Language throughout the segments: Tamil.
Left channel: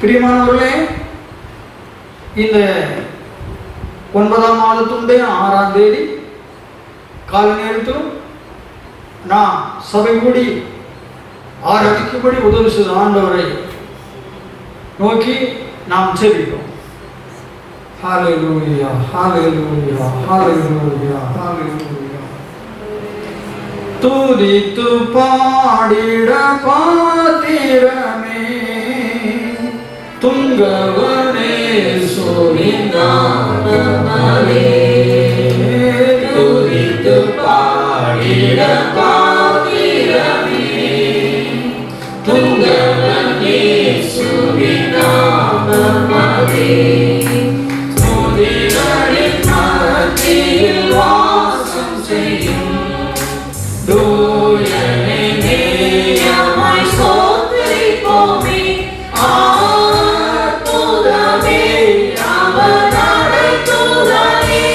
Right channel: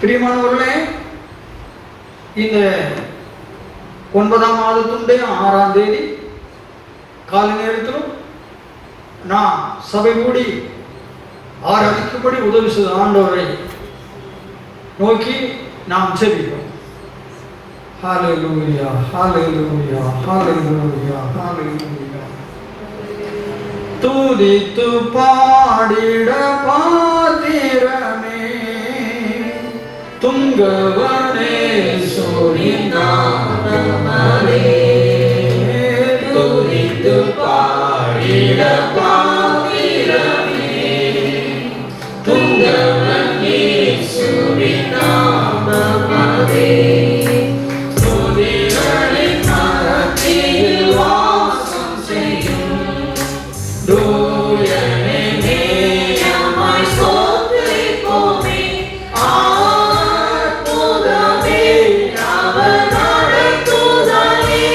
பிரியமானவர்களே, இந்த 9ஆம் மாதத்துடைய 6ஆம் தேதி காலை நேரத்திலும் நான் சபை கூடி ஆராதிக்கும்படி உதவி செய்த ஆண்டவரை நோக்கி நாம் செபிப்போம். ஹல்லேலூயா, ஹல்லேலூயா, ஹல்லேலூயா, ஹல்லேலூயா. துதித்து பாடிட பாத்திரமே துங்கவனே சோரிந்தானே, துதித்து பாடிட பாத்திரமே துங்கவனே சோரிந்தானே, துதிகளின் மத்தியில் வாசம் செய்யும் தூயனே நேயமாய் ஸ்தோத்திரிப்போமே. அற்புதமே அவர் அடைத்துதலே,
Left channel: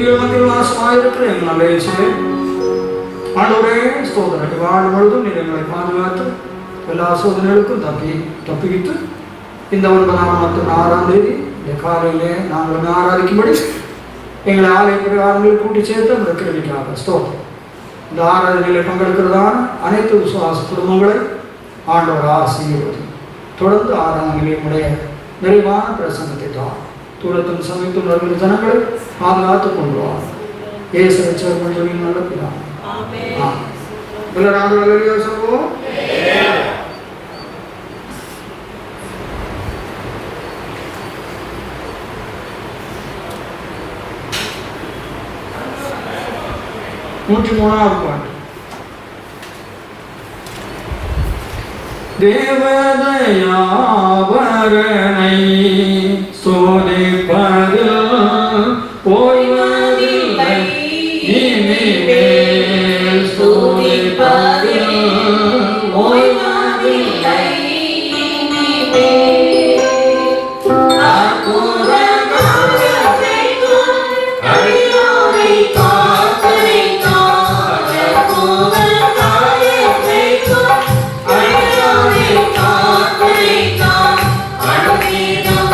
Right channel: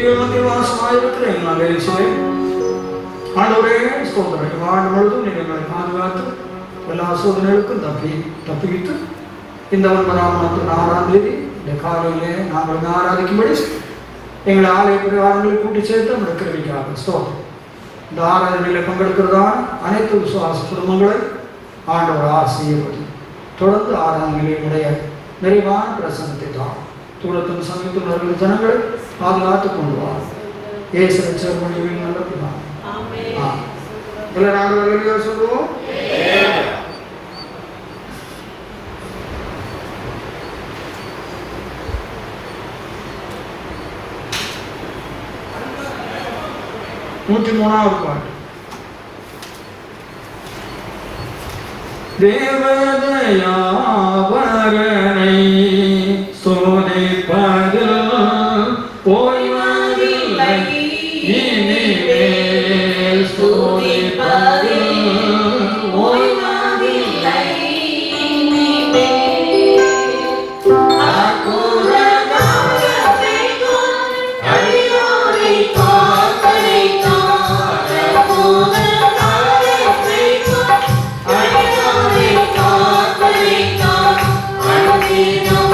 துதிகள் மத்தியில் வாசமாயிருக்கிற எங்கள் நல்ல இயேசுவே, ஆண்டவரே ஸ்தோத்திரம். ஆண்டு முழுதும் நீங்கள் எங்களை பாதுகாத்து எல்லா சோதனைகளுக்கும் தப்பிவித்து இந்த 9ஆம் தேதி இந்த காலையிலே நாங்கள் ஆராதிக்கும்படி எங்களை ஆலய பிரகாரங்களை கூட்டி சேர்த்து அந்த கிருபைக்காக ஸ்தோத்திரம். இந்த ஆராதனைகளை பங்கெடுக்கிறதான அனைத்து விசுவாச குடும்பங்களை ஆண்டவர் ஆசீர்வதி. தொடர்ந்து ஆராதனைகளுடைய நிறைவான பிரசன்னத்தை தான் தூரத்தின் சமீபத்தில் வருகிற ஜனங்களை பாதுகாத்து கொண்டு வாங்க. இயேசுவை சேர்ந்து சொல்லி நடக்கிறான். எல்லாரும் நாங்கள் சொல்லுவோம். நூற்றி 3ஆவது பாட்டு. தேவதயாவரனை சோதிப்பதில் ஓய்வதில்லை, இனிமேல் சோதிப்பதில் ஓய்வதில்லை, இனிமேல் அற்புத காரியத்தையும் அடியோரை காக்கரைத்தான், அற்புத காரியத்தையும் அடியோரை காக்கரைத்தான், அனுதினம்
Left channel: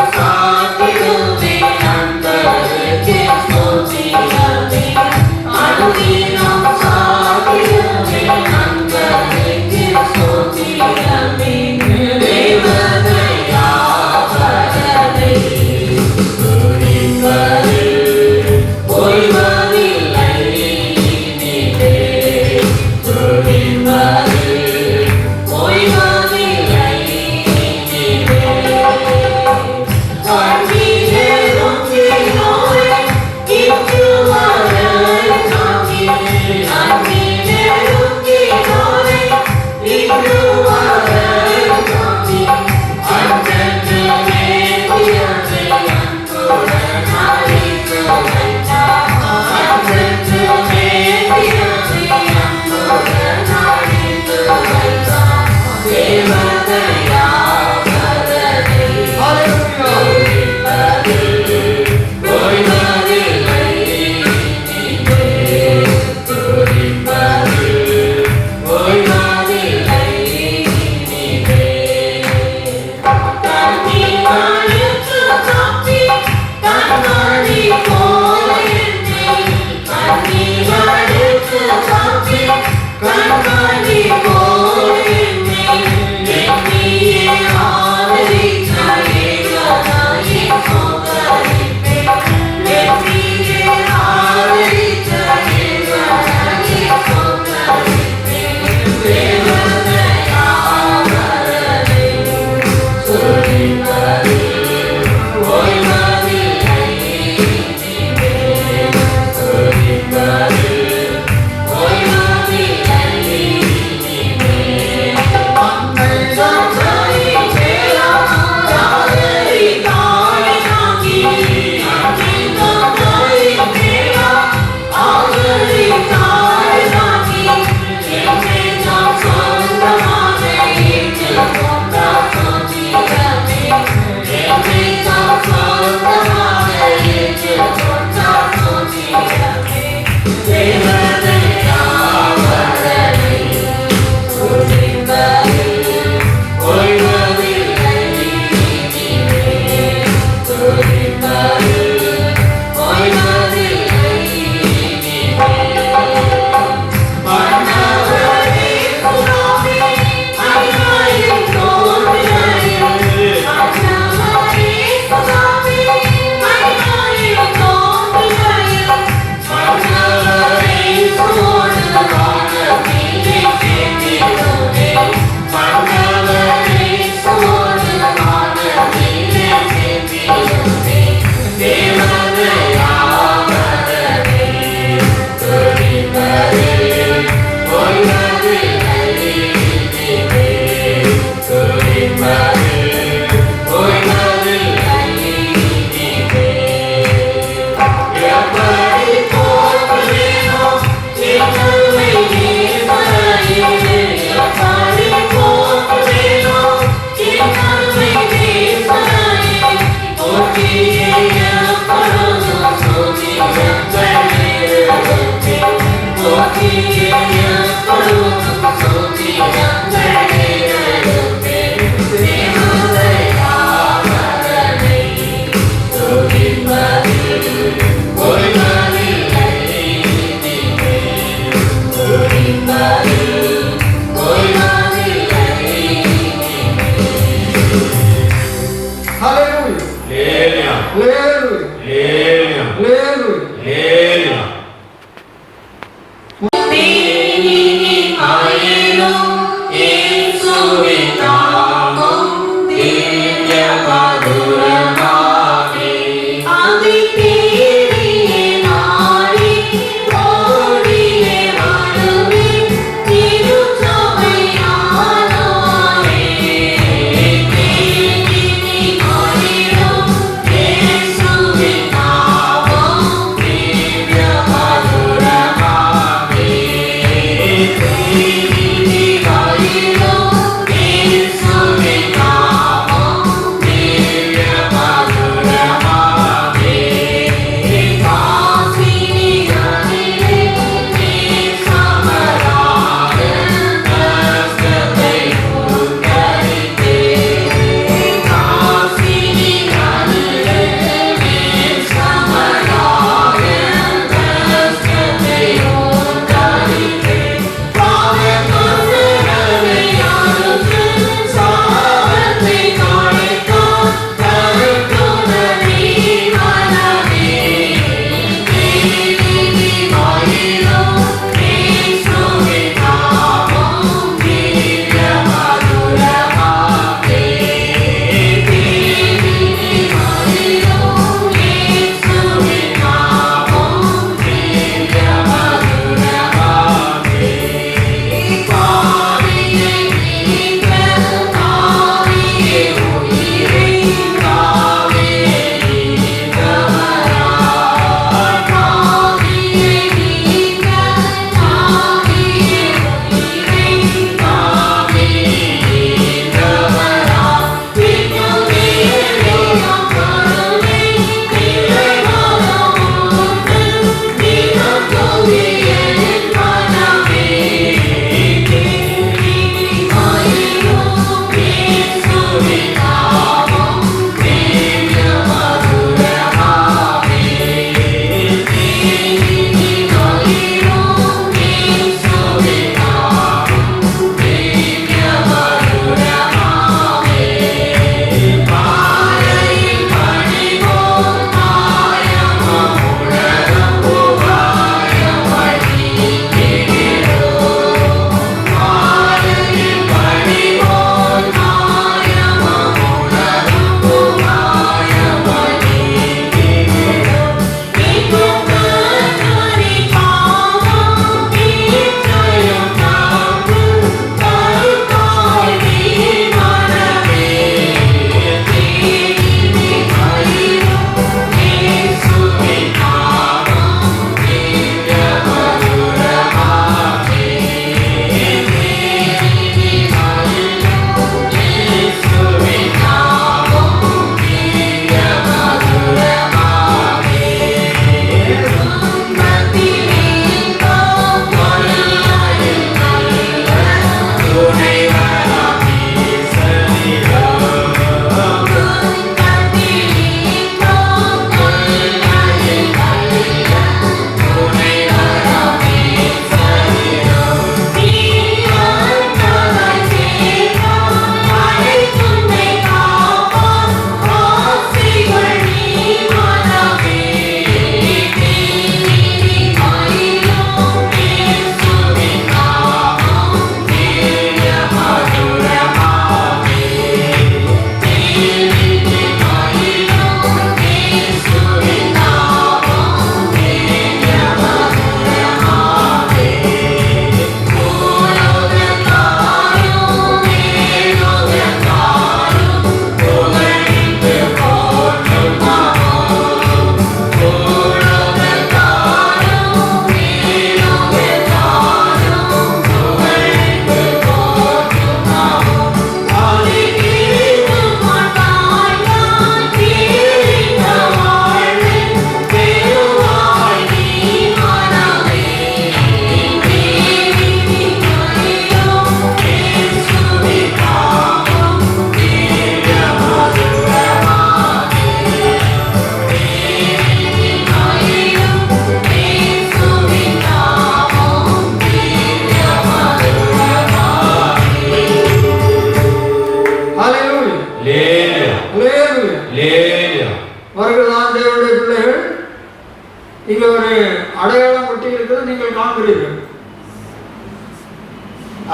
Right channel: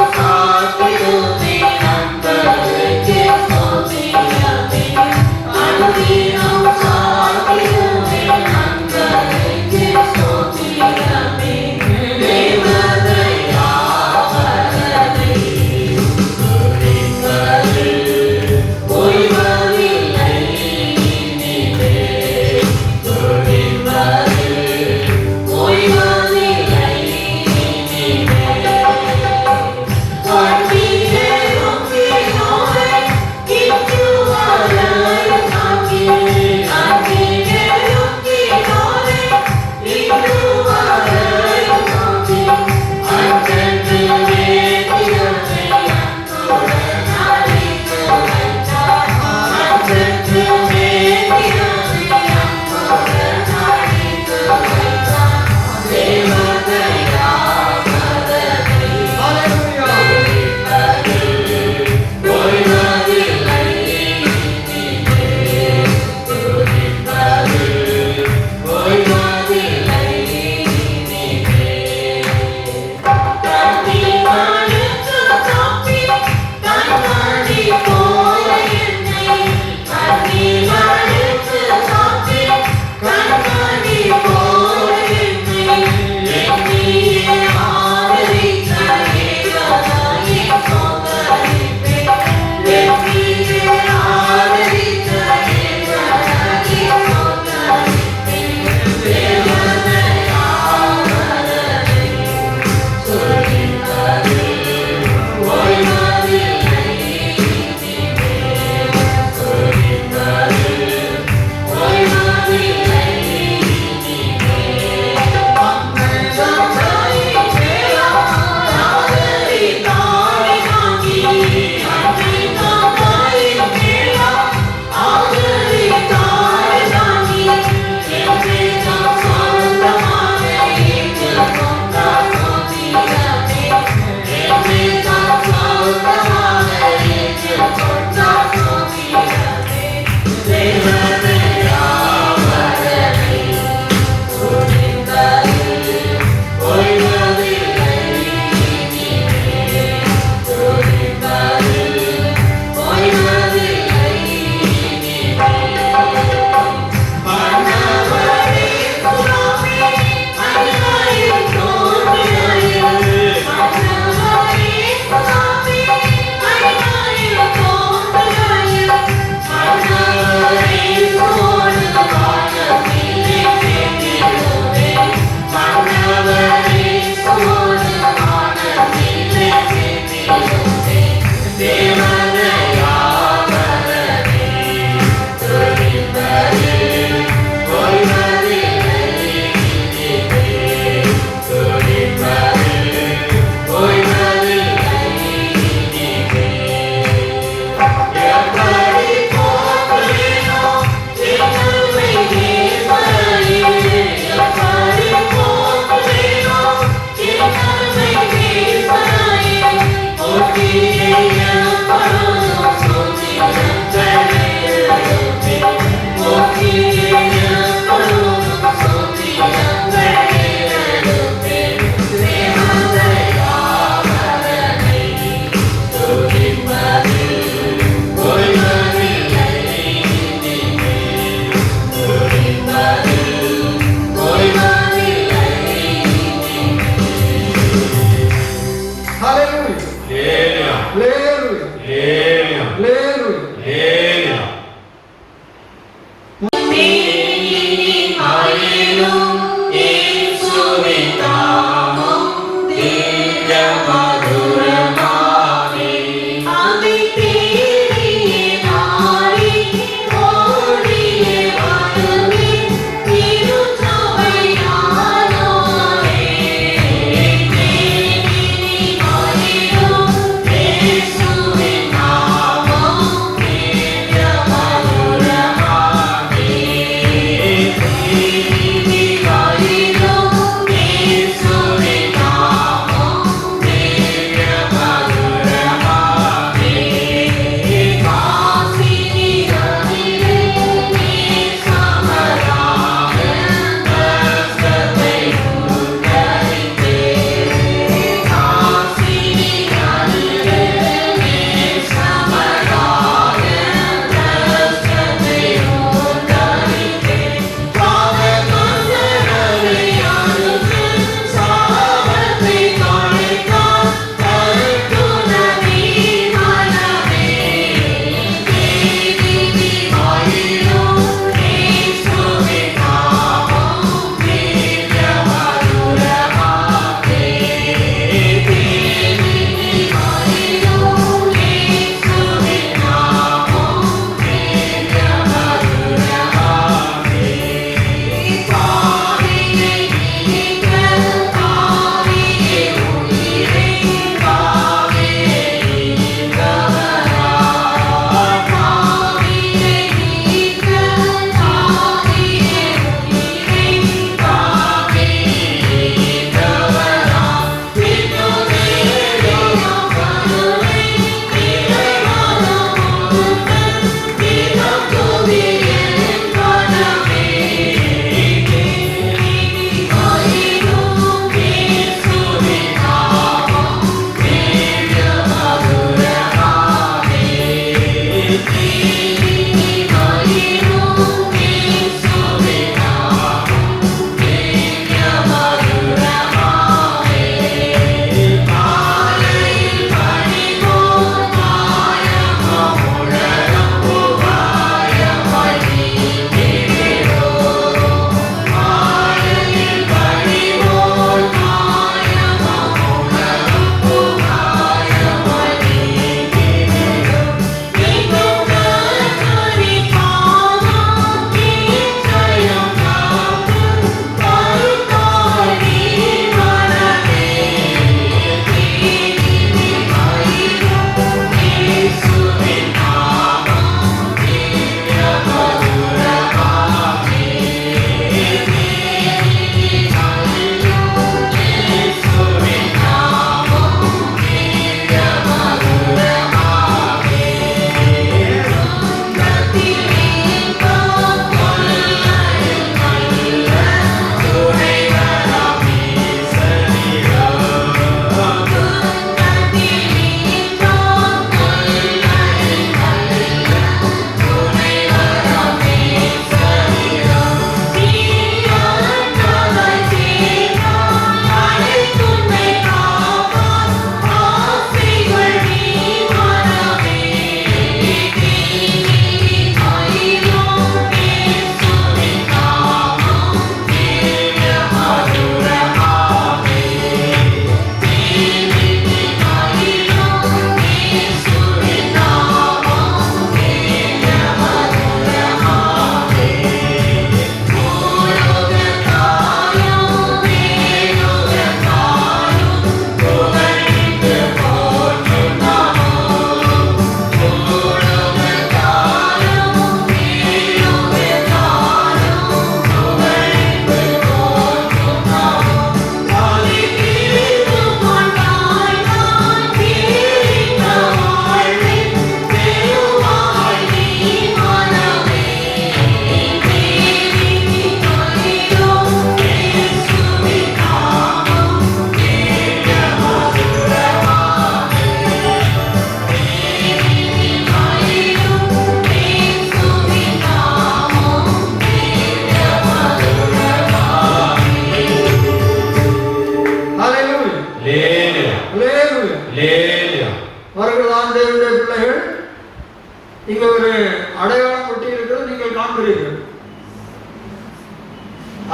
நீங்கள் காண்கிறீர்கள்.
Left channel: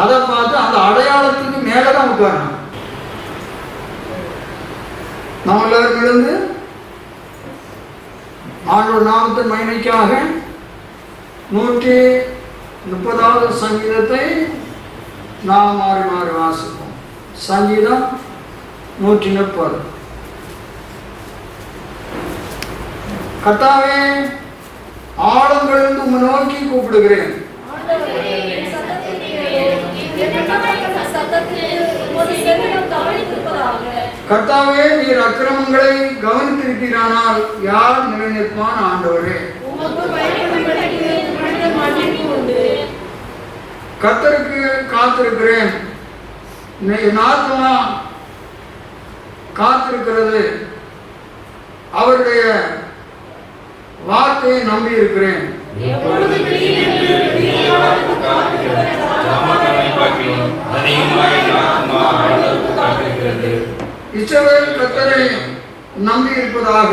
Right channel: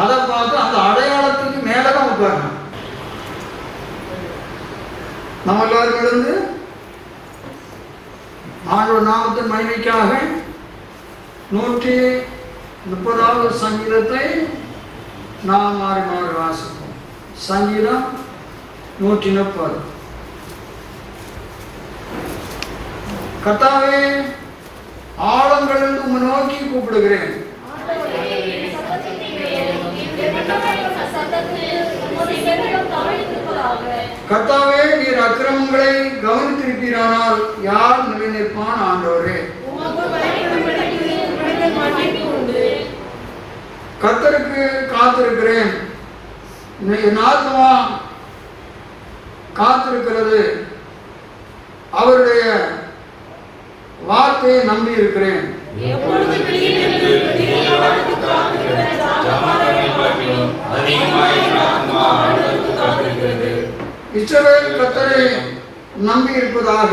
அதை பார்த்து அந்த அடையாளத்துக்கு மேலதான் உட்காரணும். நம்ம எல்லாரும் எழுந்து ஆண்டவர் நாமத்தின் மகிமைக்காக 130வது சங்கீதத்தை நாம் மாறி மாறி வாசிப்போம். சங்கீதம் 130. கர்த்தாவே, ஆழங்களிலிருந்து உம்மை நோக்கி கூப்பிடுகிறேன். கர்த்தாவே, நீர் அக்கிரமங்களை கவனித்திருக்கிறானால் யார் நிலை நிற்பான்? ஆண்டவரே, கர்த்தருக்கு காத்திருக்கிறேன். என் ஆத்மா காத்திருக்கிறது. அவருடைய வார்த்தையை நம்பி இருக்கிறேன். இஸ்ரவேல் கர்த்தரை நம்பி இருப்பதாக.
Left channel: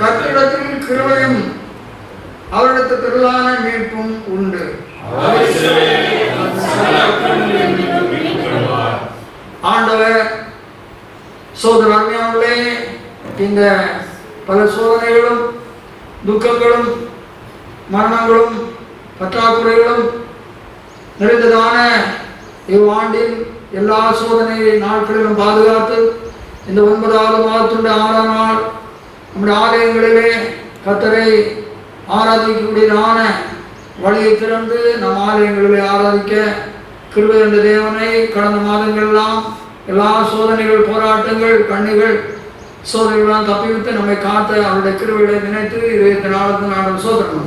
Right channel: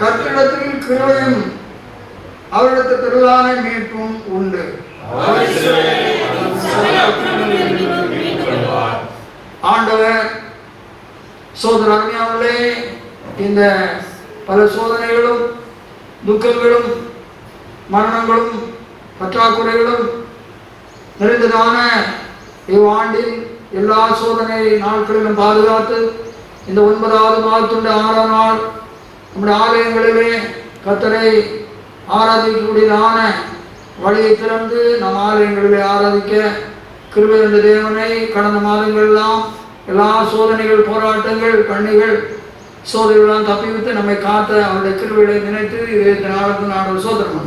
கர்த்தரிடத்தில் கிருபையும் அவரிடத்தில் திரளான மீட்பும் உண்டு. ஆண்டவர் சோதர அருமையானவர்களே, இந்த பல சோதனைகளும் துக்கங்களும் மரணங்களும் பற்றாக்குறைகளும் நிறைந்ததான இவ்வாண்டில் எல்லா சோதனை நாட்களிலும் பாதுகாத்து இந்த 9வது மாதத்துண்டு 6ஆம் நாள் நம்முடைய ஆலயங்களிலே கர்த்தரை ஆராதிக்கக்கூடியதான வழியை திறந்து நம் ஆலயங்களிலே ஆராதிக்க கிருபை என்ற தேவனை கடந்த மாதங்களெல்லாம் எல்லா சோதனைகள், போராட்டங்கள், கண்ணிகள், சோதனைகள்லாம் தப்பிவிட்டு நம்மை காத்த அவருடைய கிருபையை நினைத்து இதை நாளுக்கு நாள் சோதனை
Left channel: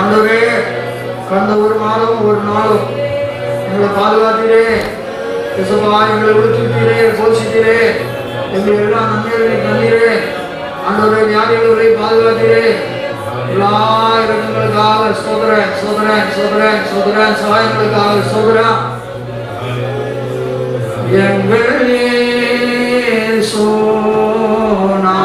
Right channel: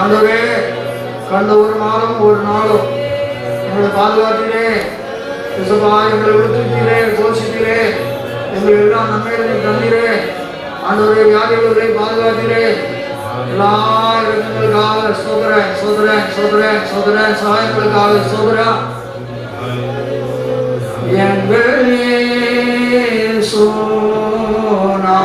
ஆண்டவே, கடந்த ஒரு மாதமும் ஒரு நாளும் எங்களை பாதுகாத்தீரே. இசப்பா, எங்களை விடுத்துட்டீரே, போஷித்தீரே, எங்களை எல்லாம் நன்மைகளை தந்தீரே. ஆண்டவரே, வியாதிகளை பாதுகாத்தீரே. எல்லா இடங்களுக்காக சோதர சோதர சோதர சோதர சகாயங்களுக்காக சோதர எங்கள் சோனா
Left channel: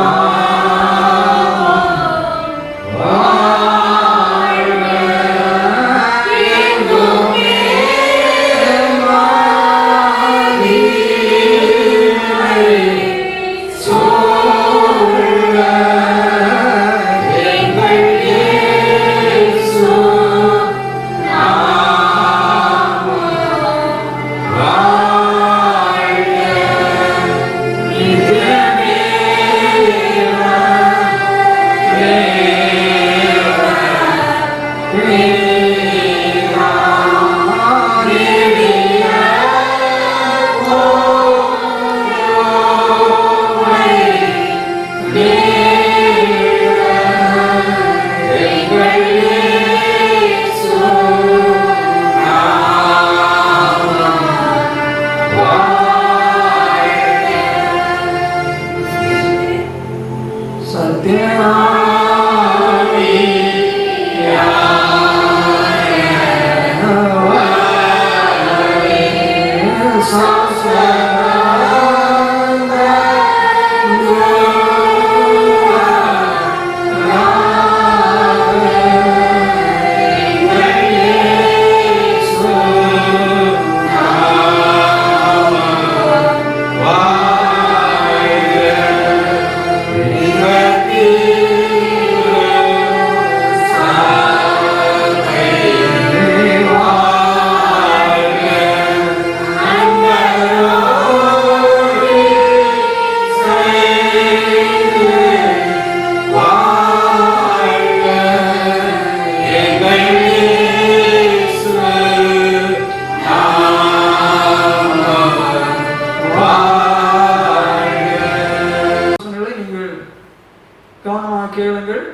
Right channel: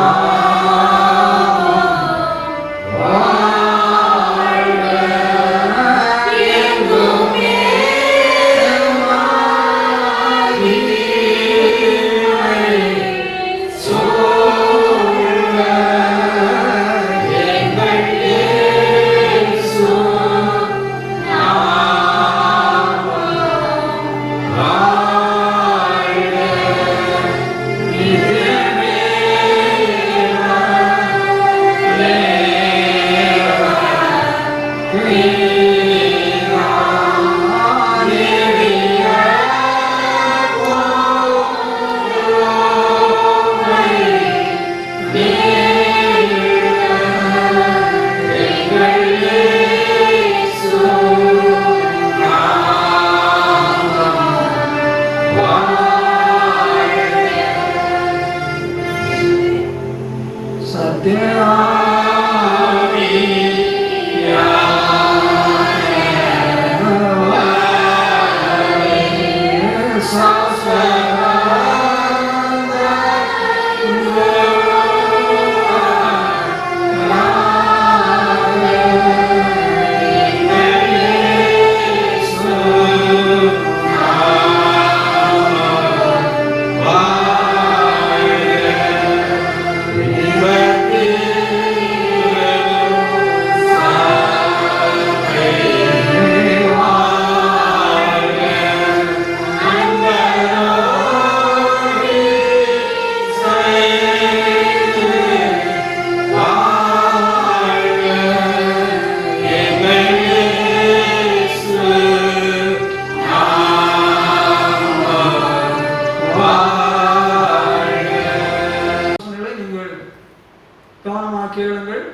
கேளுங்கள்.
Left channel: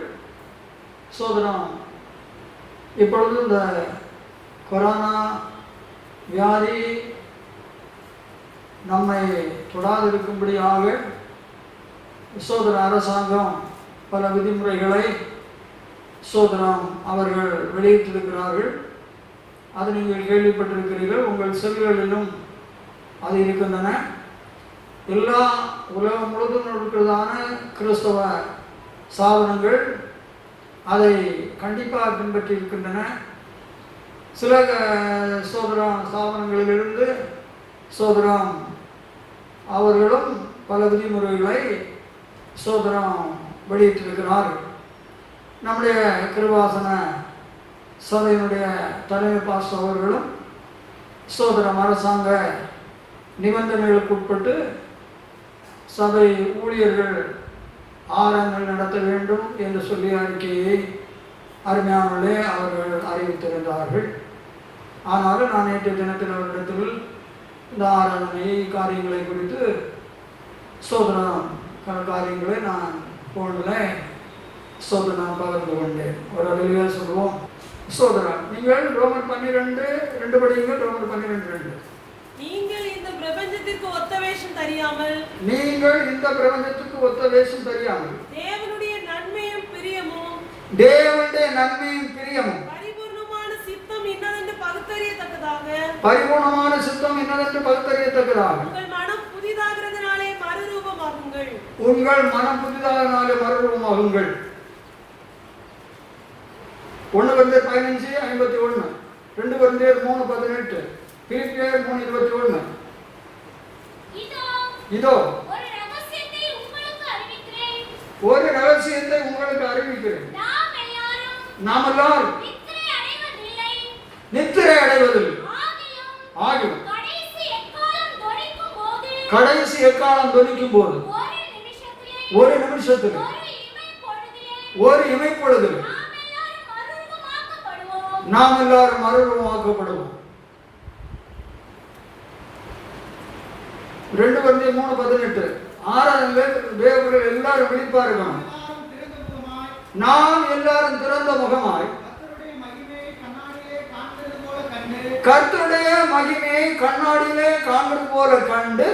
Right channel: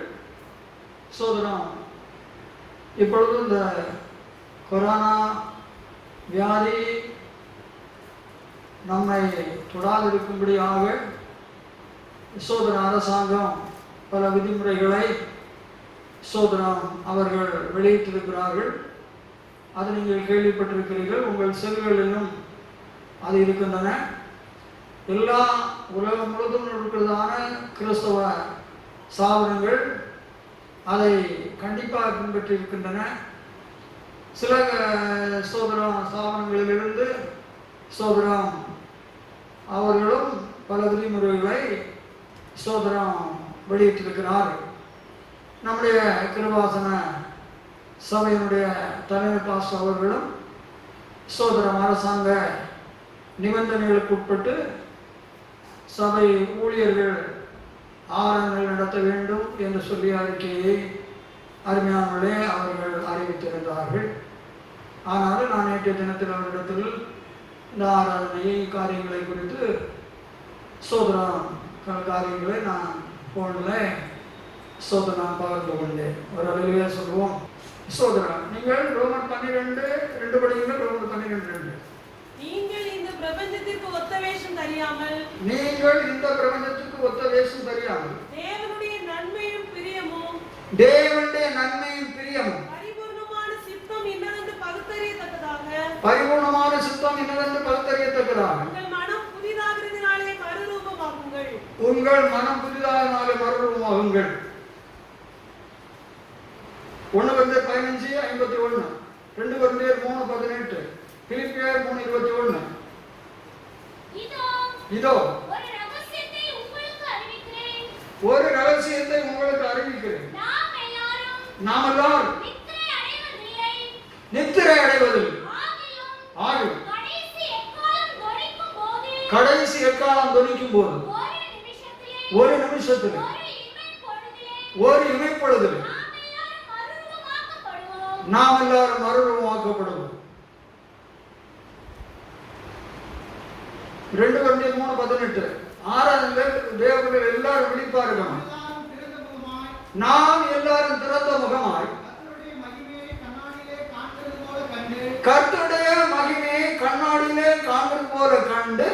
சோதனம் இப்பொழுது இந்த கொரோனா வியாதி நம்மை தொடாதிருக்கும்படியாக சோதன அரசாங்கம் பல விதிமுறைகளை சோதனம் அவர்கள் வெளியிட்டிருக்கிறார்கள். அது நீங்கள் கேள்விப்பட்டிருக்கிறீர்கள். உங்கள் செல்களிலும் அது இருக்கின்றன. எல்லா உலகம் முழுவதும் இருக்கிறதான கிறிஸ்தவ ஸ்தாபனங்கள் அதை கண்டிப்பாக பின்பற்றி இருக்கின்றன. சில ஸ்தாபனங்களிலிருந்து அவர்களும் பல விதிமுறைகளை வெளியிட்டிருக்கிறார்கள். நம்முடைய கிருபாசன சபையினுடைய தலைமை பாஸ்டர் அவர்களும் அரசாங்க நிபந்தனைகளுக்கு உட்பட்டு சபை ஊழியர்கள் ஆராதனை நடத்த வேண்டும் என்று சொல்லி அறிக்கையை அருமையானவர்களே அவர்கள் அறிவித்திருந்தார்கள். ஆனாலும் நான் நேற்றைய தினத்தில் அவரிடத்தில் இந்த ஆராதனை காரியங்களை குறித்து காரியங்களை நான் போனில் நான் பகிர்ந்து கொண்டேன். ஒரு வெளியே சொல்லுவோம். நீங்கள் ரோமர் 12:2 படியுங்கள். ரோமர் 12:2. நீங்கள் இந்த பிரபஞ்சத்திற்கு ஒத்த வேஷம் தெரியாமல் தேவனுடைய நன்மையும் பிரியமும் பரிபூர்ணமான சித்தம் இன்னதென்று பகுத்தறியத்தக்கதாக உங்கள் மனம் புதிதாகிறதுனாலே மறுரூபமாகுங்கள். 1 Corinthiயர் 15:51, 2 Corinthiயர் 3:18, பிலிப்பியர் 3:21. இதோ ஒரு ரகசியத்தை உங்களுக்கு அறிவிக்கிறேன். நாம் எல்லாரும் நித்திரை அடைவதில்லை. ஆகிலும் கடைசி எக்காலம் தொனிக்கும் போது ஒரு நிமிஷத்தில் ஒரு இமைப்பொழுதில் நாம் எல்லாரும் மறுரூபமாக்கப்படுவோம். 2 Corinthiயர் 3:18. ஆராதனைகள் தேவர்கள் எல்லாரும் விழிப்பார்கள். நாம் எல்லாரும் திறந்த முகமாய் கர்த்தருடைய மகிமையை கண்ணாடியிலே காண்கிறது போல கண்டு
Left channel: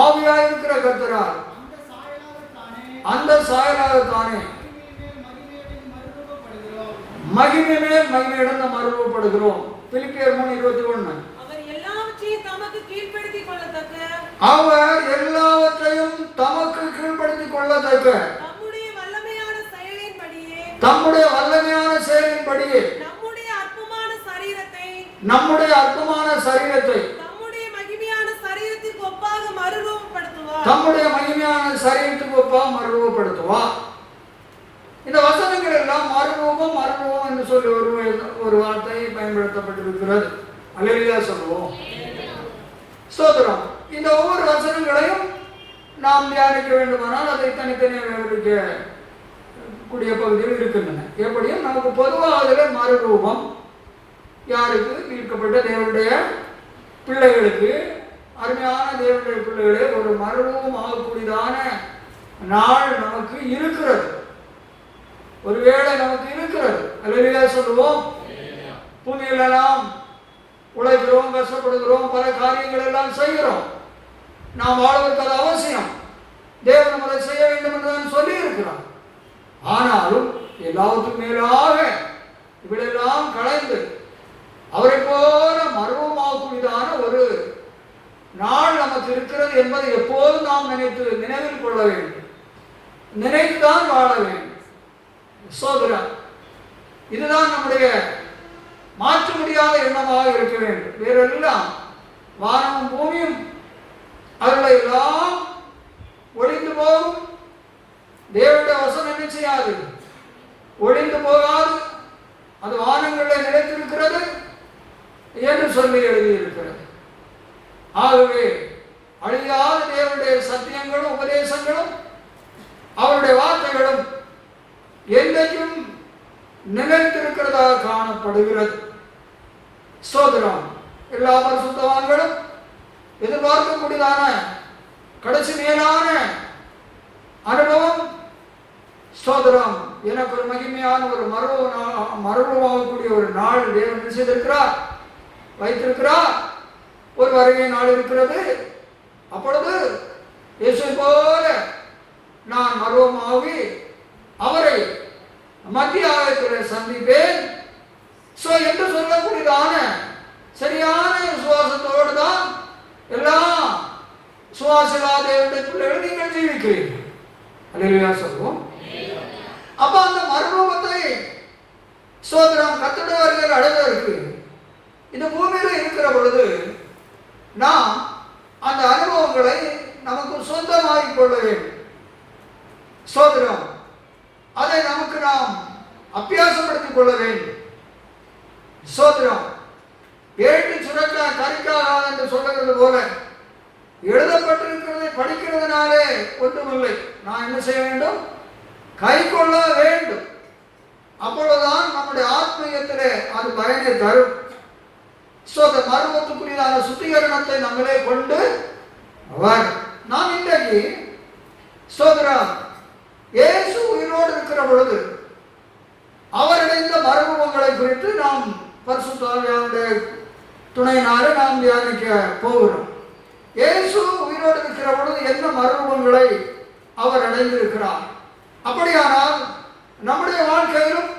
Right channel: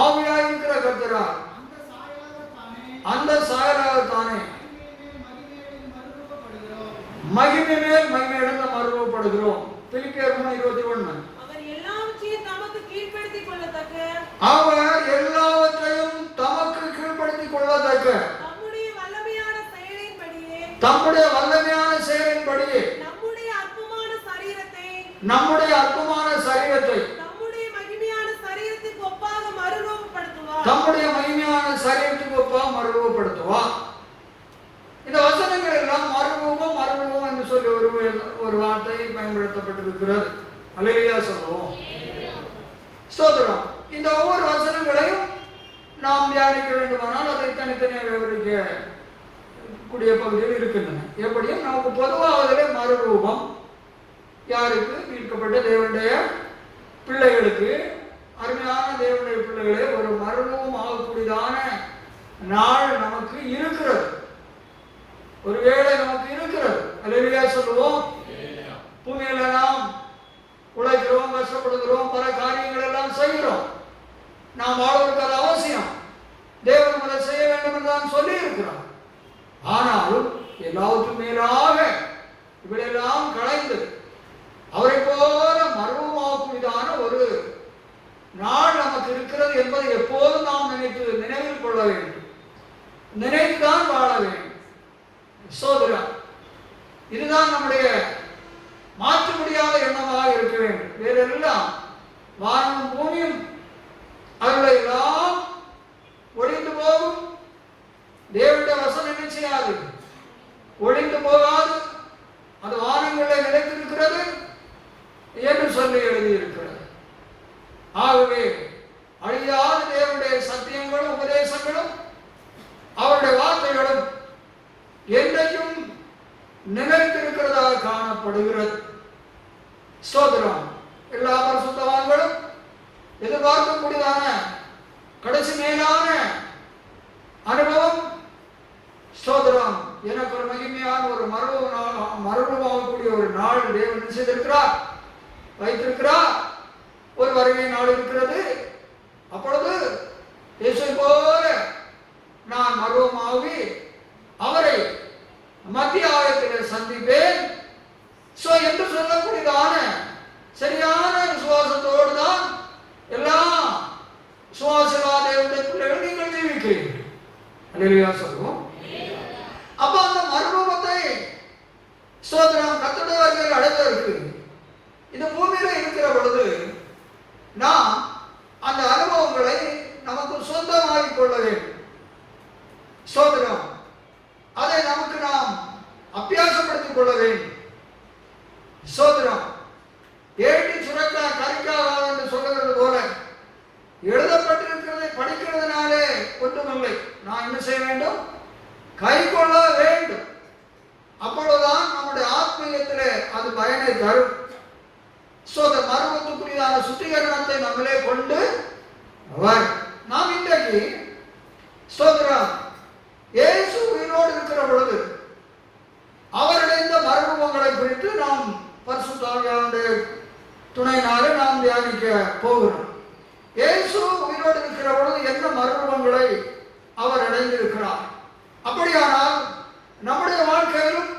ஆவியாயிருக்கிற கர்த்தரால் அந்த சாயலாகத்தானே மகிமை மேல் மகிமையிடம் மறுரூபப்படுகிறோம். பிலிப்பியர் 3:21. அவர் எல்லாவற்றையும் தமக்கு கீழ்ப்படுத்திக் கொள்ளத்தக்க தம்முடைய வல்லமையான செயலின்படியே நம்முடைய அற்பமான சரீரத்தை தம்முடைய மகிமையான சரீரத்துக்கு ஒப்பாக மறுரூபப்படுத்துவார். இந்த வசனங்கள் எல்லாம் மறுரூபம் என்று சொல்லி ஒரு வார்த்தை பயன்படுத்தப்பட்டிருக்கிறது. அல்லேலூயா சொல்லுவோம். ஸ்தோத்திரம். இந்த ஒவ்வொரு வசனங்களையும் நாம் தியானிக்க வேண்டுமானால் அதை தனித்தனியாக விவரிக்க கூடிய பகுதியில் இருக்கின்றன. எப்படியும் நமக்கு பொதுவாக அதில் மறுரூபம் யாருக்கு ஈர்க்கப்பட்ட தேவனுடைய பிள்ளைகளுக்கு, அருமையான தேவனுடைய பிள்ளைகளே, ஒரு மறுரூபம் ஆகக்கூடியதான நாள் நமக்கு இருக்கிறது. ஒருவேளை நமக்கு இருக்கிறது. அல்லேலூயா சொல்லுவோம். பூமியில நாம் உழைக்கிறோம், கஷ்டப்படுகிறோம், பல காரியங்கள் எல்லாம் செய்கிறோம். நாம் வாழ்வதற்கு அது அவசியம். தேவன் அதை செய்ய வேண்டும் என்று நான் சொல்லி இருக்கிறார். ஆனாலும் எல்லாவற்றுக்கும் மேலாக இவளெல்லாம் கலைந்து அவரை போல மர்மமாகக்கூடியதான ஒரு நாள் நமக்கு இருக்கிறது என்பதை எப்போதும் நாம் நினைவில் கொள்ள வேண்டும். நினைத்துதான் வாழ வேண்டும். சோதரன், இதுதான் நம்முடைய மாற்ற முடியாத எண்ணமாக இருக்க வேண்டும். வேறெல்லாம் வானமும் பூமியும் அவர்களை எல்லாம் ஒளிந்து போகும். தேவனுடைய வசனம் என்ன செய்யாது? ஒளிந்து போகாது. அது வானங்களில் நிலைத்திருக்கிறது என்று சொல்லி எழுதியிருக்கிறது. ஆகவே அழியாத தேவனுடைய சத்தியங்களும் உபதேசங்களும் அவருடைய வார்த்தைகளும் என்றைக்கும் நிலைத்திருக்கிறதாக காணப்படுகிறது. ஸ்தோத்திரம். எல்லா பரிசுத்தவான்களும் எதிர்பார்க்கக்கூடியதான கடைசி மேலான அனுபவம். ஸ்தோத்திரம். எனக்கு ஒரு மகிமையான ஒரு மறுரூபமாகக்கூடிய ஒரு நாள் தேவன் செய்திருக்கிறார், வைத்திருக்கிறார். ஒரு வருகை நாள் இருக்கிறது. அப்பொழுது இயேசு போல நான் மறுரூபமாகி அவரை மத்திய ஆயத்தில் சந்திப்பேன் என்று சொல்லக்கூடியதான சரியான விசுவாசத்தோடு தான் எல்லாம் சுவாசிலா தேவனுடைய பிள்ளைகள் நீங்கள் ஜீவிக்கிறீர்கள். அல்லேலூயா சொல்லுவோம். அப்ப அந்த மறுரூபத்தை ஸ்தோத்திரம் கர்த்தருடைய வருகையில் அடைவதற்கு இந்த பூமியில இருக்கிற பொழுது நாம் அந்த அனுபவங்களை நமக்கு சொந்தமாகிக் கொள்ள வேண்டும். ஸ்தோத்திரம் அதை நமக்கு நாம் அபியாசப்படுத்திக் கொள்ள வேண்டும். ஸ்தோத்திரம் ஏட்டு சுரக்கா கரிக்காது என்று சொல்லுகிறது போல எழுதப்பட்டிருக்கிறதை படிக்கிறதுனாலே ஒன்றுமில்லை. நான் என்ன செய்ய வேண்டும்? கை கொள்ள வேண்டும். அப்பொழுதுதான் நம்முடைய ஆத்மீயத்திலே அது பயனை தரும். மர்மத்துக்குரியதான சுத்திகரணத்தை நம்மளே கொண்டு நாம் இன்றைக்கு ஸ்தோத்திரம் இயேசு உயிரோடு இருக்கிற பொழுது அவரடைந்த மர்மங்களை குறித்து நாம் பரிசுத்த ஆவியானவருடைய துணையினாலே நாம் தியானிக்க போகிறோம். இயேசு உயிரோடு இருக்கிற பொழுது என்ன மர்மங்களை அவர் அடைந்திருக்கிறார். அப்படியானால் நம்முடைய வாழ்க்கையிலும்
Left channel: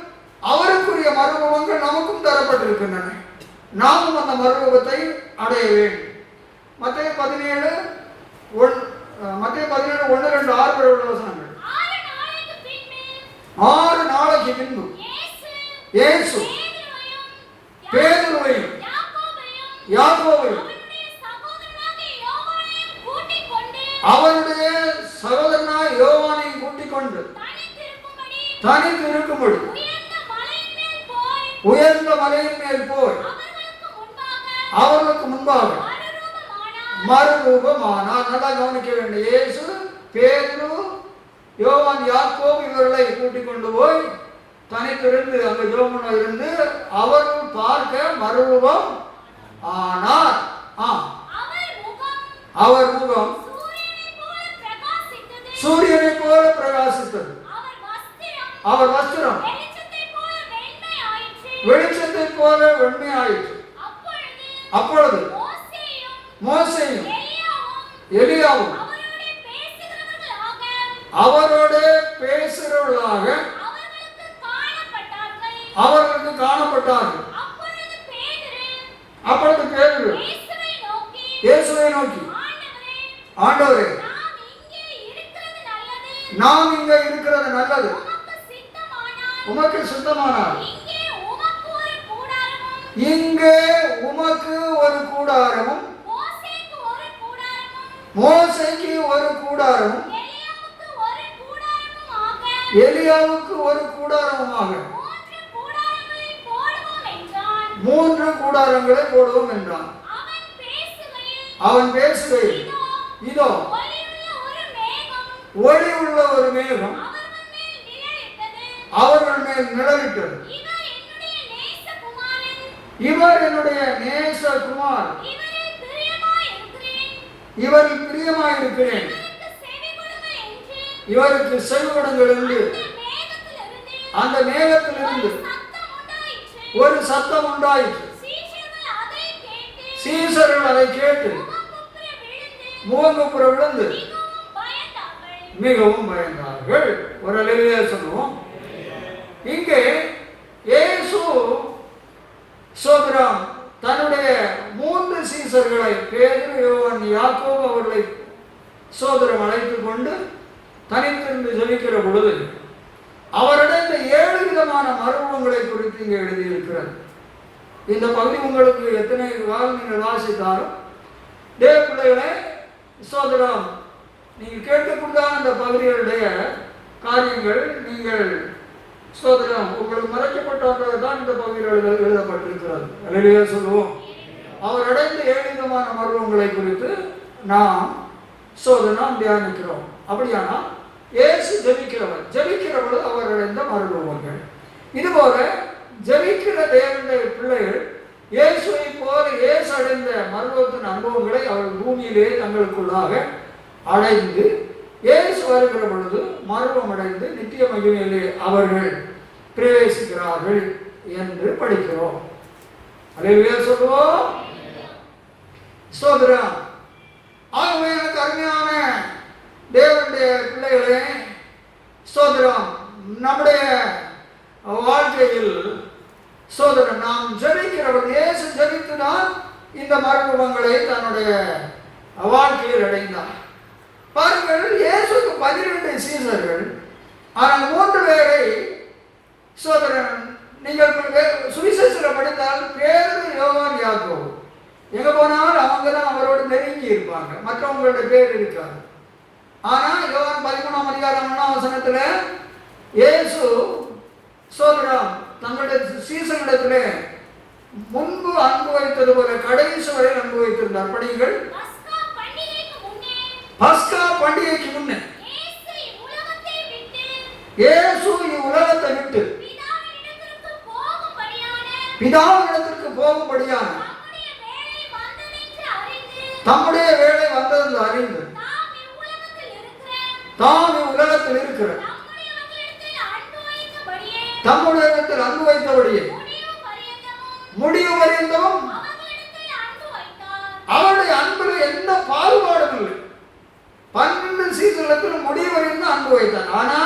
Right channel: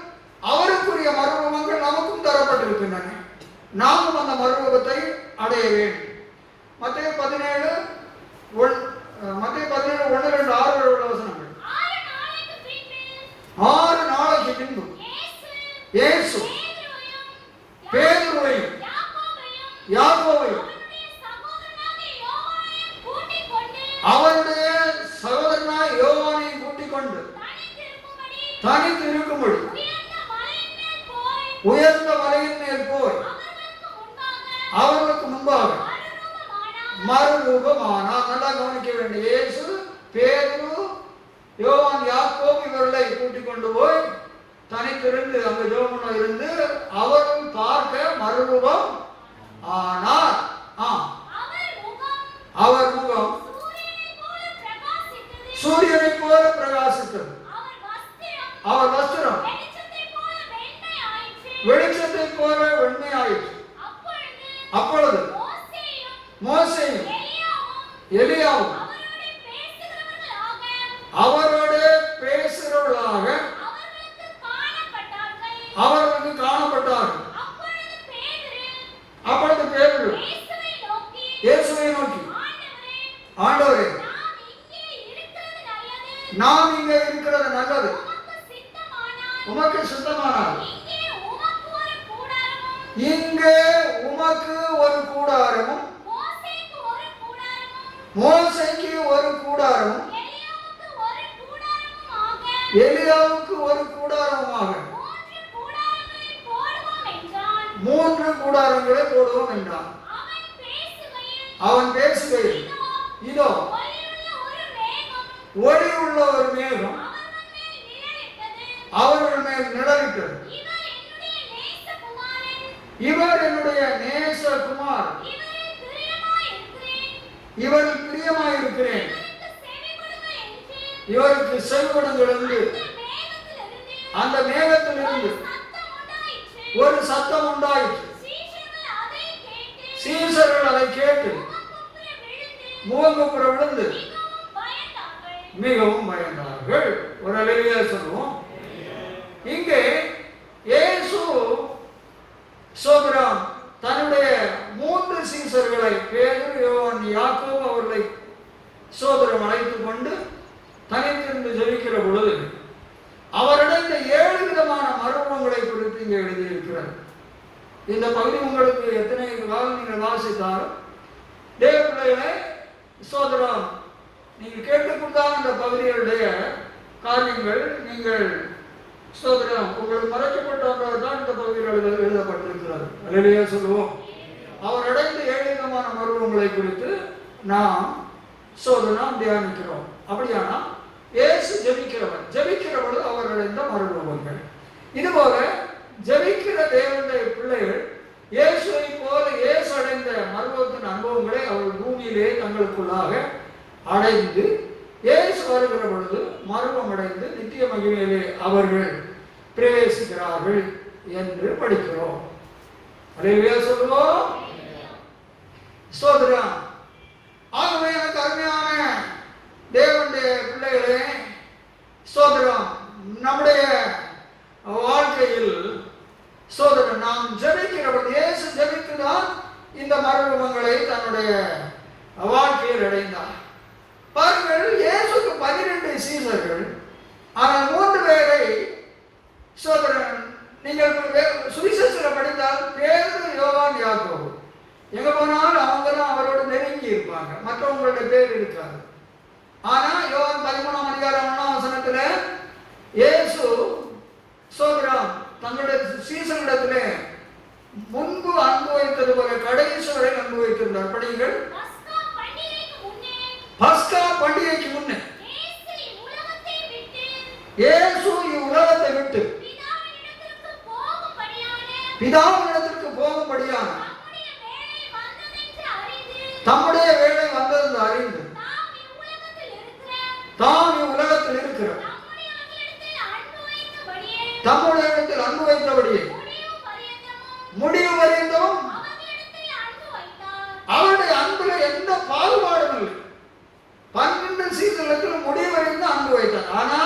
அவருக்குரிய மர்மங்கள் நமக்கும் தரப்பட்டிருக்கின்றன. நாமும் அந்த மறுரூபத்தை அடைய வேண்டும். மத்தேயு 17:1-2-6 6 நாளைக்கு பின்பு இயேசு பேதுருவையும் யாக்கோபையும் அவருடைய சகோதரனாய் யோவானையும் கூட்டிக் கொண்டு தனித்து இருக்கும்படி உயர்ந்த மலையின் மேல் போய் அவர்களுக்கு முன்பாக மறுரூபமானார். நல்லா கவனிக்க வேண்டும். இயேசு பேதுரு யோவான் யாக்கோபு இவர்களை கூட்டிக் கொண்டு போய் தனித்திருந்து அங்கு ஜோமனா இருந்து அவர்கள் பார்க்க மறுரூபம் ஆனார். அவர் முகம் சூரியனை போல பிரகாசித்தது. அவர் வஸ்திரம் வெளிச்சத்தை போல வெண்மையாயிற்று. அப்பொழுது மோசேயும் எலியாவும் அவரோட பேசுகிறவர்களாக அவர்களுக்கு காணப்பட்டார்கள். அப்பொழுது பேதுரு இயேசுவை நோக்கி, ஆண்டவரே, நாம் இங்கே இருக்கிறது நல்லது. உமக்கு சுத்தமானால் இங்கே உமக்கு ஒரு கூடாரமும் மோசேக்கு ஒரு கூடாரமும் எலியாவுக்கு ஒரு கூடாரமுமாக 3 கூடாரங்களை போடுவோம் என்றான். அவன் பேசுகையில் இதோ ஒளி உள்ள ஒரு மேகம் அவர்கள் மேல் நிழலிட்டது. இவர் என்னுடைய நேசகுமார், இவரில் பிரியமாயிருக்கிறேன், இவருக்கு செவிகொடுங்கள் என்று அந்த மேகத்திலிருந்து ஒரு சத்தம் உண்டாயிற்று. சீசர்கள் அதை கேட்டு முகங்குப்புற விழுந்து மிகவும் பயந்தார்கள். ஒரு அல்லேலூயா சொல்லுவோம். இங்கே இயேசு சோதரம் தன்னுடைய 3 சீசர்களை பேதுரு யோவான் யாக்கோபு அவர்களை சோதரம் அழைத்துக் கொண்டு தனித்திருந்து ஜெபிக்கிற பொழுது அவரிடம் இந்த 7 விதமான மர்மங்களை குறித்து இங்கே எழுதியிருக்கிறது. இந்த பகுதி உங்களுக்கு எத்தனை நீங்கள் வாசித்தாலும் தேவ பிள்ளைகளை சோதரம் நீங்கள் கேட்கக்கூடாத இந்த பகுதிகளுடைய காரியங்கள் நீங்கள் சோதரம் உங்களுக்கு மறைக்கப்பட்டவர்கள் தான் இந்த பகுதியில் எழுதப்பட்டிருக்கிறது. அல்லேலூயா சொல்லுவோம். அவர் அடைந்த 7 விதமான மர்மங்களை குறித்து நாம் சோதனம் தியானிக்கிறோம். அப்படியானால் இயேசு ஜெபிக்கிறவர்கள் அவர் அடைந்த மர்மங்கள். இதுபோல ஜெபிக்கிற தேவனுடைய பிள்ளைகள் இயேசுவை போல இயேசு அடைந்த மர்மத்தின் அனுபவங்களை அவர்கள் பூமியிலே தங்களுக்குள்ளாக அடைந்து இயேசு வருகிற பொழுது மர்மம் அடைந்து நித்திய மகிமையிலே அவர்கள் பிரவேசிக்கிறார்கள் என்று படிக்கிறோம். அல்லேலூயா சொல்லுவோம். ஸ்தோத்திரம். ஆகவே எனக்கு அருமையான தேவனுடைய பிள்ளைகளே, ஸ்தோத்திரம், நம்முடைய வாழ்க்கையில் ஸ்தோத்திரம் நாம் ஜெபிக்கிறவர் இயேசு ஜெபித்துதான் இந்த மர்மங்களை தன்னுடைய வாழ்க்கையில் அடைந்தார். பாருங்கள், இயேசுக்கு 12 சீசர்கள் ஆனால் 3 பேரை சோதரன் நீங்கள் சுவிசேஷத்தில் படித்தால் பேரு, யோவான், யாக்கோபு எங்க போனாலும் அவங்க தான் அவரோடு நெருங்கி இருப்பாங்க, மற்றவங்களுடைய பேர் இருக்காது. ஆனா யோவான் 13ஆம் அதிகாரம் 1ஆம் வசனத்துல இயேசு சோதரம் தங்களுடைய சீசனிடத்துல முன்பு அன்பு வைத்தது போல கடைசி வரை அன்பு வைத்திருந்தார். படியுங்கள். பஸ்கா பண்டிகைக்கு முன்னே இயேசு இவ்வுலகத்தை விட்டு பிதாவினிடத்திற்கு போகும்படியான தம்முடைய வேலை வந்தது அறிந்து தாம் இவ்வுலகத்தில் இருக்கிற தம்முடைய இடத்தில் அன்பு வைத்தபடியே முடிவு வரைந்தும் அவருடைய அன்பில் எந்த பாகுபாடும் இல்லை. 12 சீசனத்தில் முடிவு வரைந்து அன்பு வைத்தார். ஆனா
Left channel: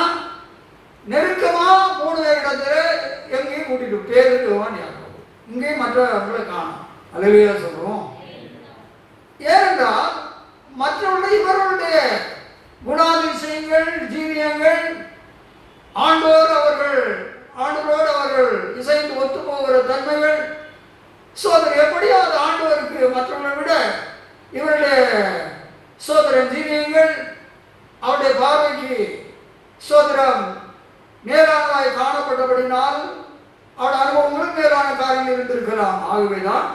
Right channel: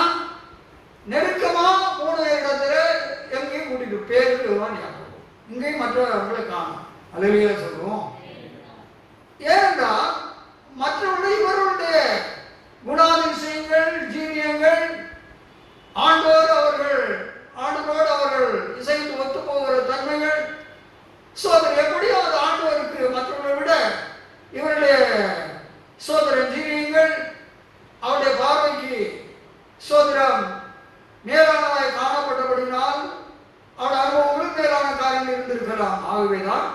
நெருக்கமா 3 இடத்துல எங்கேயும் கூட்டிட்டு பேருக்கு யோவான், யாக்கோபு, இங்கேயும் மற்றவர்களை காணும். அல்லேலூயா சொல்லுவோம். ஏனென்றால் மற்றவர்கள் இவர்களுடைய குணாதிசயங்கள், ஜீவியங்கள் ஆண்டோடு அவர்கள் இசைந்து ஒத்து போகிற தன்மைகள் சோதரர் எப்படியாவது ஆண்டவருக்கு மற்றவர்களை விட இவருடைய சோதரன் ஜீவியங்கள் அவருடைய பார்வைக்கு சோதரம் நேரானதாய் காணப்பட்டபடினால் அவருடைய அனுபவங்களும் நேரான காரியங்கள் இருந்திருக்கலாம். ஆகவேதான்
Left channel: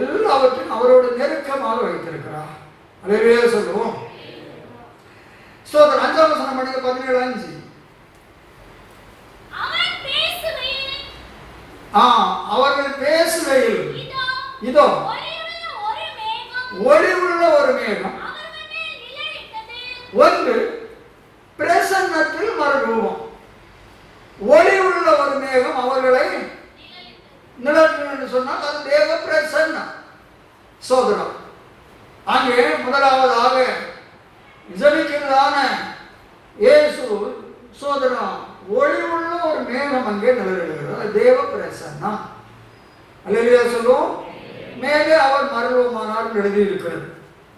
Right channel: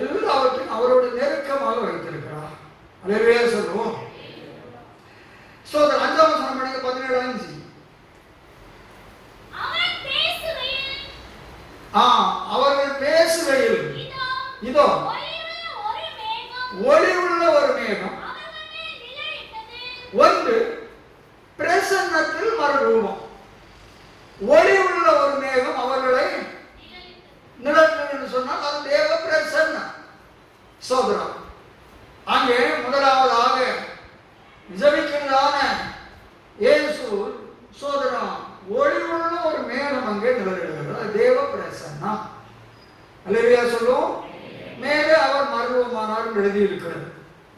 எல்லாவற்றையும் அவரோடு நெருக்கமாக வைத்திருக்கிறார். அல்லேலூயா சொல்லுவோம். சோதரன் 5ஆம் வசனம் படிங்க. 17:5. அவர்கள் பேசுகையில் இதோ ஒளி உள்ள ஒரு மேகம் ஒன்று பிரசன்னத்தில் மறுரூபம். ஒளி உள்ள ஒரு மேகம் அவர்களை நிழல் சொன்னால் அது தேவ பிரசன்னம். சோதரம் அங்கே முதலாவதாக ஜெபிக்கிறதான இயேசு சோதரம் ஒளி உள்ள ஒரு மேகம் அங்கே நிழலிடுகிறது. தேவ பிரசன்னம். அல்லேலூயா சொல்லுவோம். மேலே அவர் மறுரூபமானார் எழுதியிருக்கிறது.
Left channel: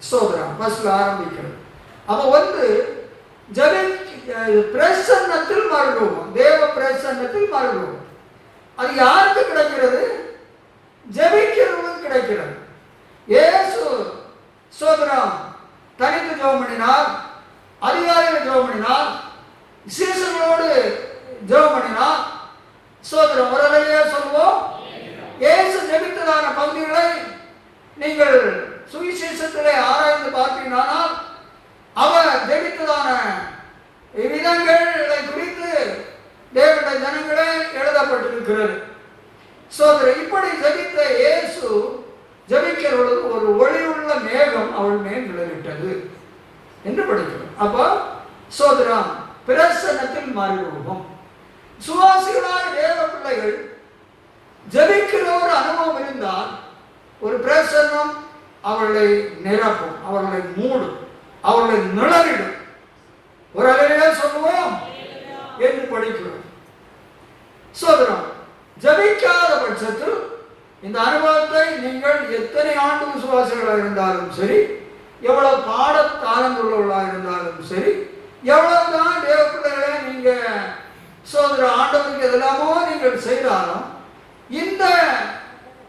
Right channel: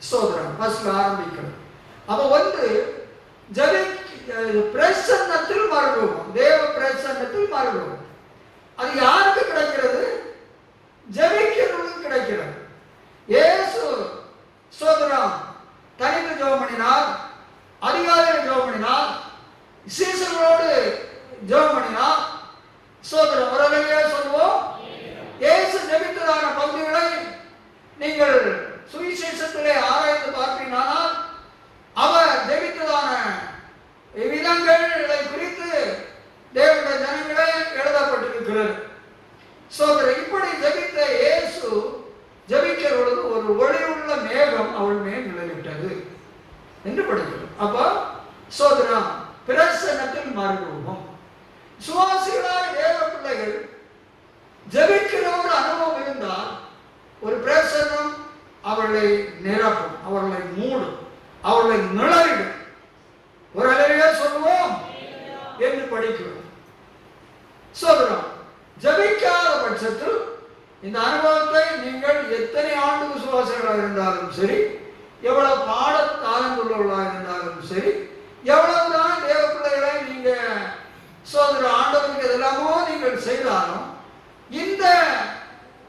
சோதரம் ஃபர்ஸ்ட் ஆரம்பிக்கிறது. அப்ப வந்து பிரசன்னத்தில் மறுரூபம், தேவ பிரசன்னத்தில் மறுரூபம். அது யாருக்கு கிடைக்கிறது? ஜெபிக்கிறவர்களுக்கு கிடைக்கிறது. இயேசு சோதரம் தனித்து ஜெபம் பண்ணினார், அதிகாரிகள் ஜெபம் பண்ணினார், சீசர்களோடு ஜெபம் பண்ணினார். சோதரம் வரலையா சொல்லுவோம். இயேசு ஜெபித்ததான பகுதிகளை நீங்கள் சுவிசேஷத்திலே ஆராய்ந்து பார்ப்பீனால் அவர் ஜெபித்ததான விதங்களை குறித்து தேவனுடைய ஜனங்களே எழுதப்பட்டிருக்கிறது. சோதரர் இப்படி ஜெபித்த இயேசு ஜெபிக்கிறவர்களுக்கு ஒரு ஒளியுள்ள மேகம் அவள் மேல் நிழலிட்டது என்று படிக்கிறோம். அப்போ சோதரம் பிரசன்னத்தில் மறுரூபம். சுவாசிகளான தேவ பிள்ளைகள் ஜெபிக்கிற ஒரு அனுபவம் இருந்தால் ஒரு பிரசன்னம் அவர்களை நிரப்பும், அவர்களை மூடும், அவர்களை நிழலிடும். ஒரு அல்லேலூயா சொல்லுவோம் என்று படிக்கிறோம். சோதரம் ஜெபிக்காத பட்சத்தில் இந்த அனுபவத்தை நீங்கள் எத்தனை ஆண்டு விசுவாசிகளாக இருந்தாலும் சரி, எவ்வளவு பாட தாளந்துள்ளவர்களாக இருந்தாலும் சரி, எவ்வளவுதான் தேவ பிள்ளைகளை நீங்க சோதர ஆண்டவருக்கு எதெல்லாமோ நீங்கள் செய்தாலும் இந்த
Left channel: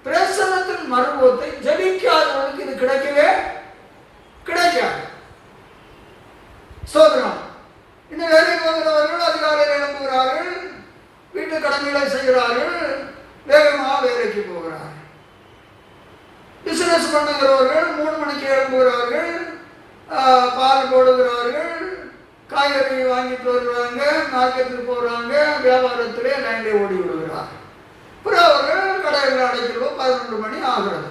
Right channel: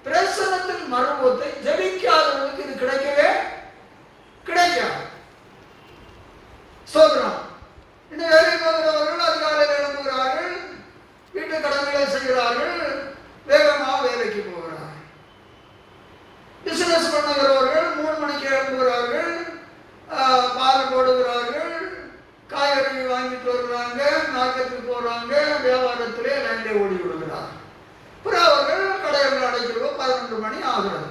பிரசன்னத்தின் மறுபத்தை ஜெபிக்காதவர்களுக்கு இது கிடைக்கவே கிடைக்காது. சோதரம் இந்த வேலை போகிறவர்கள் அதிகாலையில் எழும்புகிறார்கள், வீட்டு கடன்களை செய்கிறார்கள், வேகமாக வேலைக்கு போகிறார்கள். பிசினஸ் பண்ணுகிறவர்கள் 3 மணிக்கு எழும்புகிறார்கள், பால் போடுகிறார்கள், காய்கறி வாங்கிட்டு வருவாங்க, மார்க்கெட்டுக்கு போகிறாங்க, வியாபாரத்திலே லைனில் ஓடி விடுகிறார்கள். பிறகு அவர்கள் கடையில் அடைக்கிறோம் 11 மணி ஆகிறது.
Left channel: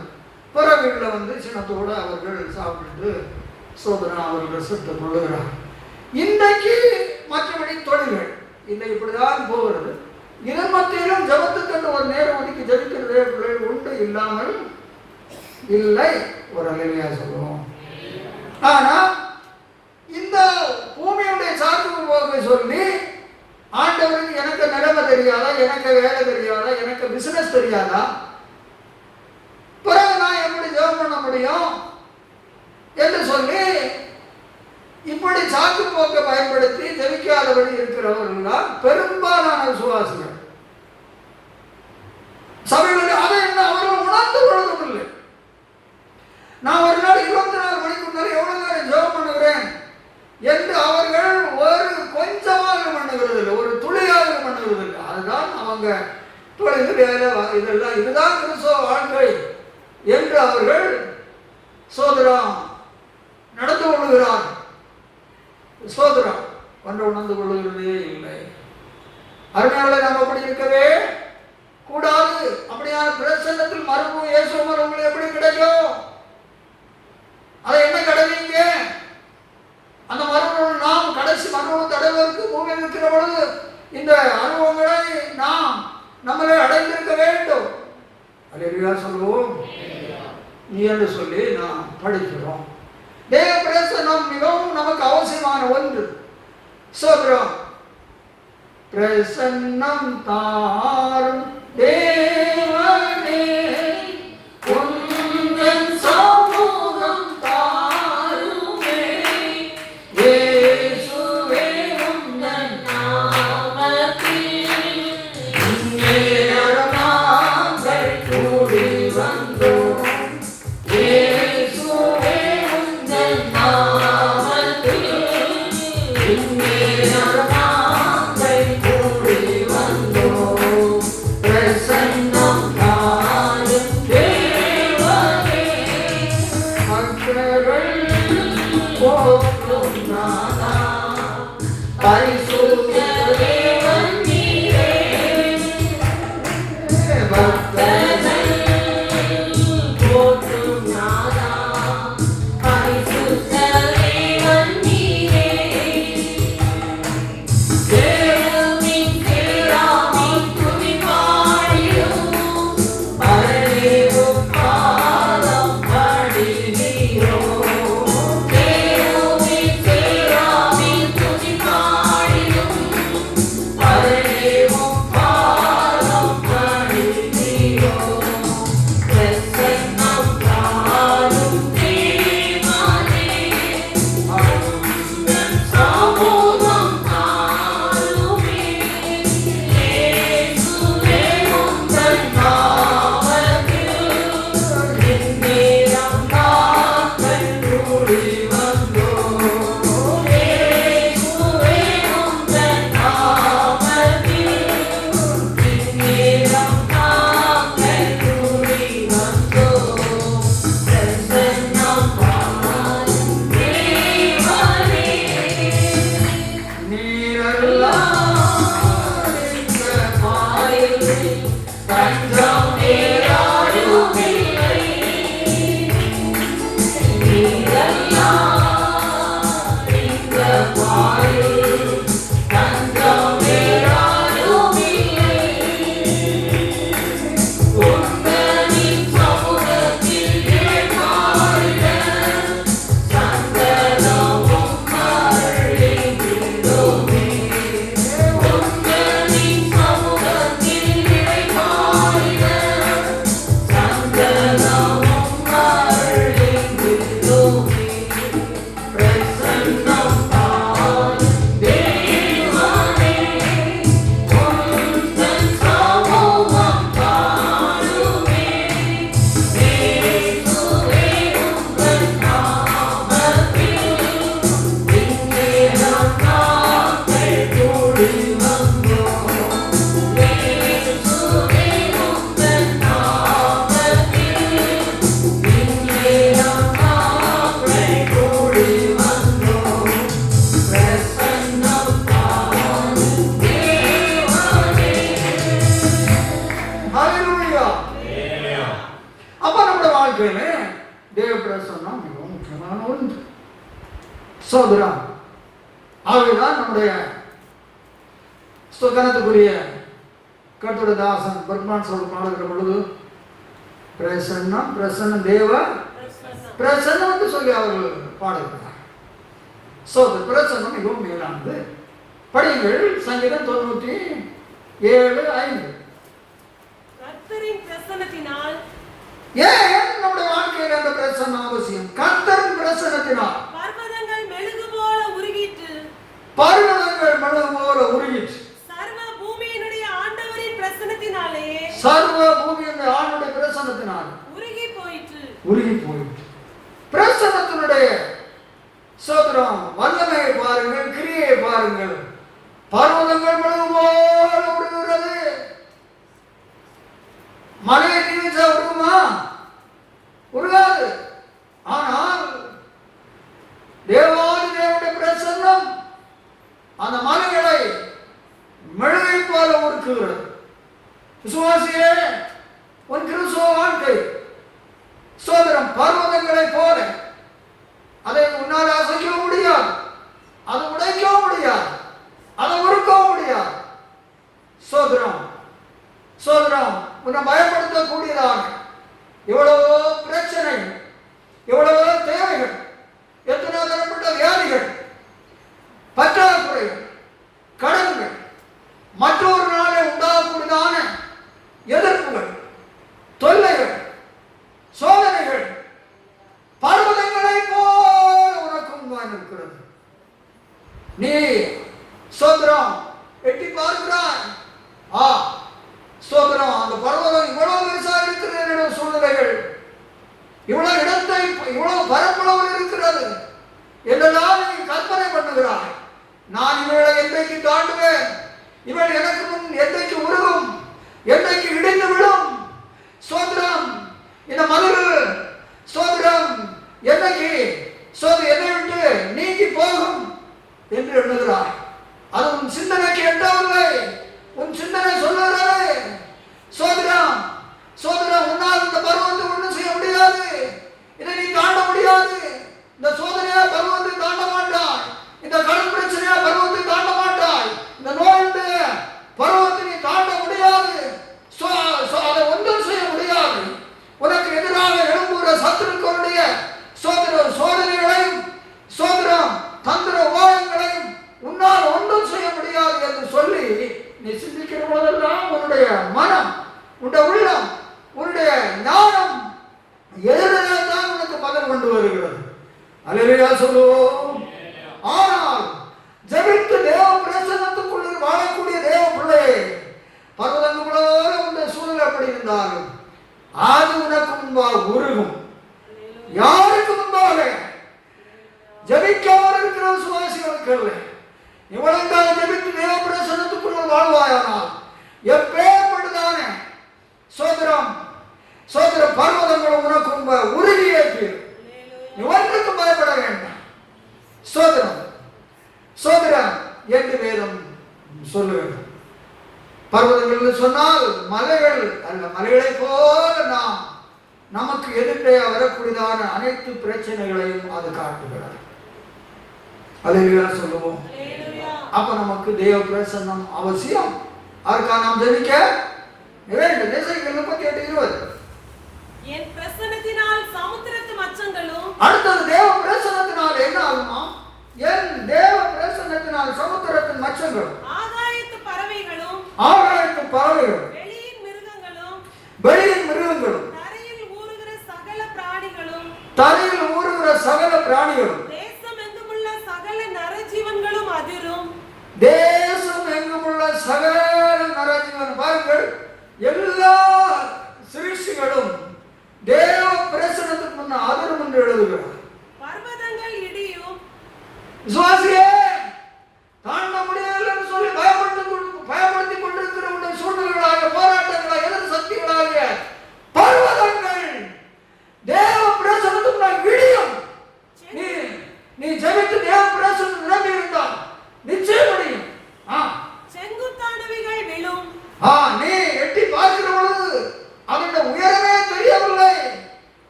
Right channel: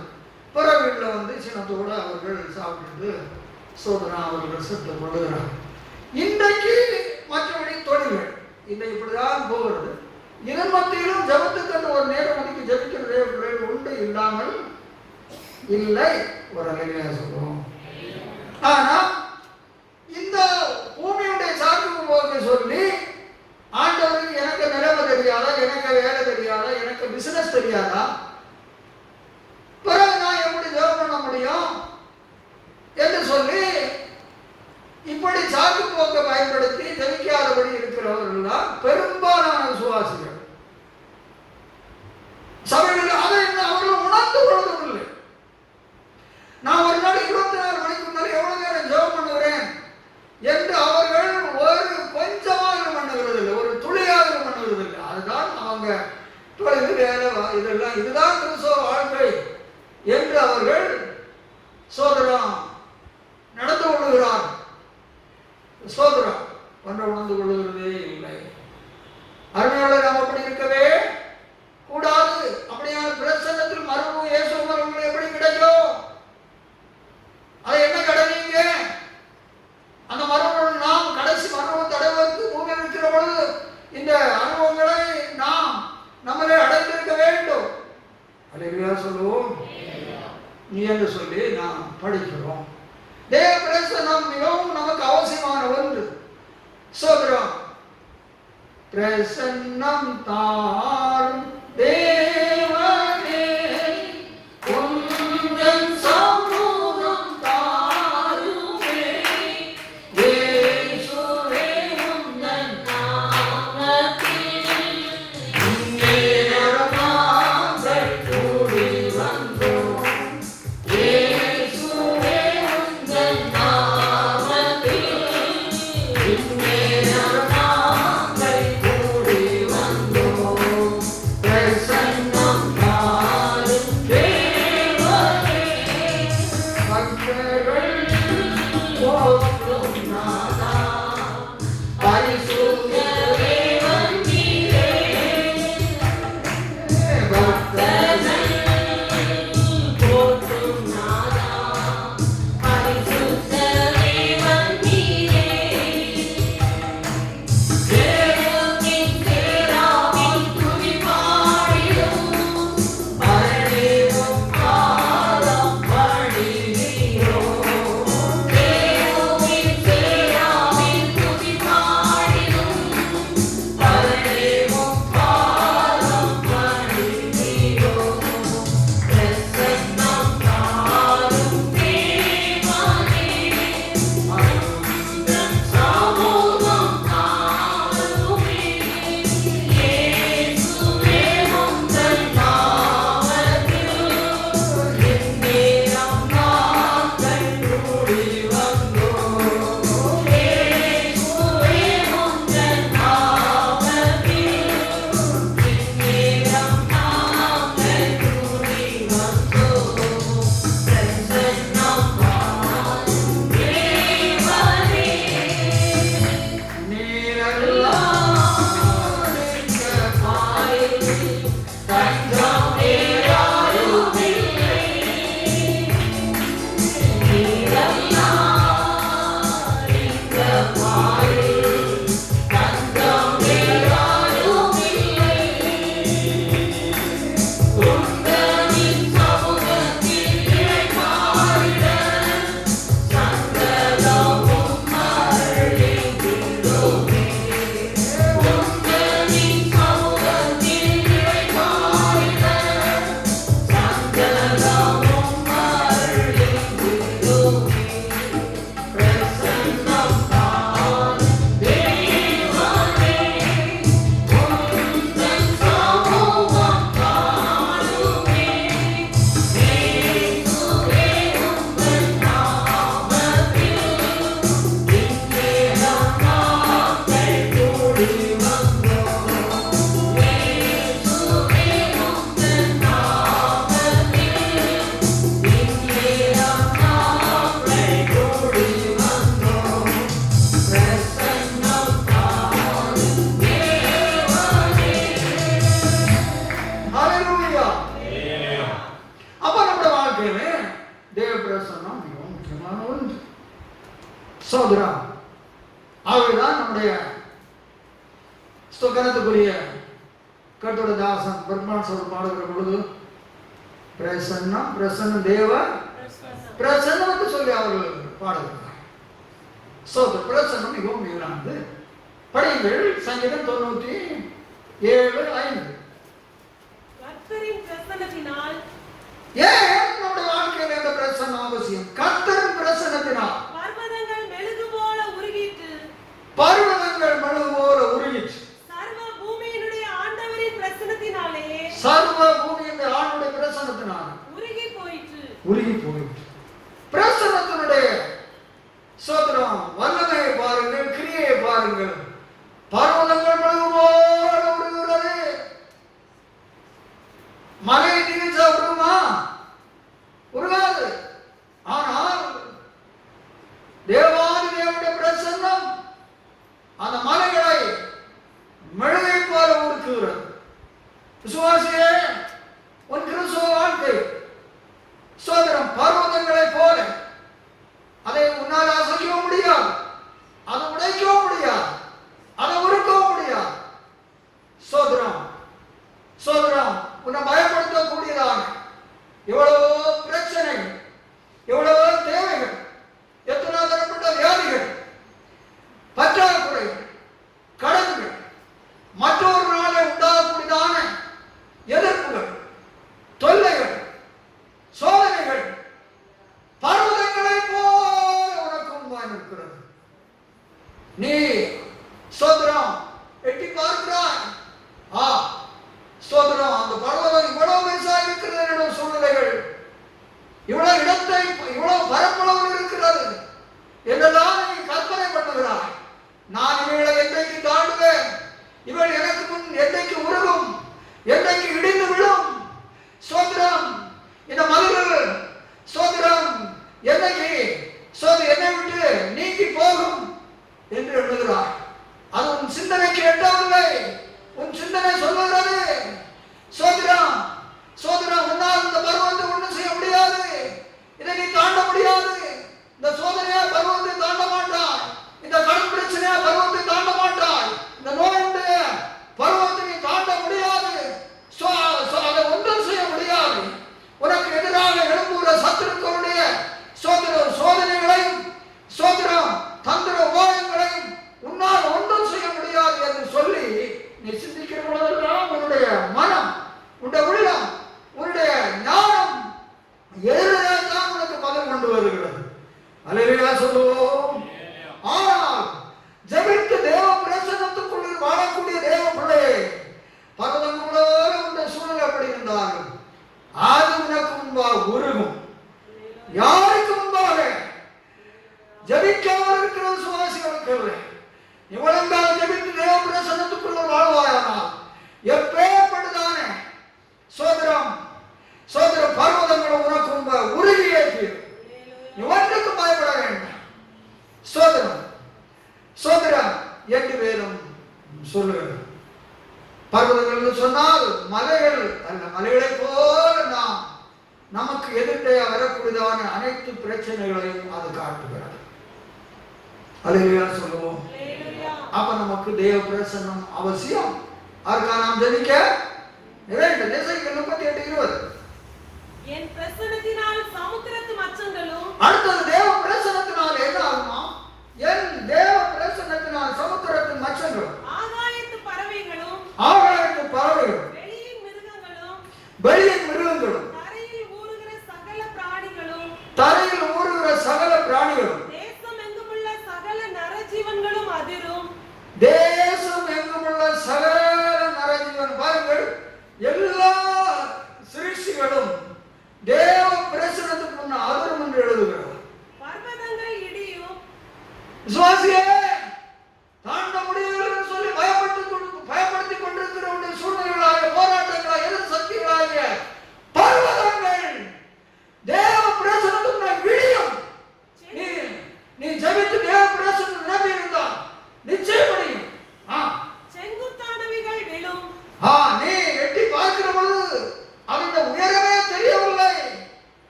பிற வீட்டில் வந்து சின்னத்தோடு அவர்கள் சாப்பிட்டு சோதனை அவர்கள் செத்து கொள்ளுகிறார்கள். இன்றைக்கு மற்றபடி தொழில்கள் இல்லை, இப்படிதான் போகிறது. இதன் மத்தியிலும் ஜபத்துக்கு ஒரு நேரம் ஒதுக்கி ஜபிக்கிற உண்டு இல்லாமல் இல்லை. ஒரு அல்லேலூயா சொல்லுவோம். ஆனா இந்த பூமியுடைய சாக்கு போக சொல்லி ஆண்டவருக்கு எனக்கு நிலைமை தெரியாதா, எனக்கு வேலை தெரியாதா, எனக்கு பிசினஸ் தெரியாதா, பிறகு நான் எப்படி ஜெபம் பண்ண முடியும் என்று சொல்லி இப்படி சாக்கு போக்க பயன்படுத்தி ஜெபிக்காதபடி இருக்கிற இருக்கிறவர்கள் தான் பெரும்பாலான விசுவாசிகள். சபைகளில் அதை என்ன அவர்கள் உணர்ந்து கொள்வதில்லை. நான் ஒரு நாள் 24 மணிக்கு முன்னாடி எவ்வளவு நேரம் ஜெபம் பண்ணுகிறேன் என்று அவர்கள் ஒரு கொஞ்சமாக பண்ணுகிறதில்லை, ஒரு துளியாக பண்ணுகிறதில்லை. அதுதான் அவங்க இதெல்லாம் இதுதான் கிறிஸ்தவ வாழ்க்கை என்று அவர்கள் சோதரம் நடந்து கொள்கிறார். சோதரம் ஒன்று உணர்ந்து கொள்கிறதே இல்லை. அருமையாளரை நாம் அப்படி இருக்கவே கூடாது. அப்படியான பிரசன்னத்தில் மரபு இயேசு மரபு எப்படி கிடைக்கும்? அதை என்ன கிடைவீங்க? அந்த மரபு நாம் கடைசி மரபு தடைவதற்கு பூமியில் இருக்கிற பொழுது இந்த அனுபவங்களை நாம் நம்மளே அடைந்திருக்க வேண்டும். அல்லேலூயா சொல்லுவோம். நீ என்று சொல்லி நாம் படிக்கிறோம். தேவ பிரசன்னம் மிகவும் நமக்கு அவசியமான ஒன்று. சோதரம் பிரசன்னம் தாரும் தேவனே உந்தன் சமூகம் தாருமே இயேசுவே உந்தன் நாமத்தில் இந்நேரமாங்கள் கூடி வந்தோம். இயேசுவே உந்தன் நாமத்தில் இந்நேரமாங்கள் கூடி வந்தோம். பிரசன்னம் தாரும் தேவனே மக்கள் போற்றும் நாதா பரிசுத்த தேவன் நீரே பக்தர்கள் போற்றும் நாதா பரிசுத்த தேவன் நீரே தேவனின் தேராவின் துதி பாடிடும் பரதேவம் பாதம் பாடினீரோ. தேவனின் தேராவின் துதி பாடிடும் பரதேவம் பாதம் பாடினீரோ. பிரசன்னம் தாரும் தேவனே உந்தன் சமூகம் தாருமே இயேசுவே உந்தன் நாமத்தில் இந்நேரம் நாங்கள் கூடி வந்தோம். இயேசுவே உந்தன் நாமத்தில் இந்நேரம் நாங்கள் கூடி வந்தோம். பிரசன்னம் தாரும் தேவனே நீரெல்லாம் இந்த மாயில் தஞ்சம் நேராருமில்லை. நீரெல்லாம் இந்த மாயில் தஞ்சம் நேராருமில்லை. உந்தனின் சமூகத்தில் இளைப்பாறுக சந்தனமும் மலர்கின்றோமே. உந்தனின் சமூகத்தில் இளைப்பாறுக சந்தனமும் மலர்கின்றோமே. பிரசன்னம் தாரும் தேவனே உந்தன் சமூகம் தாருமே இயேசுவே உந்தன் நாமத்தில் இந்நேரம் நாங்கள் கூடி வந்தோம். இயேசுவே உந்தன் நாமத்தில் இந்நேரம் நாங்கள் கூடி வந்தோம். பிரசன்னம் தாரும் தேவனே. ஹல்லேலூயா. அப்ப நம்முடைய வாழ்க்கையில தேவ பிரசன்னம் மிகவும் முக்கியமான ஒன்று. சோதரம் ஆகவேதான் நம்முடைய ஸ்தோத்திரத்துக்குரிய கர்த்தருடைய தாசன் பெர்மான் சொல் பாடுகிற பொழுது பிரசன்னம் பிரசன்னம் தேவ பிரசன்னம் என்று சொல்லி அவர்கள் பாடுகிறார். சோதரம் பிரசன்னம் மிகவும் மேலானது. படியுங்கள் சங்கீதம் 97:5. கர்த்தரின் பிரசன்னத்தினால் ஏன் நம்முடைய வாழ்க்கையில் அந்த பிரசன்னம் அவசியம்? கர்த்தரின் பிரசன்னத்தினால் பர்வதங்கள் மெழுகு போல உருகிட்டு பர்வதங்கள் மனது போல பாருங்கள், பர்வதங்கள் மழகு போல உருகிறது. மலை நிமிஷா உருகுமா? உருகாது. ஆனால் தேவாதி தேவனுடைய பிரசன்னம் அந்த மலைகளை மெழுகை போல உருக்குகிறது. விசுவாசியே, உன் கிறிஸ்துவ வாழ்க்கை சோதரம் பர்வதங்களை போல. அதை உன்னால் அசைக்கவும் முடியாது, அதை உடைக்கவும் முடியாது, அதை உருக்கவும் முடியாது. சோதரம் சோதரம் உன்னை பயப்படுத்தக்கூடியதாக எவ்வளவோ பிரச்சனை, எவ்வளவோ தேவைகள், எத்தனை தரப்பட்ட வியாதிகள், பற்றாக்குறைகள், கடன்கள், மற்றொரு நாளை உண்டாகக்கூடியதான எதிர்ப்புகள், தொல்லைகள், சோதனைகள் பர்வதங்களை போல உனக்கும் இருக்கிறது. நீ சோதரம் எட்டி பார்க்கிறாய். ஸ்தோத்திரம், அந்த பர்வதம் இவ்வளவு பெருசா இருக்கிறது, சூழ்நிலைகள் இவ்வளவு இடத்தை, இவ்வளவு பரப்பளவு இருக்கிறது என்றெல்லாம் நீ கற்பனை பண்ணுகிறாய். நான் இவளை என்றைக்கு தாண்டுவேன், இவள் எனக்கு முன் என்றைக்கு உருகும், என்றைக்கு இடிந்து விடும், ஸ்தோத்திரம் இந்த மதில் ஸ்தோத்திரம் என்னைக்கு என்னை விட்டு நீங்கி போகும் என்று எண்ணுகிறாய். அது உன் சிந்தனைக்கு எட்டவில்லை. உன் சிந்தனை சொல்லுகிறது சோதரம் சோதரம், உன்னால் இந்த பருவத்தை ஒன்றும் செய்ய முடியாது, இதை நீ தாண்ட முடியாது. இந்த சோதனையா பருவத்தை தாண்ட மாட்டாய், இந்த கடன் பிரச்சனையா பருவத்தை தாண்ட மாட்டாய், இந்த நோயுடைய பருவத்தை நீ தாண்ட முடியாது, அதை ஒன்றும் செய்ய முடியாது. உனக்கு எதிராக எழும்புகிற சத்துருக்களுடைய சோதனைகளையும் சோதரம் தந்திர உபாயங்களையும் உன்னால் ஒன்றும் செய்ய முடியாது என்று சொல்லி நீ சிந்திக்கிற பொழுதெல்லாம் உன்னுடைய மனம், உன்னுடைய உள்ளம், உன்னுடைய ஞானம் எதிராக உனக்கு பதில் கொண்டு வருகிறது. அல்லேலூயா சொல்லுவோம். ஆனால் ஜெபித்து தேவ பிரசன்னத்துக்குள் வாழக்கூடிய தேவ பிள்ளையே, பர்வதங்களோட உள்ள சூழ்நிலை எப்படி இருந்தாலும் அது உனக்கு முன்பாக உருகும். யாருக்கு முன்பாக? ஜெபிக்காமல் இருக்கிற சுவாசிகளுக்கு. இவளுக்காக ஜெபித்து தேவ பிரசன்னத்துக்குள் வாழ்வாயானால் எப்பேற்பட்டதான சோதரம் சோதர பர்வதங்கள் உனக்கு முன்பாக உருகியே தீரும். நீ ஒன்றுக்கு பயப்பட வேண்டாம். சோதரம் சோதரம் என்று வேறும் சொல்லுகிறது. பர்வதங்கள் சொன்னால் மலைகள், அந்த மலைகளை போல நாம் நமக்கு எதிர்த்தே வரக்கூடியதான அனைத்து பிரச்சனைகளையும் அது காட்டுகிறது. அல்லேலூயா சொல்லுவோம். அப்ப நமக்கு தேவ பிரசன்னம் அவசியம். அதற்காக நாம் ஜெபிக்க வேண்டும். எசேக்கியேல் 38:20. என் பிரசன்னத்தினால் சமுத்திரத்து மச்சங்களும். அடுத்தது தேவ பிரசன்னத்தினால் என்ன ஆகுமா? என் தேவ பிரசன்னத்தினால் சமுத்திரத்தின் மச்சங்களும், ஆகாயத்து பறவைகளும், ஆகாயத்து பறவைகளும், வெளியின் மிருகங்களும், வெளியின் மிருகங்களும், தரையில் ஊறுகிற சகல பிராணிகளும், தரையில் ஊறுகிற சகல பிராணிகளும், தேசம் எங்குமுள்ள சகல நரஜீவன்களும் அதிரும். தேசம் எங்குமுள்ள சகல நரஜீவன். பாருங்கள், எல்லா சிருஷ்டிகளும் தேவ பிரசன்னத்துக்கு முன்ன அதிரும் என்று எழுதுகிறார். பர்வதங்கள் இடியும். விசுவாசியே, தாண்ட முடியவில்லை என்று சொல்லி பயப்படுத்திக் கொண்டிருக்கிற சூழ்நிலைகளாகிய போராட்டங்களாக எதிர் சக்திகளாகிய பர்வதங்கள் தேவ பிரசன்னத்துக்கு இடியும். நீ ஜெபித்து தேவ பிரசன்னம் நிரம்பி இருந்தால் நிச்சயம் முடியும். செங்குத்தானவைகள் விழும். நீ எட்டி பார்க்கிற பொழுது அதோட உயரமே தெரியவில்லை.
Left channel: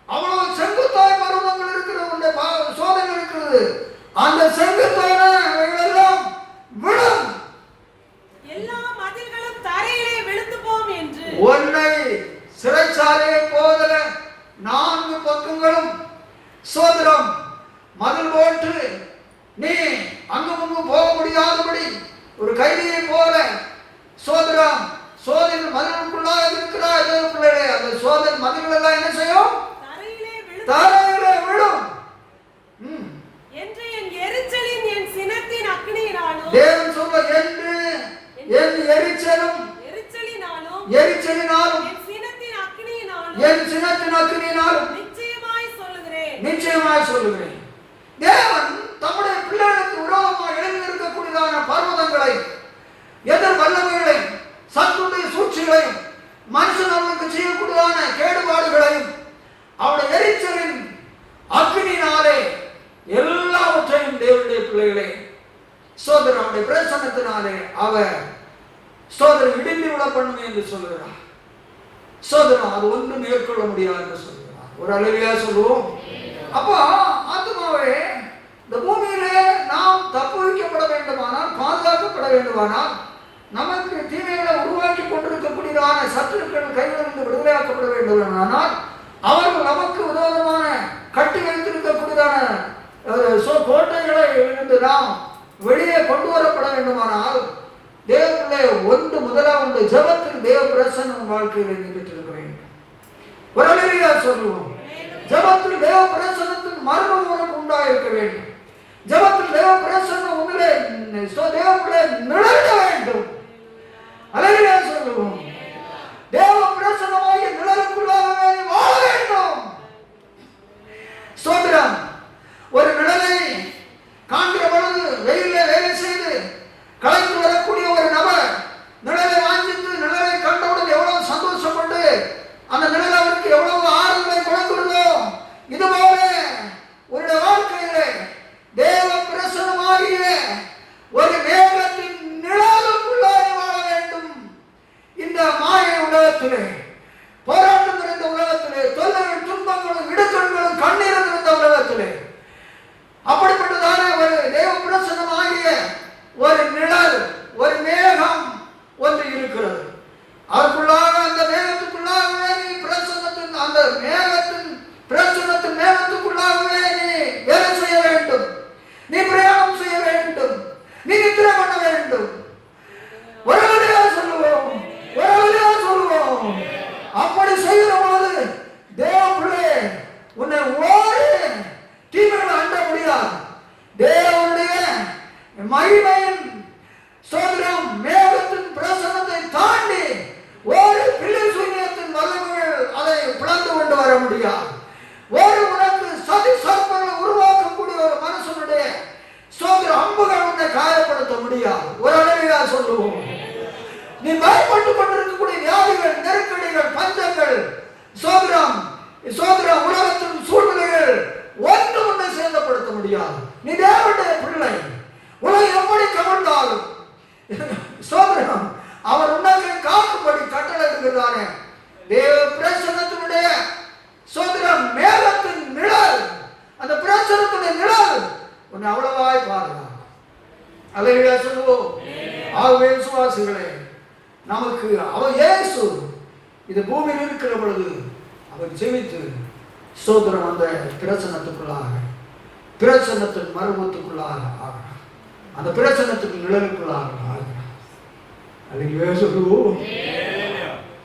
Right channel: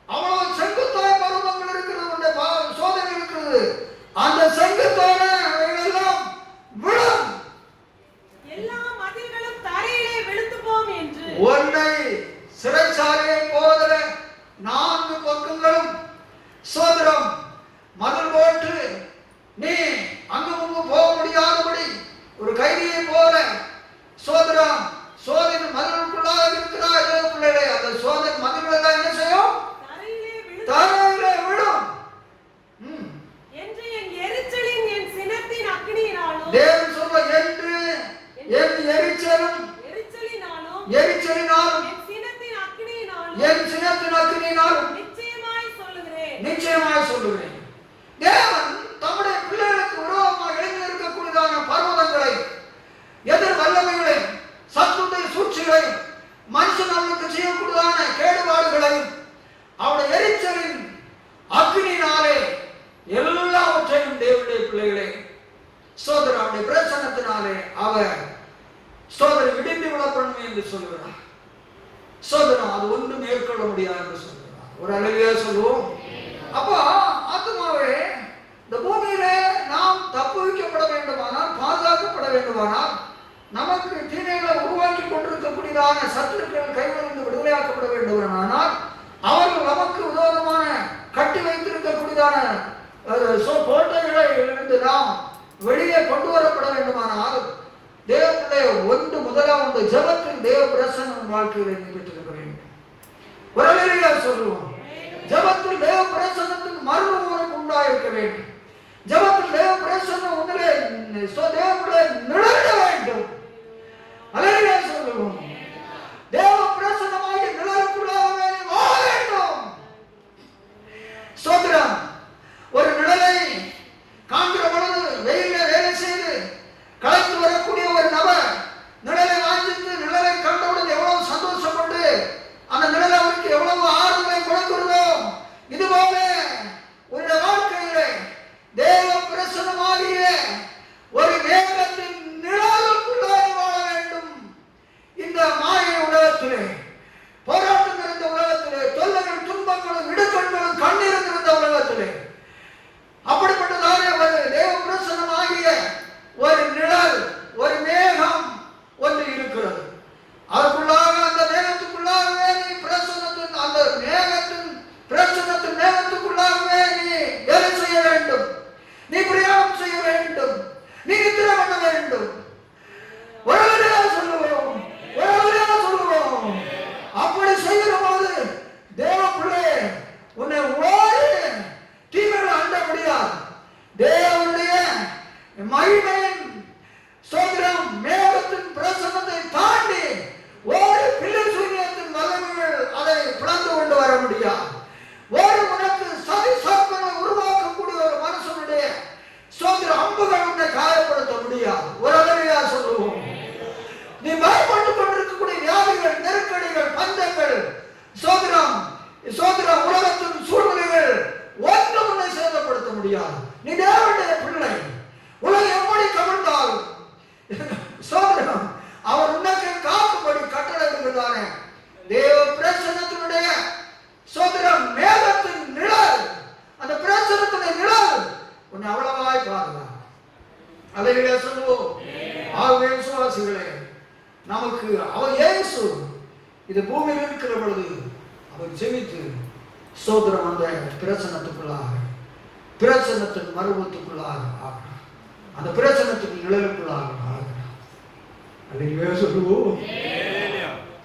அவ்வளவு செங்குத்தாய் பருவங்கள் இருக்கிறது, சோதனை இருக்கிறது. அந்த செங்குத்தான எல்லாம் விழும். எல்லா மதில்களும் தரையிலே விழுந்து போகும் என்று ஒன்றை சிறைச்சாலையை போல 4 பக்கங்களும் சோதரம் மதில் போட்டு நீ அங்கும் போக முடியாதபடி ஒரு கைதியை போல சோதரம் சோதனை மதிலுக்குள்ளாக இருக்கிறாய். பிள்ளைகளே, அந்த சோதனை மதில்கள் என்ன செய்யும்? தரையிலே விழும் என்று என் எரிச்சலின் என் சினத்தின் அக்னியினாலும். தேவன் சொல்ல என்று என் எரிச்சலினாலும் என் சினத்தின் அக்னியினாலும் நிச்சயமாய் சொல்லுகிறேன். தேவன் தம்முடைய பிள்ளைகளுக்கு விரோதமாக எழுந்திருக்கக்கூடியதான பிரசன்னத்தினாலே அவர் ஸ்தோத்திரம் இடிந்து விழ பண்ணுமே என்று சொல்லுகிறார். ஸ்தோத்திரம் அது ஒன்று மேற்கொள்ள முடியாது என்று சொல்லுகிறார். ஒரு அழகியா சொல்லுவோம். அப்போ ஆத்மாவே இந்த பூமியிலே நாம் தப்பு வைக்கப்பட வேண்டுமானால், பாதுகாக்கப்பட வேண்டுமானால், நமக்கு தீமைகளை உருவாக்கி கொண்டிருக்கக்கூடியதான சத்துருக்கள் கைகளிலிருந்து விடுதலையாக்கப்பட வேண்டுமானால், அவர்கள் நமக்கு விரோதமான கட்டி வைத்திருக்கக்கூடியதான கோட்டைகளை இருந்து நாம் வெளியே கொண்டு வரப்பட வேண்டுமானால், தேவனுடைய முதலாவது ஜெபத்தில் தேவ பிரசன்னம் வாழ்க்கையில் பெற்றிருக்க வேண்டும். ஒரு அழகியா சொல்லுவோம். ஜெபத்தில் தேவ பிரசன்னத்தின் மர்மம் உனக்கு உண்டாயிருக்க வேண்டும். ஜெபத்தில் தேவ பிரசன்னம் உன்னிலே தேவனுடைய நிழலிட வேண்டும். அழகியா சொல்லுவோம். தேவ பிரசன்னமாகிய நிழலுக்குள்ளாக வாழ வேண்டும். ஸ்தோத்திரம். ஒரு நிழலை காண்கிற பொழுது வெயிலே வேலை செய்து களைத்து வரக்கூடிய ஒரு நபர் நிழலை வாஞ்சித்து நிழலை கண்டவுடன் எவ்வளவு சந்தோஷப்பட்டு அந்த நிழல் அவருக்கு எவ்வளவு ஆறுதலை கொடுக்கிறோம். இதுபோல உன்னுடைய வாழ்க்கையிலே தேவ பிரசன்னமாகிய ஒரு மேகத்தின் நிழலுக்குள்ளாக வாழ வேண்டும். இந்த மாய உலகத்திலே, போராட்டம் நிறைந்த உலகத்திலே, தொல்லைகள் துன்பங்களும் இடுக்கண்களும் கண்ணீரும் நிறைந்த உலகத்திலே அப்படிப்பட்டதான ஒரு தேவ பிரசன்னமாகிய ஒரு நிழல், ஒரு மேகம் ஒன்று இருக்கிறது. அதற்குள்ளாக அந்த மேகத்துக்குள்ளாகவே நீ பிரசன்னத்தின் அந்த மேகத்தின் பிரசன்னத்தின் மேகத்துக்குள்ளாகவே நீ வேலை செய்ய வேண்டும். நீ பிரயாணம் செய்ய வேண்டும். நீ நித்திரை பண்ண வேண்டும். ஒரு வழியாக சொல்லுவோம், ஒரு வழியாக சொல்லுவோம். அப்படி செய்கிற போது தேவ பிள்ளை உன்னை ஓடி தீமையை அண்ட முடியாது. தேவனுடைய மகிமையின் சோதரம் மேகத்தின் பிரசன்னத்தை தாண்டி ஒரு பிள்ளை சூரியத்தின் வல்லமைகள் அதை பிளந்து கொண்டு வர முடியாது. ஒரு உனக்கு சதி சர்ப்பங்களை உருவாக்கக்கூடிய ஒரு மனுஷனுடைய சோதர அம்புகள் உன்னை காயப்படுத்த முடியாது. ஒரு அழகையா சொல்லுவோம். நீ பயப்பட்டு கொண்டிருக்கக்கூடிய வியாதிகள், நெருக்கடிகள், பஞ்சங்கள், சோதரம் உலகத்தின் சூழ்நிலைகள் ஒன்று உன்னை சேதப்படுத்த முடியாது. நீ தேவனுடைய பிள்ளை. உலகம் எப்படி கவர்ந்தாலும் சோதரம் அவர் உன்னை காக்கும்படி கட்டளையிடுகிறானே. தேவ பிரசன்னத்தினுடைய சோதரம் மேகத்தின் நிழல், அந்த பிரசன்னத்துடைய நிழல் உன்னை அவ்வளவாய் பாருங்க. அல்லேலூயா சொல்லுவோம். ஆகவே விசுவாசிகளே, நமக்கு அவர் இயேசு இது பூமியில் இருக்கிற பொழுது அவர் ஜெபித்து சோதரம் அந்த பிரசன்னத்துக்குள்ளாக, பிரசன்னத்தின் மறுபூத்துக்குள்ளாக ஆகிறார். அந்த பிரசன்னத்தின் நிழலுக்குள்ளாக ஆகிறார். அல்லேலூயா சொல்லுவோம்.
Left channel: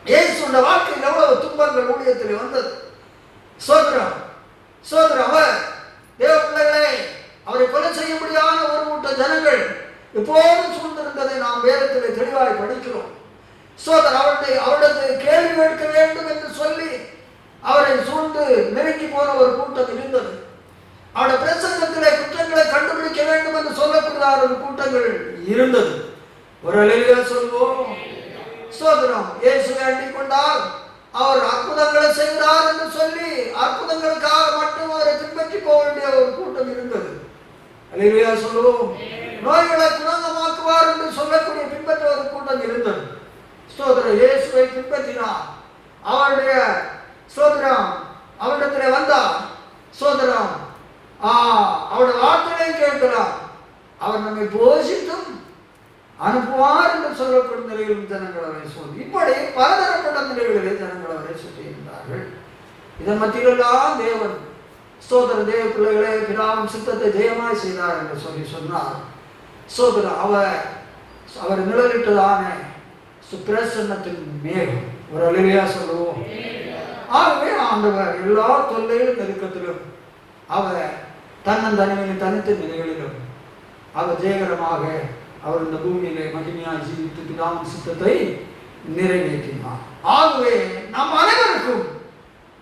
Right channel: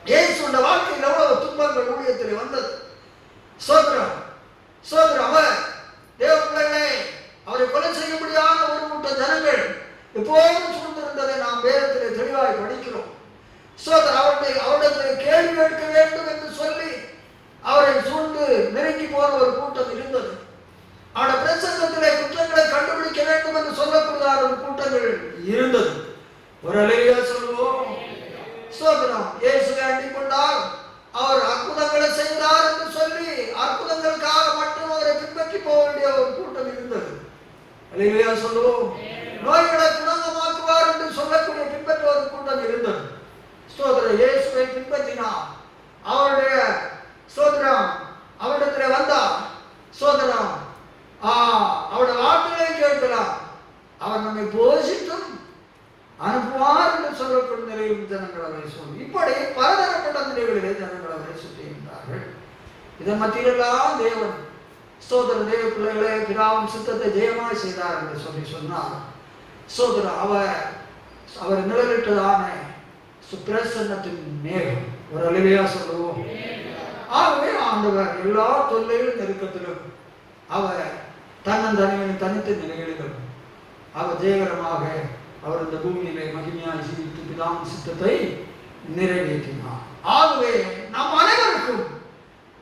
இயேசுடைய வாழ்க்கையில் எவ்வளவு துன்பங்கள் ஊழியத்தில் வந்தது. சோதரம் அவர் தேவ பிள்ளைகளை அவரை கொலை செய்ய முடியாத ஒரு கூட்ட ஜனங்கள் எப்போதும் சூழ்ந்திருந்ததை நாம் வேதத்திலே தெளிவாய் படிக்கிறோம். சோதரர் அவரிடத்தில் கேள்வி கேட்க வேண்டும் என்று சொல்லி அவரை சூழ்ந்து நெருங்கி போன ஒரு கூட்டம் இருந்தது. அவருடைய பிரசங்கத்திலே குற்றங்களை கண்டுபிடிக்க வேண்டும் என்று சொல்லக்கூடிய ஒரு கூட்டங்கள் இருந்தது. ஒரு அழகியா சொல்லுவோம். ஸ்தோத்திரம். இயேசுவை அண்டிக் கொண்டால் அவர் அற்புதங்களை செய்கிறார் என்று சொல்லி அற்புதங்களுக்காக மட்டும் அவரை பின்பற்றி போக வேண்டிய ஒரு கூட்டம் இருந்தது. அழகியா சொல்லுவோம். நோய்களை குணமாக்குவார் என்று சொல்லக்கூடிய பின்பற்ற ஒரு கூட்டம் இருந்தது. ஸ்தோத்திரம். இயேசுவை பின்பற்றினார். அவருடைய ஸ்தோத்திரம் அவரிடத்தில் வந்தார். ஸ்தோத்திரம். அவருடைய வார்த்தைகளை கேட்கிறார். அவர் நம்மை போஷித்தும் அனுப்புவார் என்று சொல்லக்கூடிய நிலையில் ஜனங்கள் அவரை சொல்லி இப்படி பலதரப்பட்ட நிலைகளிலே ஜனங்கள் அவரை சொல்லியிருந்தார்கள். இதன் மத்தியிலெல்லாம் தேவன் ஸ்தோத்திர தேவ பிள்ளைகளே பிதாவின் சித்தத்தை ஜெயமாய் செய்தார் என்று சொல்லி சொன்னார். ஸ்தோத்திர அவர் நிழலிட்டதான பிரசன்னத்தின் மேகம். ஒரு அழகியா சொல்லுவோம். ஆகவே ஆண்டவர் எல்லா தொல்லையும் நெருக்கத்திலும் அவர் தன்னந்தனிமையின் தனித்த நிலைகளிலும் அவர் ஜெயகரமாக அவர் இந்த பூமியிலே மகிமையாய் ஜீவித்து பிதாவின் சித்தத்தை நிறைவேற்றினார். ஆகவே நம் அனைவருக்கும்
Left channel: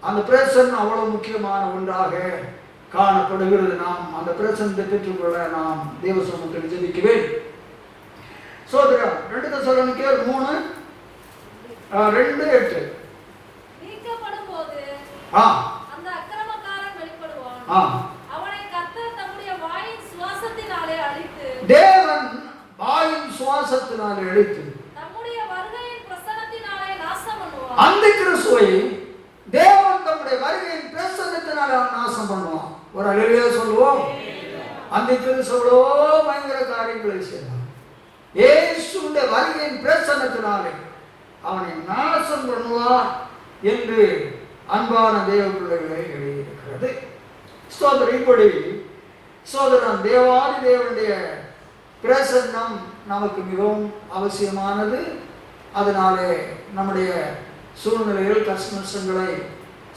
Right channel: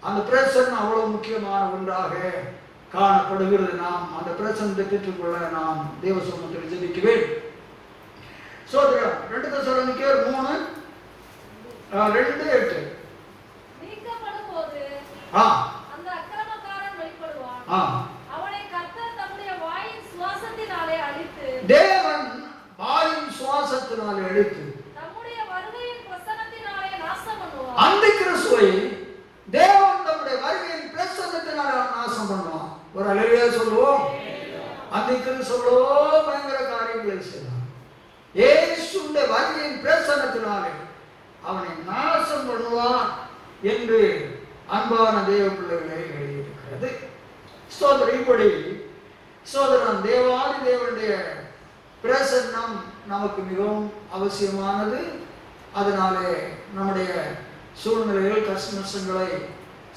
அந்த பிரசன்னம் அவ்வளவு முக்கியமான ஒன்றாக காணப்படுகிறது. நாம் அந்த பிரசன்னத்தை பெற்றுக்கொள்ள நாம் தேவ சமூகத்தில் ஜெபிக்கவே. சோதரம் 2 தெசலோனிக்கேயர் 3:2-8 நீக்கப்படும்போது அந்த அக்கிரமக்காரன் வெளிப்படுவான். அவனை கர்த்தர் தம்முடைய வாயின் சுவாசத்தினாலே அழித்து, தேவன் வாயின் விசுவாசத்தினாலே அழித்து தம்முடைய வருகையின் பிரசன்னத்தினாலே நாசம் பண்ணுவார். அந்த கிறிஸ்துவை தேவன் தம்முடைய வருகையின் பிரசன்னத்தினால நாசம் பண்ணுவான். ஒரு அல்லேலூயா சொல்லுவோம். அந்த கிறிஸ்துவோ பயங்கர காரியங்களை செய்வான். இயேசுடைய வருகையின் பிரசன்னத்தினாலே அவனை நாசம் பண்ணுவான் என்று அன்பான தேவ பிள்ளைகளை எழுதியிருக்கிறது. ஸ்தோத்திரம். இப்படி சோதரன் தேவாதி தேவனுடைய பிரசன்னம் நமக்கு மிகவும் அவசியமானது. அதனாலே நம்முடைய சூழ்நிலைகள் கஷ்டங்களை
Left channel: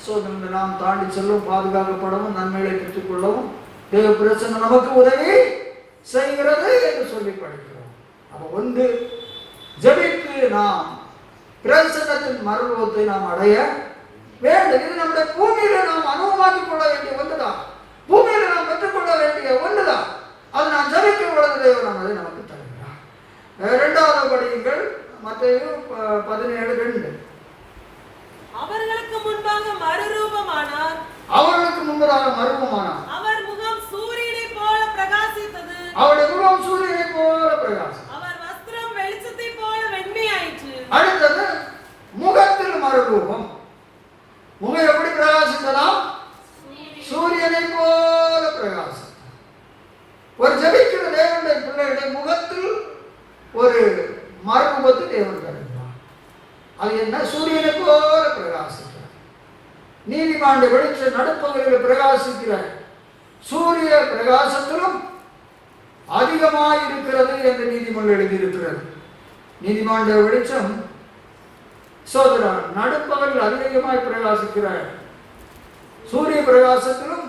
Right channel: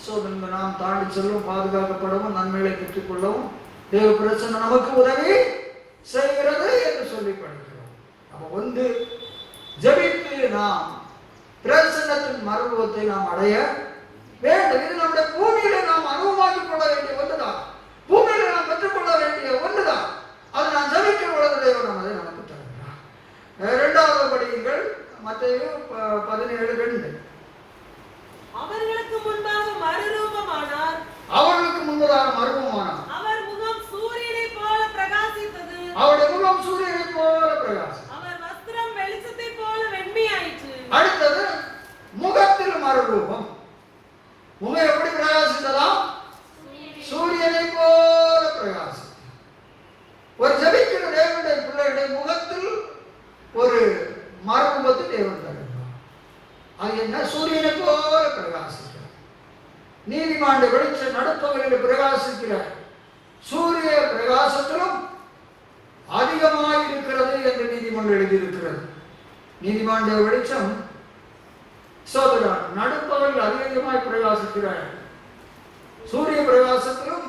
சோதனை நாம் தாண்டி செல்லும், பாதுகாக்கப்படவும், நன்மைகளை பெற்றுக்கொள்ளவும் தேவ பிரசன்னம் நமக்கு உதவி செய்கிறது என்று சொல்லி படிக்கிறோம். அது ஒன்று, ஜெபித்து நாம் பிரசன்னத்தின் மறுரூபத்தை நாம் அடைய வேண்டும். இது நம்முடைய பூமியில நாம் அனுபவமாக்கிக் கொள்ள வேண்டிய ஒன்றுதான். பூமியில நாம் பெற்றுக்கொள்ள வேண்டிய ஒன்றுதான். அது நான் ஜெபிக்க பொழுது தேவன் அதை நமக்கு தருகிறார். இரண்டாவது படியுங்கள், மத்தேயு 17:2. அவர்களுக்கு முன்பாக மறுரூபமானார். அவர்களுக்கு முன்பதாக மறுரூபமானார். அவர் முகம் சூரியனைப் போல பிரகாசித்தது. அவருடைய முகம் சூரியனைப் போல பிரகாசம். அவர் வஸ்திரம் வெளிச்சத்தைப் போல வெண்மையாயிற்று. அடுத்தது முகத்தில் மறுரூபம். முகம் எப்படி பிரகாசித்ததாம்? சூரியனை போல பிரகாசம். ஒரு ஜெபிக்கிற தேவனுடைய பிள்ளைகளுடைய முகத்தில் ஒரு மறுரூபத்தை தேவன் தருகிறார். அது என்ன? சூரியனை போல பிரகாசிக்கிறார். நீதிமானுடைய வெளிச்ச நடுப்பகுதியில் பிரகாசிக்கிற சூரிய பிரகாசத்திலும் அதிகமாய் இருக்கிறது என்று நீதிமன்றம் எழுதியிருக்கிறது. நீதிமானுடைய வெளிச்சம் சோதரன் நடுப்பகலில் அதிகமாய் பிரகாசிக்கிற சூரிய பிரகாசத்திலும்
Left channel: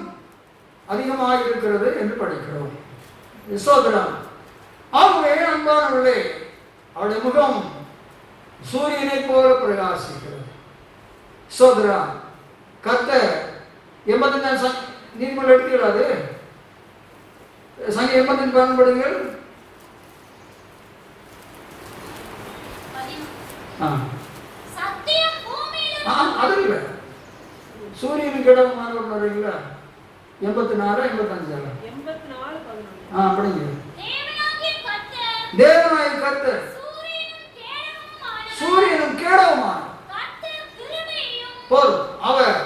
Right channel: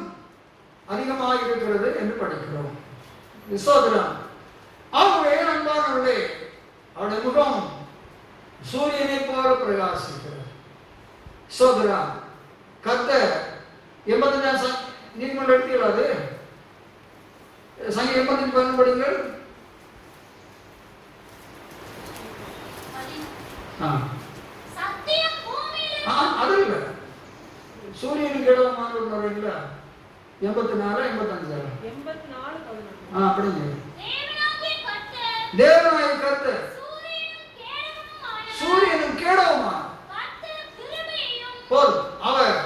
அதிகமாக இருக்கிறது என்று படிக்கிறோம். சோதரன் ஆகவே அன்பானவர்களே, அவருடைய முகம் சூரியனை போல பிரகாசிக்கிறது. சோதரன் கர்த்தர் 85 நீதிமன்றம் எடுத்துக்கிறாரு. சங்கீதம் 85 பயன்படுங்கள். அது இல்லை, சூரியனுக்கு இடமான இல்ல 84 85 அப்படிங்க. தேவனாய் கர்த்தர் சூரியனும் கேடவுமான போதும். அவர்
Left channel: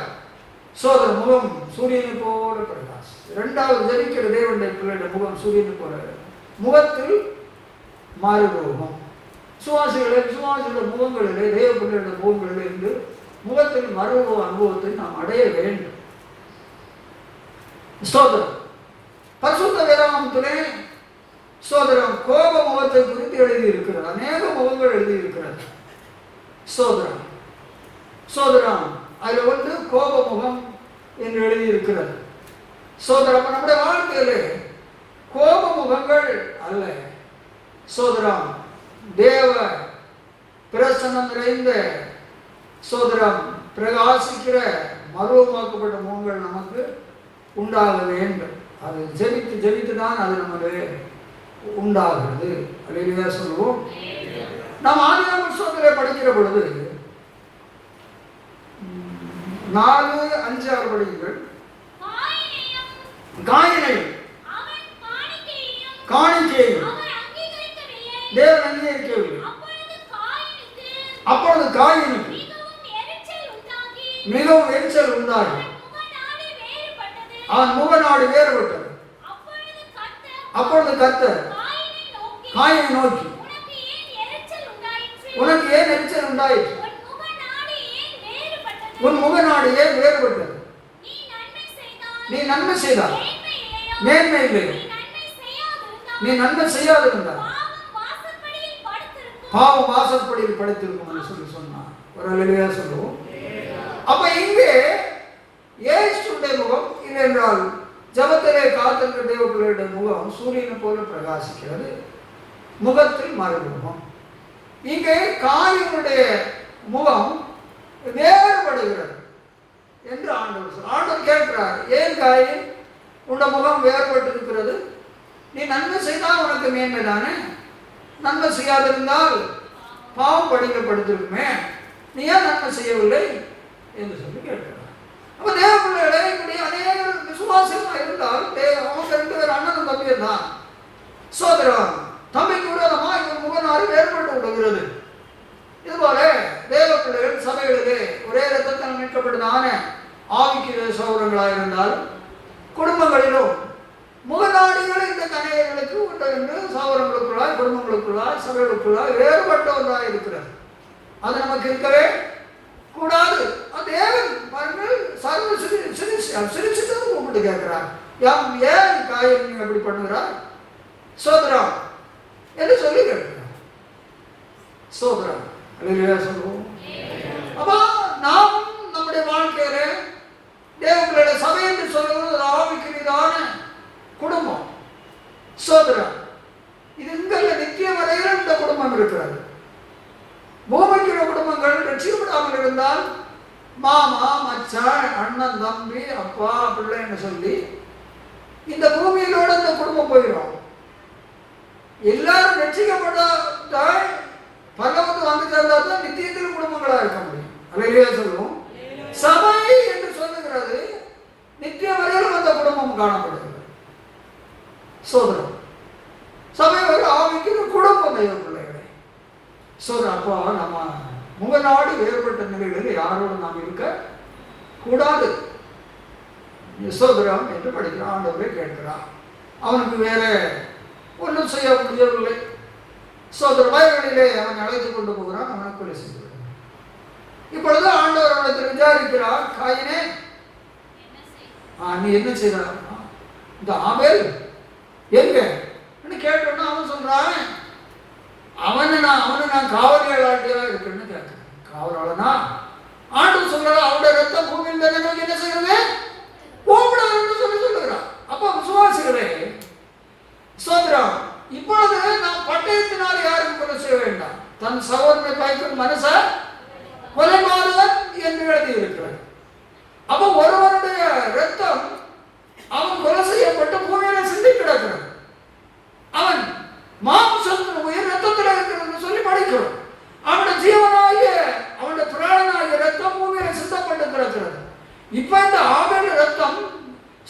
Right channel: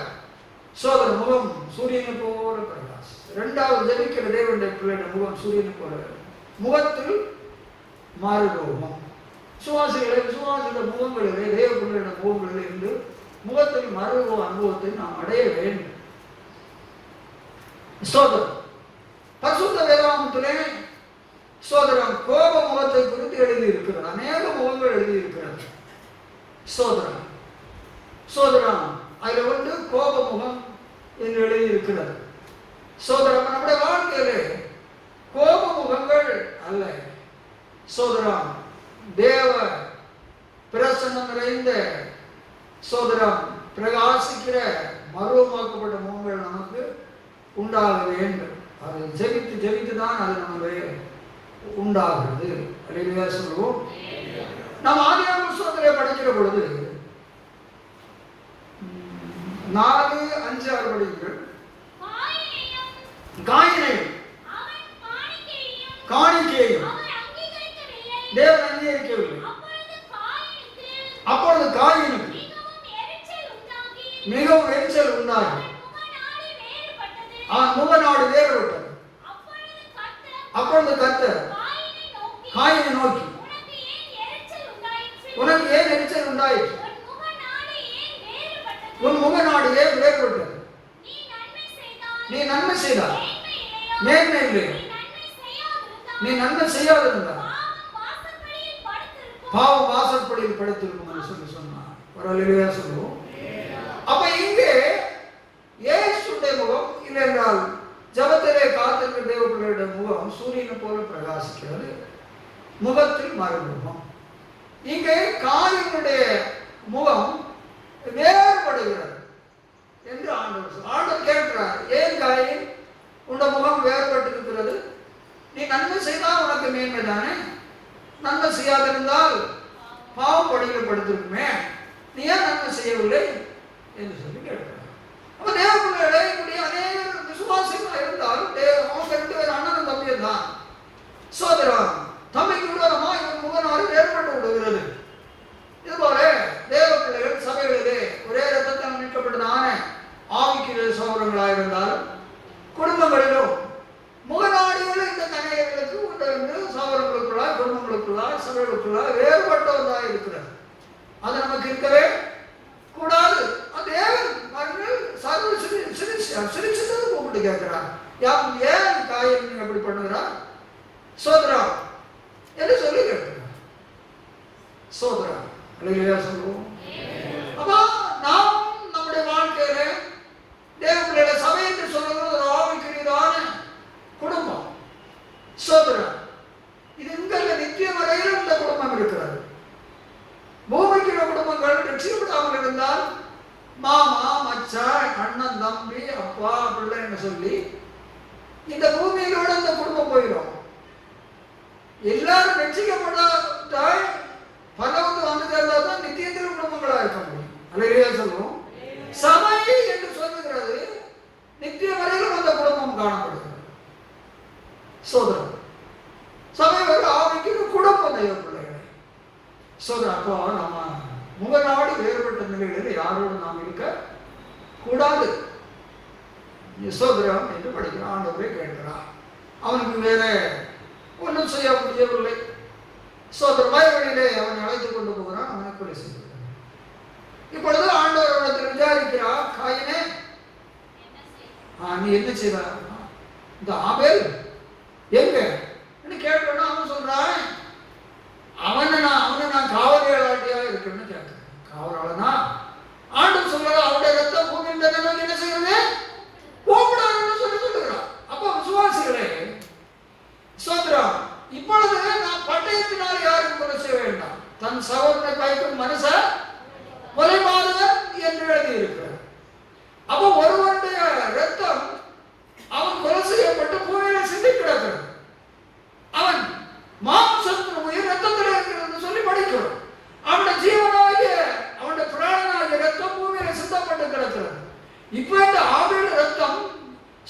சோதர முகம் சூரியனை போல பிரகாசம். இரண்டாவது ஜெபிக்கிற தேவனுடைய பிள்ளைய முகம் சூரியனை போல, முகத்தில் மாறுரூபம். விசுவாசிகளுடைய முகங்களிலே, தேவ பிள்ளைகளுடைய முகங்களிலே இருந்து முகத்தில் மறுரூப அனுபவத்தை நாம் அடைய வேண்டும். ஸ்தோத்திரம். பரிசுத்த வேதாகமத்திலே ஸ்தோத்திரம் கோப முகத்தை குறித்து எழுதி இருக்கிறது. அநேக முகங்கள் எழுதி இருக்கிறது. ஸ்தோத்திரம். ஸ்தோத்திரம். அதில் வந்து கோப முகம் என்று எழுதி இருக்கிறது. ஸ்தோத்திரம். நம்முடைய வாழ்க்கையிலே கோப முகங்கள் அல்ல, ஸ்தோத்திரம் தேவ பிரசன்னம் நிறைந்த ஸ்தோத்திரம் பிரகாசிக்கிற மறுரூபமாக்கப்பட்ட முகங்கள் நமக்கு உண்டாக வேண்டும். அது ஜெபித்து ஜெபித்து தான் அது நமக்கு உண்டாகிறது. அல்லேலூயா சொல்லுவோம். நாம் ஆதியாகம புத்தகத்திலே படிக்கிற பொழுது 4-5-6 படிங்கள். காயினையும் காணிக்கையும் தேவன் அங்கீகரிக்கவில்லை. அப்பொழுது காயினுக்கு மிகவும் எரிச்சல் உண்டாகி அவன் முகநாடு வேறுபட்டது. அப்பொழுது கர்த்தர் காயினை நோக்கி, உனக்கு ஏன் எரிச்சல் உண்டாயிற்று? உன் முகநாடு ஏன் வேறுபட்டது? நீ நன்மை செய்தால் மேன்மை இல்லை, நீ நன்மை செய்யாதிருந்தால் பாவம் வாசற்படியில் படுத்திருக்கும் என்று சொல்லி சொன்னார். ஒரு அல்லேலூயா சொல்லுவோம். அப்ப இங்கே இயேசுடைய முகம் இல்லை என்றால் ஜபத்திலே காத்திருக்கிற தேவ பிள்ளையுடைய முகம் சூரியனை போல பிரகாசிக்கிறது. முகத்தில் மறுமுகம். இங்கே காயினுடைய முகம் வேறுபடுகிறது என்று ஆண்டவர் கேட்கிறார். ஏன் காயின் உன்ன முகம் வேறுபட்டு இருக்கிறது? நீ நன்மை செய்தால் உனக்கு மேன்மை தானே, நன்மை செய்யாதிருந்தால் பாவம் படிக்கப்படுத்திருக்குமே, நீ ஏன் நன்மை செய்யவில்லை என்று சொல்லி கேட்கிறார். அப்ப தேவ பிள்ளைகளை இப்படி அநேக விசுவாசமா இருந்தால் அவங்க 2 பேர் அண்ணன் தம்பியும் தான். சோதரம் தம்பிக்கு விரோதமாக இவன் முகநாறு வேறுபட்டு விடுகிறது. இதுபோல தேவ பிள்ளைகள் சபைகளிலே ஒரே ரத்தத்தால் மீட்கப்பட்டதான ஆவிக்குரிய சகோதரங்களாக இருந்தாலும் குடும்பங்களிலும் முகநாடுகள் இந்த கணையர்களுக்கு உண்டு என்று சகோதரங்களுக்குள்ளாய் குடும்பங்களுக்குள்ளாய் சபைகளுக்குள்ளாய் வேறுபட்டவர்களாக இருக்கிறது. அது நமக்கு இருக்கவே கூடாது. தேவன் சர்வ சிரிச்சுட்டு கூப்பிட்டு கேட்கிறார், ஏன் காயம் நீங்க எப்படி பண்ணுகிறார் சோதரம் என்று சொல்லி கேட்கிறார். சோதரம் சொல்லுவோம். அப்போ நாம் நம்முடைய வாழ்க்கையில தேவனுடைய சபை என்று சொல்வது ஆவிக்குரியதான குடும்பம் சோதரம். இது இங்க நித்திய வரையில் இந்த குடும்பம் இருக்கிறது. பூமிக்கிற குடும்பங்கள் ரட்சிக்கப்படாமல் இருந்தால் மாமா மச்சான் அண்ணன் தம்பி அப்பா பிள்ளைன்னு சொல்லி இந்த பூமியிலோட இந்த குடும்பம் போயிடும். எல்லாரும் ரட்சிக்கப்பட்டால் பரலோகத்துக்கு வந்து சேர்ந்தால் தான் நித்தியத்தில் குடும்பங்களா இருக்க முடியும். அல்லேலூயா சொல்லுவோம். சபை என்று சொல்லுகிறது நித்திய வரையிலும் அந்த குடும்பம் காணப்படுகிறது. சோதரம் சபை ஒரு ஆவிக்கு குடும்பம் தெய்வ பிள்ளைகளை சோதரம். அப்போ நம்ம முகநாடு வேறுபட்ட நிலைகளில் யாரோடு நாம் இருக்க கூடாது. சோதரம் என்று படிக்கிறான். ஆண்டவரே கேட்கிறான். அவனுக்கு வேற ஒன்றும் செய்ய முடியவில்லை. சோதர வயல்களிலே அவன் அழைத்து கொண்டு போகிறான். அவனை கொலை செய்கிறான். இப்பொழுது ஆண்டவர் அவனுக்கு விசாரிக்கிறார், காயினே நீ என்ன செய்கிறார்? இந்த ஆபேல் எங்க கேட்டோன்னா அவன் சொல்றான், அவனை நான் காவலாட்டியா இருக்கிறேன்னு கேட்கிறேன். காவலாளனா ஆண்டு சொல்ற அவருடைய ரத்தம் பூமியில் தானே என்ன செய்யறது கூப்பிடாதுன்னு சொல்லுகிறான். அப்போ விசுவாசிகளே சோதரம், இப்பொழுது நாம் பட்டயத்தினால் யாரும் கொலை செய்ய வேண்டாம். தன் சகோதரனை பயக்கும் மனச கொலை மாறுவன் என்று எழுதி இருக்கிறார். அப்போ ஒருவருடைய ரத்தம் அவன் கொலை செய்யப்பட்டு பூமியில சிந்தி கிடக்கிறான். அவன் மாம்சத்தின் உயிர் ரத்தத்தில் இருக்கிறது சொல்லி படிக்கிறோம். அவனுடைய ஜீவனாகிய அவனுடைய பிராணனாகிய ரத்தம் பூமியில சிந்தப்பட்டு கிடக்கிறது. இப்ப இந்த ஆபேல் ரத்தம்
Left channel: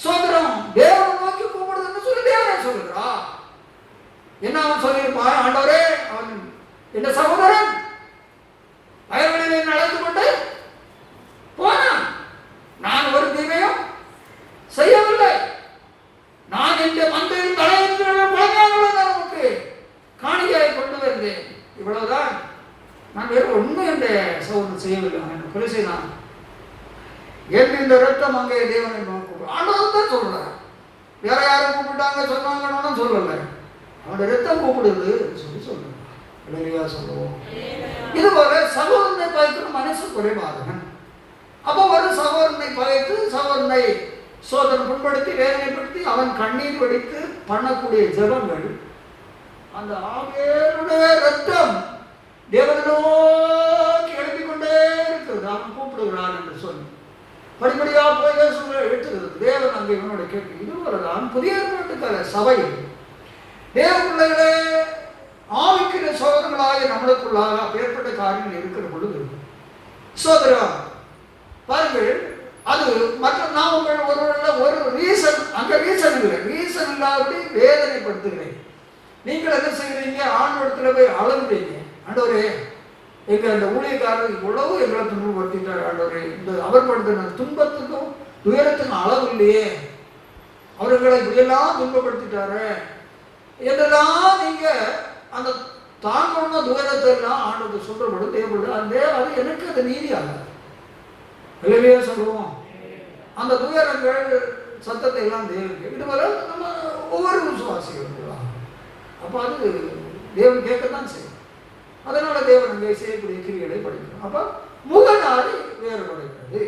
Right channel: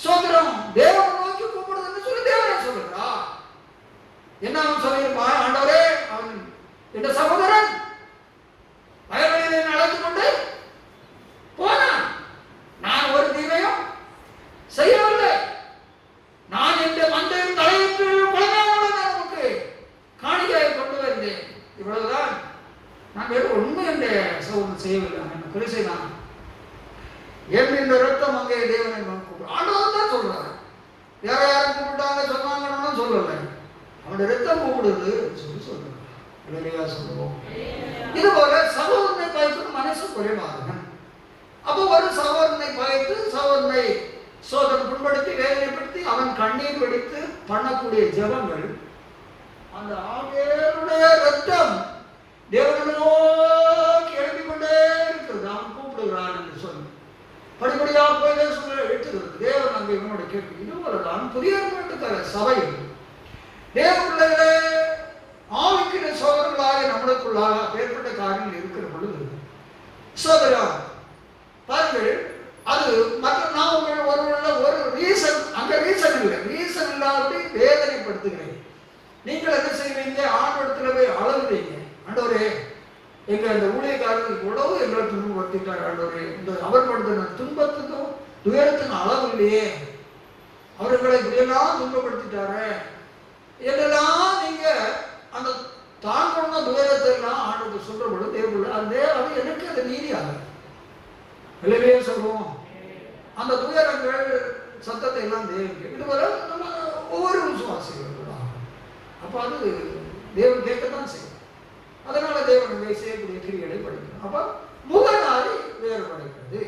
சோதரம் தேவனை நோக்கி கூப்பிடுதுன்னு சொல்லி தேவனை சொல்லுகிறா. என்ன அவன் சொல்லியிருப்பா? ஆண்டவரே, அவன் என்ற சகோதரன் வயல்களிலே நடந்து கொண்டு போனான். நான் ஒரு தீமையும் செய்யவில்லை. நான் இந்த மந்தையில் தலையிட்டு குழந்தைகளை நமக்கு காணிக்கையை கொண்டு வந்தேன். இவ்வளவுதான். நான் வேறு ஒன்றும் என்ற சகோதரன் செய்யவில்லை. நான் கொலை செய்தான். என் இந்த ரத்தம் அங்கே தேவனை கூப்பிடு ஆண்டவர் தான் சொல்றாரு. வேற யாரும் கூப்பிட்டாங்க சொன்னாங்கன்னு சொல்லலை. அவனுடைய ரத்தம் கூப்பிடுது சொல்லி சொல்றோம். சொல்லுவோம். இதுபோல சகோதரனை பகைக்கும் மனசு குறைவாக. அப்போ ஒரு சகோதரனை பகைத்து சகோதரனை சோதரன் புண்படுத்தி வேதனைப்படுத்தி அவன் கண்ணீர் வெடித்து பண்ணக்கூடிய ஜெபங்கள் அந்த ஆபேலுடைய ரத்தம் தேவனோக்கி எழுப்பிக் கொண்டே இருக்கிறது. அவன் கூப்பிடுகிறான் என்று சொல்லி படிப்படியா போய் எடுத்துக்கிறது. தேவன் அங்கே இவனோட கேட்கு. இதுவரைதான் புதிய ஏற்பாட்டுக்கார சபை தேவ பிள்ளைகளே ஆவிக்கிற சோதரங்களாக நம்மளுக்குள்ளாக ஏற்பட்ட காரியங்கள் இருக்கிற பொழுது சோதரா பாருங்கள், அது மற்ற நாம் ஒரு ரீசன் அங்க ரீசன் இல்லை. ரீசன் இல்லாதபடி வேதனைப்படுத்துகிறேன். நீங்கள் என்ன செய்கிறீங்க? ஆண்டவரத்துல போய் அளவுறீங்க. ஆண்டவரே, எங்க அந்த ஊழியக்காரர்கள் இவ்வளவு எங்களை துன்பப்படுத்திட்டார். ஆண்டவரே, இந்த அவர் படுத்தின துன்பத்துக்கும் துயரத்துக்கும் அளவு இல்லையே, அவர்களை இப்படியெல்லாம் துன்பப்படுத்திட்டாரு இதெல்லாம் நீங்க அந்த தான் கொடுத்த துயரத்தை எல்லாம் ஆண்டவர் சொல்ற பொழுது தேவையில்லை. அது எனக்கு அது நீதியாக இல்லையே சொல்லுவோம். அந்த துயரங்கள் சத்தத்தை எல்லாம் தேவைக்கு இதுவரை நம்ம ஒவ்வொரு விசுவாசிகள். அப்போ அது தேவன் கேட்கத்தான் செய்யும். அதனால தேவன் அங்கே செய்யக்கூடிய கிரியைகளை படிக்கணும். அப்போ முகநாடி வேறுபடுகிறது.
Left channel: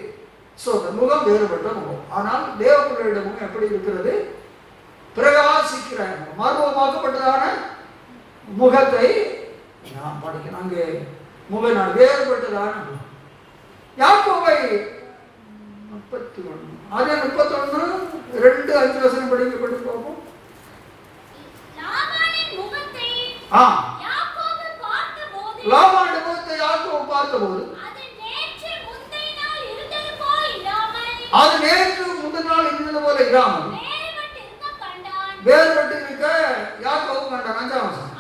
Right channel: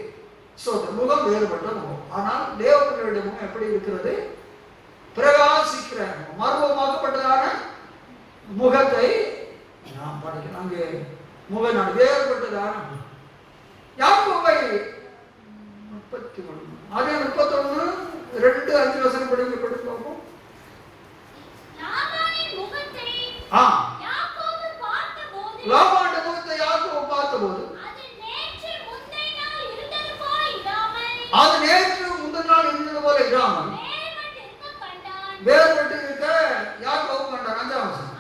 முகம் வேறுபட்ட முகம். ஆனால் தேவனுடைய முகம் எப்படி இருக்கிறது? பிரகாசிக்கிற மர்மமாக்கப்பட்டதான முகத்தை நாம் படிக்கணும். அங்கே முகநாடு வேறுபட்டதான யாக்கோபை 31 2-5 வசனம் படிக்கப்பட்டு போகும். லாபானுடைய முகத்தை யாக்கோபு பார்த்தபோது அது நேற்று முந்தின நாள் இருந்தது போல இல்லாமல் வேறுபட்டு இருக்க யாக்கோபு கண்டான். 5ஆம் வசனம்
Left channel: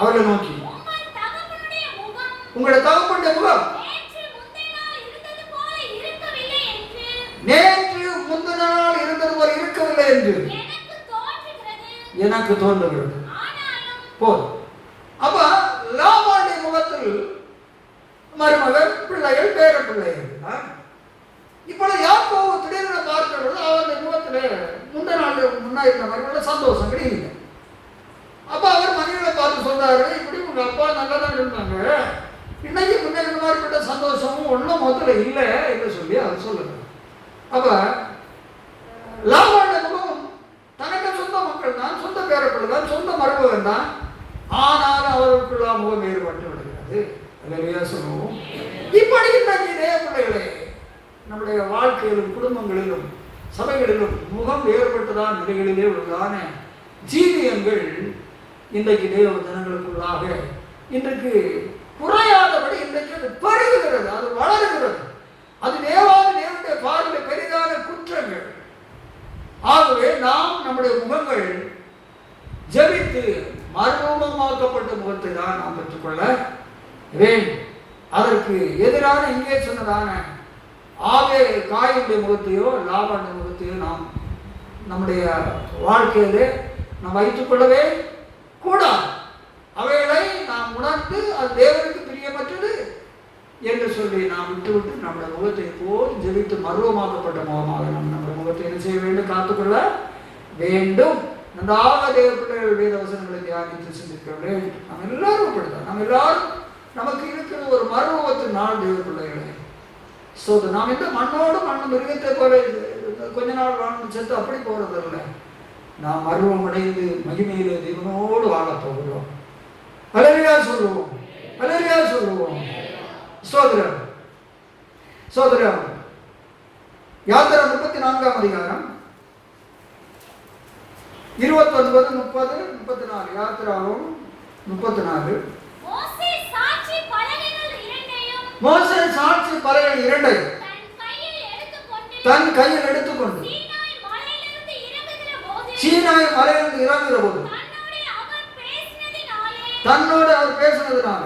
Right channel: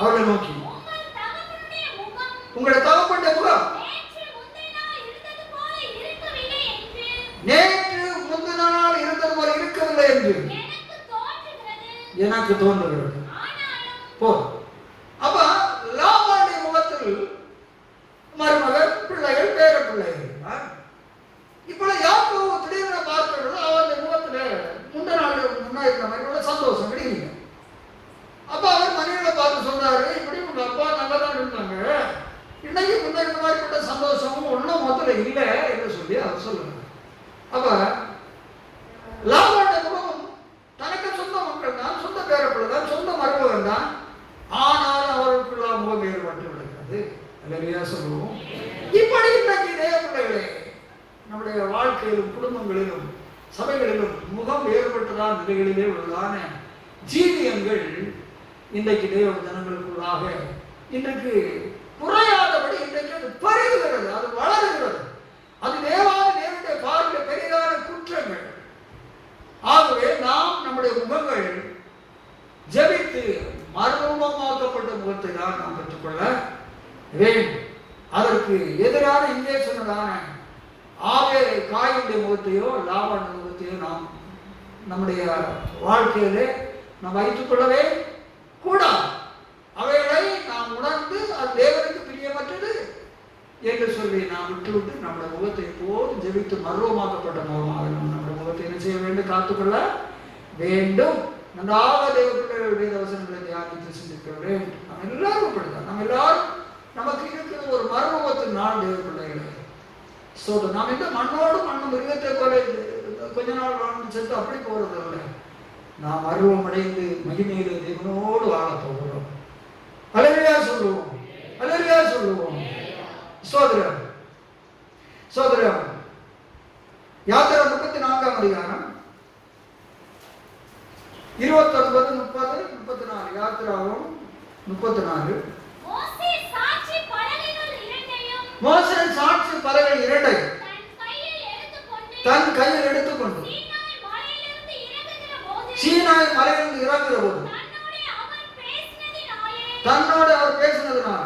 அவர்களை நோக்கி உங்கள் தகப்பனுடைய முகம் உங்களுடைய தகப்பனுடைய முகம் நேற்று முந்தின நாள் இருந்தது போல இருக்கவில்லை நேற்று முந்தின நாள் இருந்தது போல இருக்கவில்லை என்று எனக்கு தோன்றுகிறது. எனக்கு தோன்றுகிறது. ஆனாலும் போ. அப்ப லாபானுடைய முகத்தில் மருமகன், பிள்ளைகள், பேர பிள்ளைகள். இப்பொழுது யாக்கோபு திடீரென பார்க்கிறது அவருடைய முகத்திலே முந்தின நாள் முன்னா இருந்த மாதிரி சந்தோஷம் கிடைக்கல. அப்ப அவர் மனைவியை பார்த்து சொல்றாரு, இப்படி உங்க அப்பா நல்லா தான் இருந்தாங்க, இன்னைக்கு முன்ன இந்த மாதிரிப்பட்ட சந்தோஷமும் ஒன்றும் முதல்ல இல்லை என்று சொல்லி அவர் சொல்லுங்க. அப்ப லாபானுடைய முகம் தனக்கு சொந்த மக்கள் தான், சொந்த பேரப்பிள்ளைகள், சொந்த மருமகன் தான், ஆனாலும் அவருக்குள்ள முகம் வேறுபட்டு விடுகிறது. அல்லேலூயா சொல்லுவோம். இப்படி இன்றைக்கு இதே பிள்ளைகளே நம்முடைய வாழ்க்கையிலும் குடும்பங்களிலும் சபைகளிலும் முகம் வேறுபட்டுதான் நிலைகளிலே உள்ளதான ஜீவியங்கள் இன்றைக்கு தேவ ஜனங்களுக்குள்ளாக இன்றைக்கு குறையாதபடி இன்றைக்கு அது பெருகுகிறது, அது வளருகிறது. அது தேவனுடைய பார்வையில் பெரிதான குற்றங்கள். ஆகவே நாம் நம்முடைய முகங்கள் ஜெபித்து மறுரூபமாக்கப்பட்ட முகத்தை தான் நாம் பெற்றுக்கொள்ள வேண்டும். அதற்கு எதிரான இங்கே சொன்னதான ஆவே காயுடைய முகத்தையோ லாபானுடைய முகத்தையோ நாம் நம்முடைய வாழ்க்கையிலே நாம் வைத்துக் கொள்ளவே கூடாது. அவைகளை நாம் உணர்ந்து அது தேவனுக்கு பிரியமற்றது என்று சொல்லி நாம் விட்டுவிட்டு நம்முடைய முகத்தை போல் ஜெபித்து மர்வமாக்கப்பட்ட முகமாக நாம் நம்முடைய முகத்தை என்ன செய்ய வேண்டும்? காத்துக்கொள்ள வேண்டும். நன்றாக தேவ பிள்ளைகளுடைய வசனங்களை தியானித்து சிந்திக்க வேண்டும். நாம் எல்லாரும் அப்படிதான். நாம் எல்லாரும் நமக்கு இருக்கிற ஒரு மர்வத்தின் நாள் தேவ பிள்ளைகளை நாம் இந்த மண்ணோடு மண்ணு மிருகத்தை போல கொஞ்ச நாள் வாழ்ந்து சேர்த்து அப்படி போறதில்லை. நாம் மர்வம் அடைந்து மகிமையிலே தேவனோடு வாழ போகிறோம். அல்லேலூயா சொல்லுவோம். அல்லேலூயா சொல்லுவோம். சோதரம் சோதரம் யாத்திரை 34ஆம் அதிகாரம் 29, 30, 34. யாத்திராவும் 34. மோசே சாட்சி பலகைகள் இரண்டையும் தன் கையில் எடுத்துக்கொண்டு சீனாய் மலையிலிருந்து இறங்குகிற போது தன்னோடு அவர் பேசினதுனால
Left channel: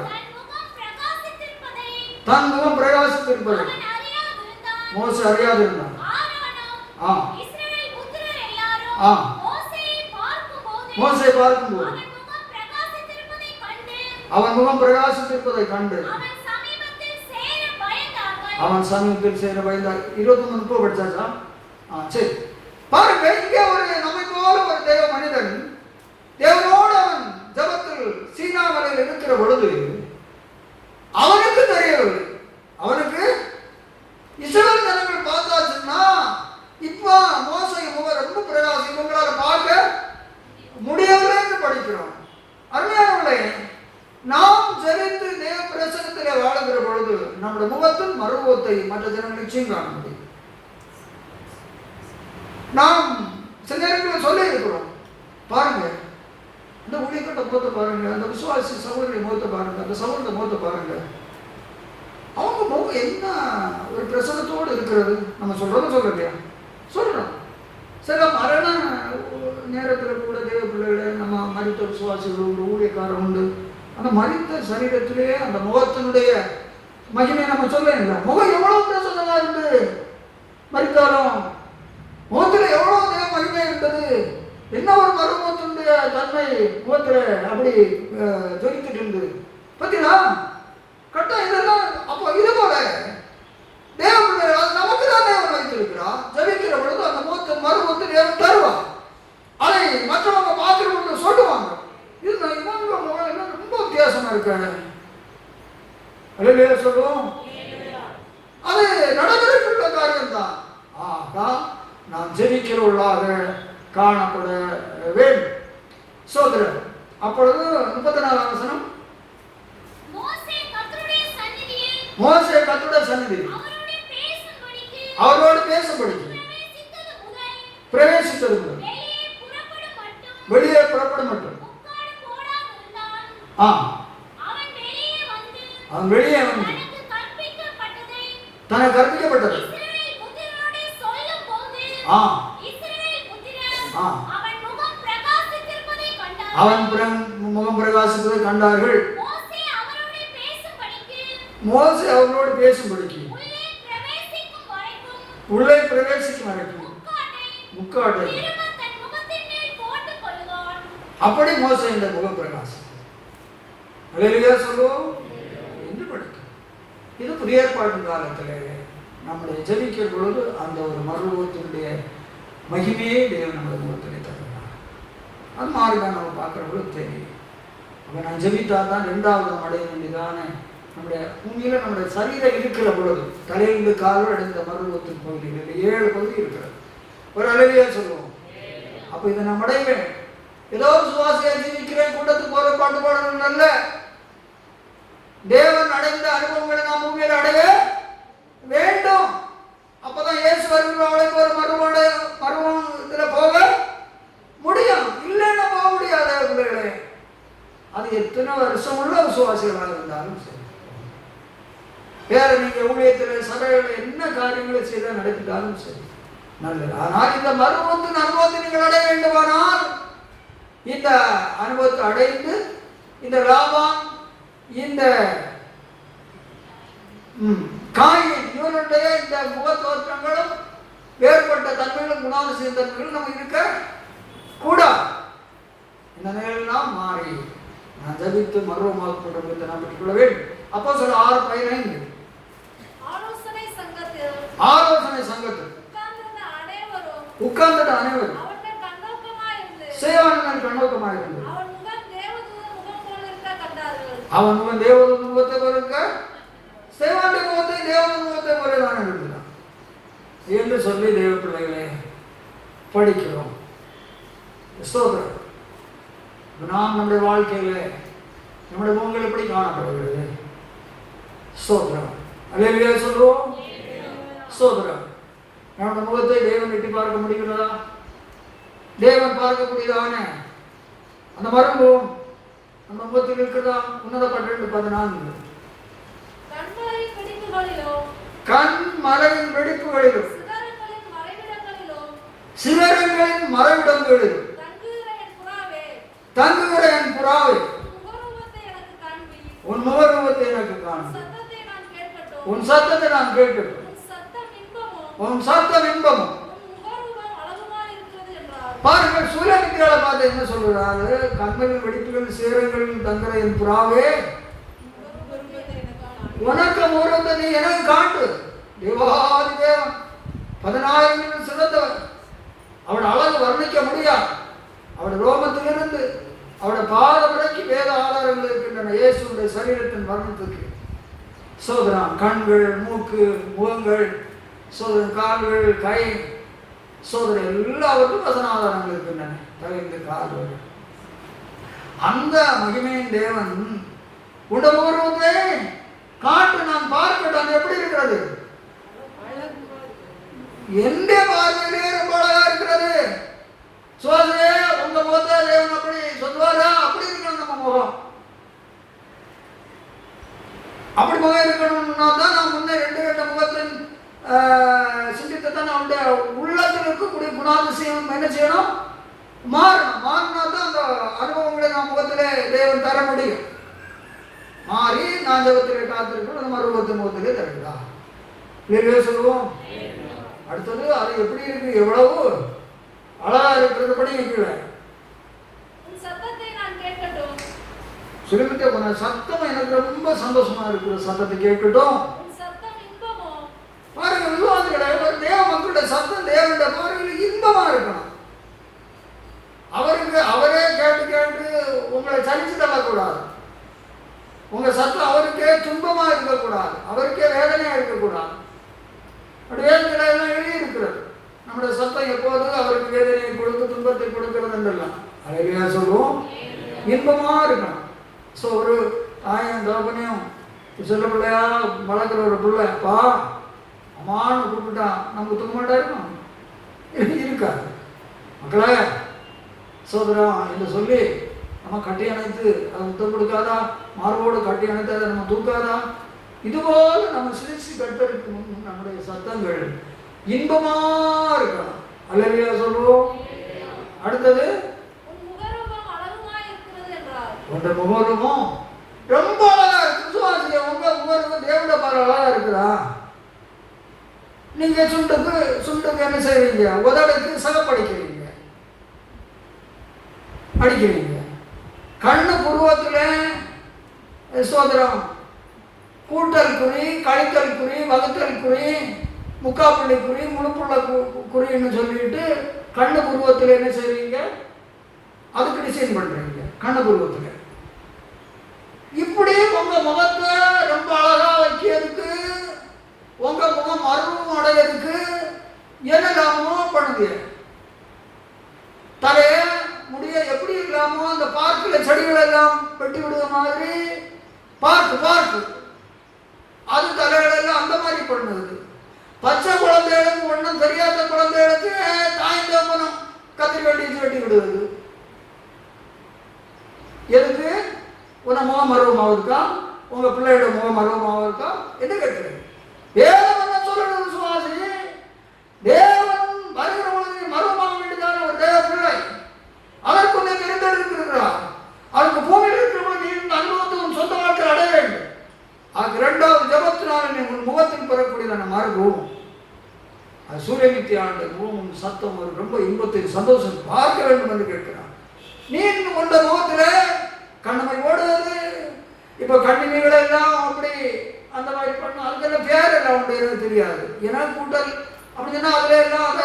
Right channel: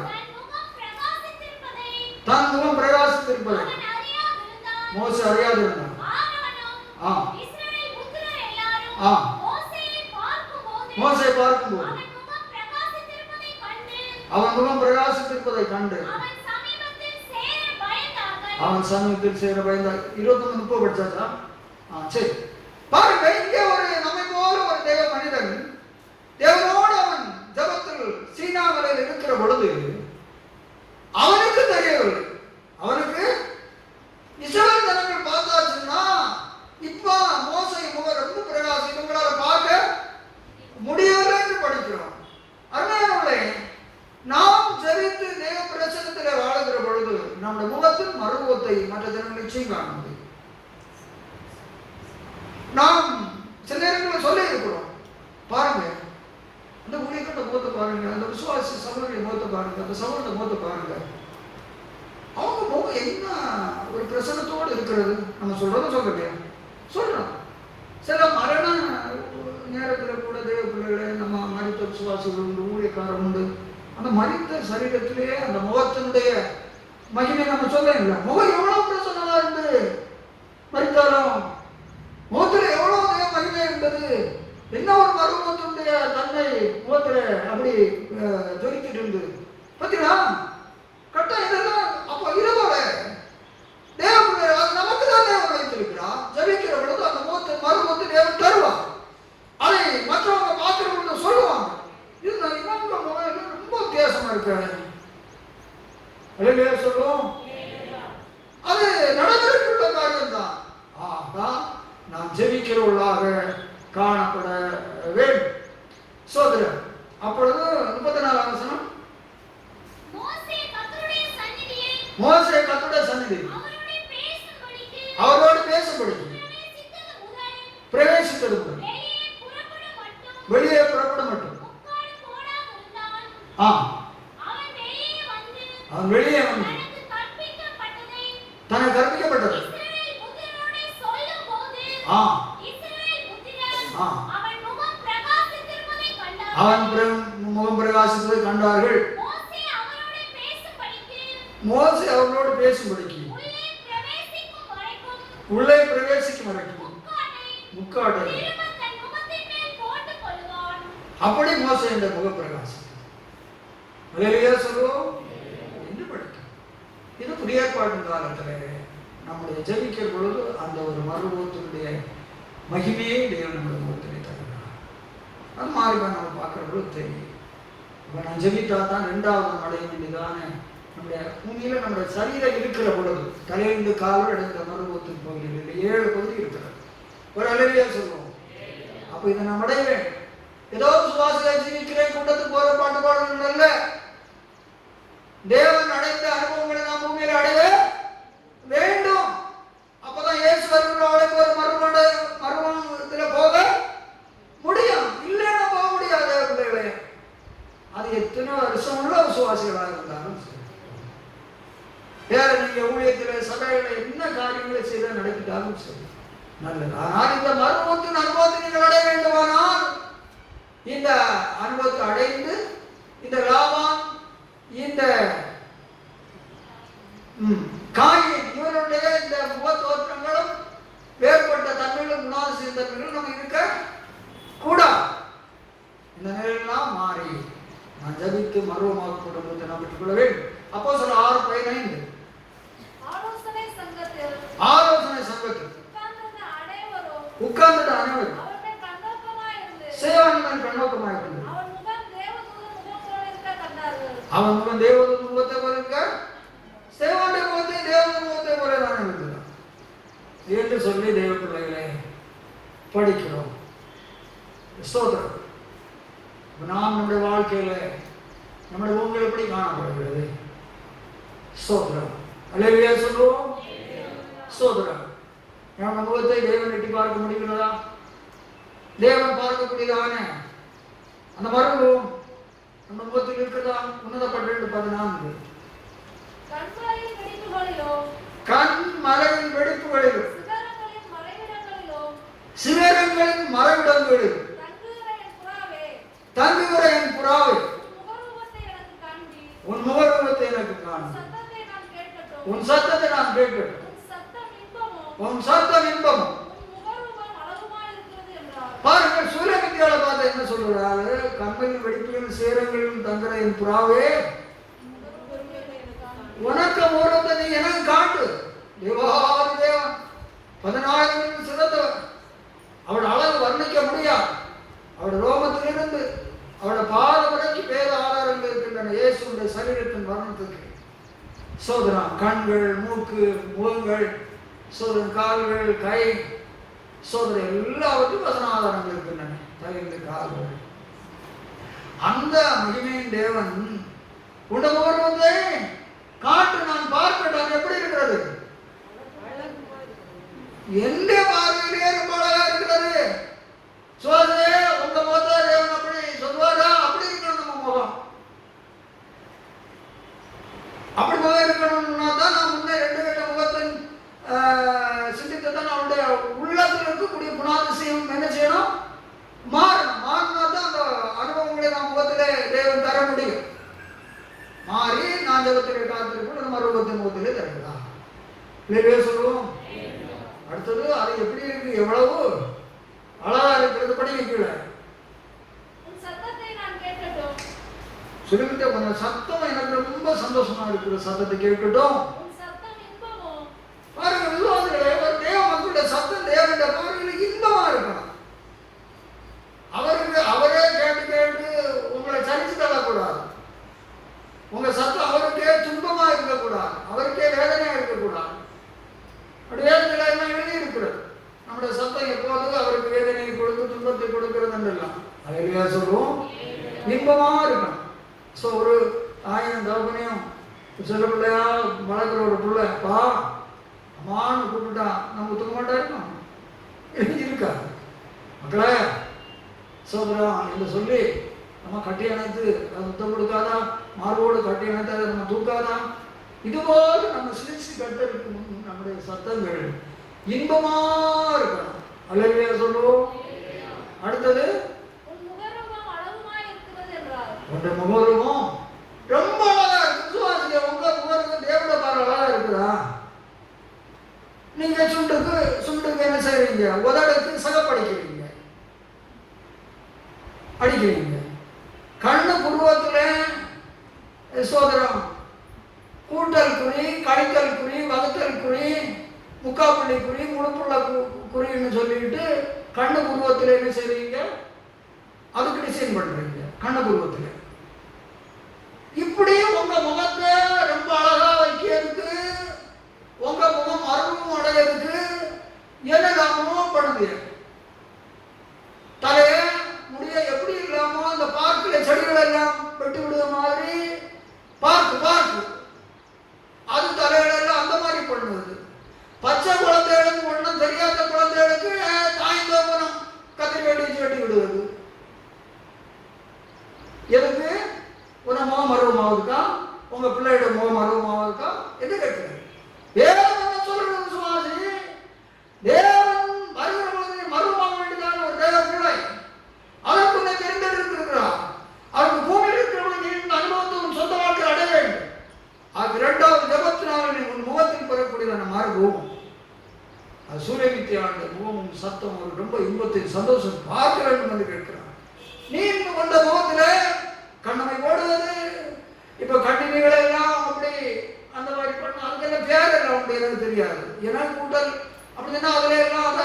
தன் முகம் பிரகாசித்திருப்பதை மோசே அறியாதிருந்தார். மோசே பார்க்கும்போது அவன் முகம் பிரகாசித்திருப்பதை கண்டு அவன் சமீபத்தில் சேர பயந்தார். 23 படிச்சாச்சா? சரி, பாருங்க. இங்கே ஒரு நம்மை போல ஒரு தேவ மனிதன் தேவனோடு அவன் ஜபத்தில் சீனா மலையில் இருக்கிற பொழுது அவனுக்கு தெரியவில்லை. அவனுக்கு இஸ்ரவேல் ஜனங்கள் பார்த்தாச்சுன்னா இப்ப மோசை முகம் ரொம்ப பிரகாசம் இவங்களால பார்க்க முடியவில்லை என்று படிக்கிறோம். அருமையானவர்களே, நாம் ஜெபித்து தேவ பிரசன்னத்திலே வாழுகிற பொழுது நம்முடைய முகத்தில் மறுமுகத்தை மற்ற ஜனங்கள் நிச்சயம் காண முடியும். நாம் சில நேரங்களில் சொல்லி இருக்கிறோம், பாருங்க அந்த ஊழியர்கிட்ட முகத்தை பாருங்க, அந்த விசுவாசி சகோதரிய முகத்தை பாருங்க, அந்த சகோதர முகத்தை பாருங்க, அவங்க முகம் என்ன ஒரு பிரசன்னத்தோடு இருக்கிறது. நம்ம சொல்றதும் சொல்லலையா? சொல்றோம். சில மரண நேரத்தில் கூட தேவ பிள்ளைகளை நம்ம மரித்த விசுவாசிகள் உண்டு, ஊழியக்காரர் உண்டு. அந்த மரித்த சரீரத்திலே அந்த முகத்தினுடைய மகிமையை நம்ம சொல்ல இல்லை. முகம் எவ்வளவு பிரசன்னமா இருந்து மரித்தாலும் முகத்தில் எவ்வளவு தேவ மகிமை இருந்தது. என்ன ஒரு மறுமுகத்தினுடைய தன்மை முகத்துல அப்படி ஜொலித்துட்டு இருந்தது. பார்த்தீங்களா? கரெக்டா இதெல்லாம் அப்போ இதோட தேவ நமக்கு தான் தேவன் வைத்திருக்கிறார். ஜபிக்கிற பொழுது அந்த முகத்தை மறுமுகத்தை தேவன் தருவார். அதை மற்றவங்க பார்க்கிற பொழுது சொல்லுவாங்க, இவங்க முகம் எல்லாம் ரொம்ப வித்தியாசமா இருக்காங்க. அல்லேலூயா சொல்லுவோம். அது நடந்திருக்கிற காரியம் தான். நாம் ஜெபிக்கிறவர்களாக காணப்பட வேண்டும். சோதரர் அப்பொழுது 34ஆம் வசனம், மோசே கர்த்தருடைய சந்நிதியில் அவரோடு பேசும்படி பிரவேசித்தது முதல் வெளியே புறப்படும் மட்டும் அவன் வெளியே வந்து தனக்கு கற்பிக்கப்பட்டது அவன் முகம் பிரகாசிப்பதை கண்டார். மோசே அவர்களோடு பேசும்படிக்கு உள்ளே பிரவேசிக்கும் வரைக்கும் முக்காட்டை அப்படி மோசே இந்த முகப்பிரகாசம் அல்லேலூயா சொல்லுவோம் என்று படிக்கும். இது புதிய ஏற்பாட்டின் காலத்தில் நம்முடைய ஜெபிக்கிற பொழுது அந்த ஒரு மறுரூபத்தினுடைய மகிமையே தேவன் நம்முடைய முகத்திலே தருகிறார். அது மாதிரி தான் நம்ம பார்க்கறவங்களுக்கு தெரியும். இப்போ நான் ஜெபித்தா தான் ரெண்டாவது அடைய வேண்டியதான நம்முடைய பூமியில் நம்முடைய சரீரம் இருக்கிற பொழுது தலையிலிருந்து காலோடு அடைந்த மறுரூபத்தின் பகுதியில் 7 பகுதி இருக்கிறது. ஒரு அல்லேலூயா சொல்லுவோம். அப்போ இதை நம்ம அடைவேன். ஏதோ சுவாசியாக ஜீவிக்கிறேன், கூட்டத்துக்கு போற பாட்டு பாடணும் அல்ல. தேவன் அடைந்த அனுபவங்களை நாம் பூமியில் அடைய வேண்டும். அப்பதான் இயேசு வருகிறவர்களுக்கு ஒரு மறுமணத்துல போக முடியும். இல்லைன்னா போக முடியாத பிள்ளைகளே. அது எத்தனை வருஷம் உள்ள விசுவாசிகளாக இருந்தாலும் சரி, வேற நீங்க ஊழியத்தில் சபைகளை என்ன காரியங்களை செய்த நடத்திட்டாலும் சரி நல்லது. ஆனால் இந்த மறுமணத்தின் அனுபவத்தை நீங்கள் அடைய வேண்டுமானால் இந்த அனுபவத்தை அடைந்து இந்த லாபம் இந்த காயின் இவருடைய இந்த முக தோற்றங்களும் வேறுபட்ட தன்மைகளும் குணாதிசய தன்மைகளும் நம்ம இருக்க கூடாது. இந்த நிலையெல்லாம் மாறி நான் ஜபித்து மருவமாக குடும்பத்தை நாம் பெற்றுக்கொள்ள வேண்டும். அப்போ சொல்ல 6:15 ஆலோசனை சங்கத்தில் உட்கார்ந்துட்டு அனைவரும் சேவகன் கண்ணோக்கமாக இருந்தது. அவன் முகம் தேவதூதன் முகத்தை போல இருக்க, சேவகன் முகத்தை தேவதூதன் முகத்தை போல தான் இருக்கிறான் என்று சொல்லி தேவ பிள்ளைகளை படிக்கிறோம். ஸ்தோத்திரம். நாம் நம்முடைய வாழ்க்கையில நம்முடைய முகங்கள் எப்படி காணப்படுகிறது? ஸ்தோத்திரம். அல்லேலூயா சொல்லுவோம். ஸ்தோத்திரம். நம்முடைய முகத்தை தேவன் எட்டி பார்க்க முடிகிறதா? தேவன் பார்க்கக்கூடியதான அந்த மருந்தும் நம்ம முகத்தில் இருக்கிறதா? உன்னதப்பட்ட 2:14 கண் மலையின் வெடிப்புகளிலும் சிகரங்களின் மறைவிடங்களிலும் தங்குகிற என் புறாவே உன் முகரூபத்தை எனக்கு காண்பி, உன் சத்தத்தை நான் கேட்கட்டும், உன் சத்தம் இன்பமும். பாருங்கள், சூரியமித்தியால பார்த்து என்ன சொல்றாரு? கண்களின் வெடிப்புகள் சேரங்களின் தங்குற என் புறாவே உனக்கு முகரூபத்தை நீ எனக்கு காட்டு. தேவாதி தேவன் 10,000 சிறந்தவன். அவன் அழகு வர்ணிக்க முடியாது. அவருடைய ரோமத்திலிருந்து அவருடைய பாதம் வரைக்கும் வேத ஆதாரங்கள் இருக்கின்றன இயேசுடைய சரீரத்தின் வர்ணத்துக்கு. சோதனம் கண்கள், மூக்கு, முகங்கள், சோதனம் கால்கள், கை, சோதனை எல்லாவற்றும் வசன ஆதாரங்கள் இருக்கின்றன. தலைந்து கால்கள். அந்த மகிமையின் தேவன் உடம்புறதை காட்டு நான் பார்க்கட்டும். எப்படி இருக்கிறது? எந்த பார்வையிலே ரொம்ப அழகா இருக்கிறது. சோதனை உங்க முகத்தை தேவன் அப்படி சொல்வாரா? அப்படி இருக்கணும் நம்ம முகம். அப்படி முகம் இருக்கணும்னா தான் நான் முன்னே 2 வேட்ட முகத்தின் சிந்தித்தை தான் நம்முடைய உள்ளத்தில் இருக்கக்கூடிய குணாதிசயம் என்ன செய்யணும்? மாறணும். மாறினா தான் அந்த அனுபவங்களை நாம் முகத்திலே தேவன் தர முடியும். மாறி நான் ஜபத்திலே காத்திருக்கணும். அந்த மறுபத்தின் முகத்திலே தருகிறா. இல்லையே சொல்லுவோம். அடுத்தது அது எப்படி இருக்கு? எவ்வளவு அழகா இருக்கிறது. படிக்கல சொல்லிக்கிட்டே போன சத்தம் எனக்கு ரொம்ப சந்தோஷமா இருக்கிற சத்தத்தை கேட்கட்டும். பாருங்க, விசுவாசிகளே, தேவ மக்களுடைய சத்தம் தேவனுடைய பாருங்கள் இன்பமா இருக்கணும். அவருக்கு அவரே கேட்டு கேட்டு உங்களை சலிச்சு தள்ளக்கூடாது. உங்க சத்தம் அவருக்கே துன்பமா இருக்கக்கூடாது, அவருக்கே வேதனையா இருக்கக்கூடாது. வேதனை எல்லாம் எழுதி இருக்கிறது. நம்முடைய சத்தம் எப்போதும் அவருக்கு வேதனையை கொடுத்து துன்பத்தை கொடுக்கிறது என்றெல்லாம் அழகியா சொல்லுவோம். இன்பமா இருக்கணும். ஸோ ஒரு தாயும் தகப்பனையும் சொல்ல பிள்ளையா வளர்க்குற ஒரு பிள்ளை பா அம்மான்னு கூப்பிட்டா நம்ம தூங்க மாட்டா இருக்கணும் இருக்காது மக்களே. சோதரம் என்று சொல்லி நம்ம கட்டி அணைத்து அதை முத்தம் கொடுக்காதா? மார்போடு கட்டி அணைத்து அதை நம்ம தூக்காதா? இதுபோல் நம்ம சிரிச்சு கட்டிருக்கும் நம்முடைய சத்தங்கள் இன்பமா இருக்கணும். அல்லேலூயா சொல்லுவோம். அடுத்தது உங்க முகரூபம் ரொம்ப அழகா இருக்கு. விசுவாசிங்க, உங்க முகரூபம் தேவ நீங்க சுண்டுக்கு என்ன செய்வீங்க? உதடுக்கு சிகப்படிக்கிறீங்க, அடிக்கிறீங்க. கண்ணு புருவத்துல சோதரம் கூட்டல் குறி, கழித்தல் குறி, வகுத்தல் குறி, முக்காப்புள்ளி குறி, முழுப்புள்ள குறின்னு சொல்லிட்டு கண்ணு புருவத்தில் என்ன செய்வீங்க? அதுக்கு டிசைன் பண்றீங்க கண்ணு புருவத்தில். இப்படி உங்க முகத்தை ரொம்ப அழகா வைக்கிறதுக்கு, உங்க முகம் அருவம் அடையிறதுக்கு என்னெல்லாமோ பண்ணுங்க. தலைய முடிய எப்படி இல்லாமோ அந்த பார்க்கில் செடிகள் எல்லாம் வெட்டி விடுற மாதிரி பார்க்கு அது தலைகளெல்லாம் அந்த மாதிரி பண்ணுது. பச்சை குழந்தைகளுக்கு ஒன்றும் தெரியாத குழந்தைகளுக்கு தாய்ந்தோமனம் கத்திரி வெட்டி வெட்டி விடுவது. எதுக்கு? உன முகம் அருவமாவதுக்கா? உங்க பிள்ளையோட முகம் அருவமாவதுக்கா? என்ன கேட்கிறேன்? தேவன் சொல்லணும் சுவாசி, தேவன் வருகிற பொழுது மருவமாக வேண்டியதான ஒரு தேவ பிள்ளை அதற்கு உன்னை தெரிந்தெடுக்கிறார். அதற்கு பூமியில் இருக்கிற பொழுது இந்த அனுபவத்தும் சொந்த வாழ்க்கை அடைய வேண்டும். அதுக்கு 2வது ஜபத்தினால் உங்கள் முகத்தில் பெறக்கூடியதான மார்பும் சூரியமித்தி ஆண்ட முகமும் சத்தம் ரொம்ப இன்பத்தில் சந்தோஷம் பார்க்க வேண்டும் என்று கேட்கிறான். நீ கொண்ட முகத்தில் கண்ணமை ஓடுவது. இப்ப கண்ணினைகள் எல்லாம் அப்படி அந்த மாதிரி பண்ண அதுக்கெல்லாம் பேர் எல்லாம் உண்டு தெரியாது. ஏன்னா கூட்டல் அப்படின்னா அதுல எல்லாம் அதை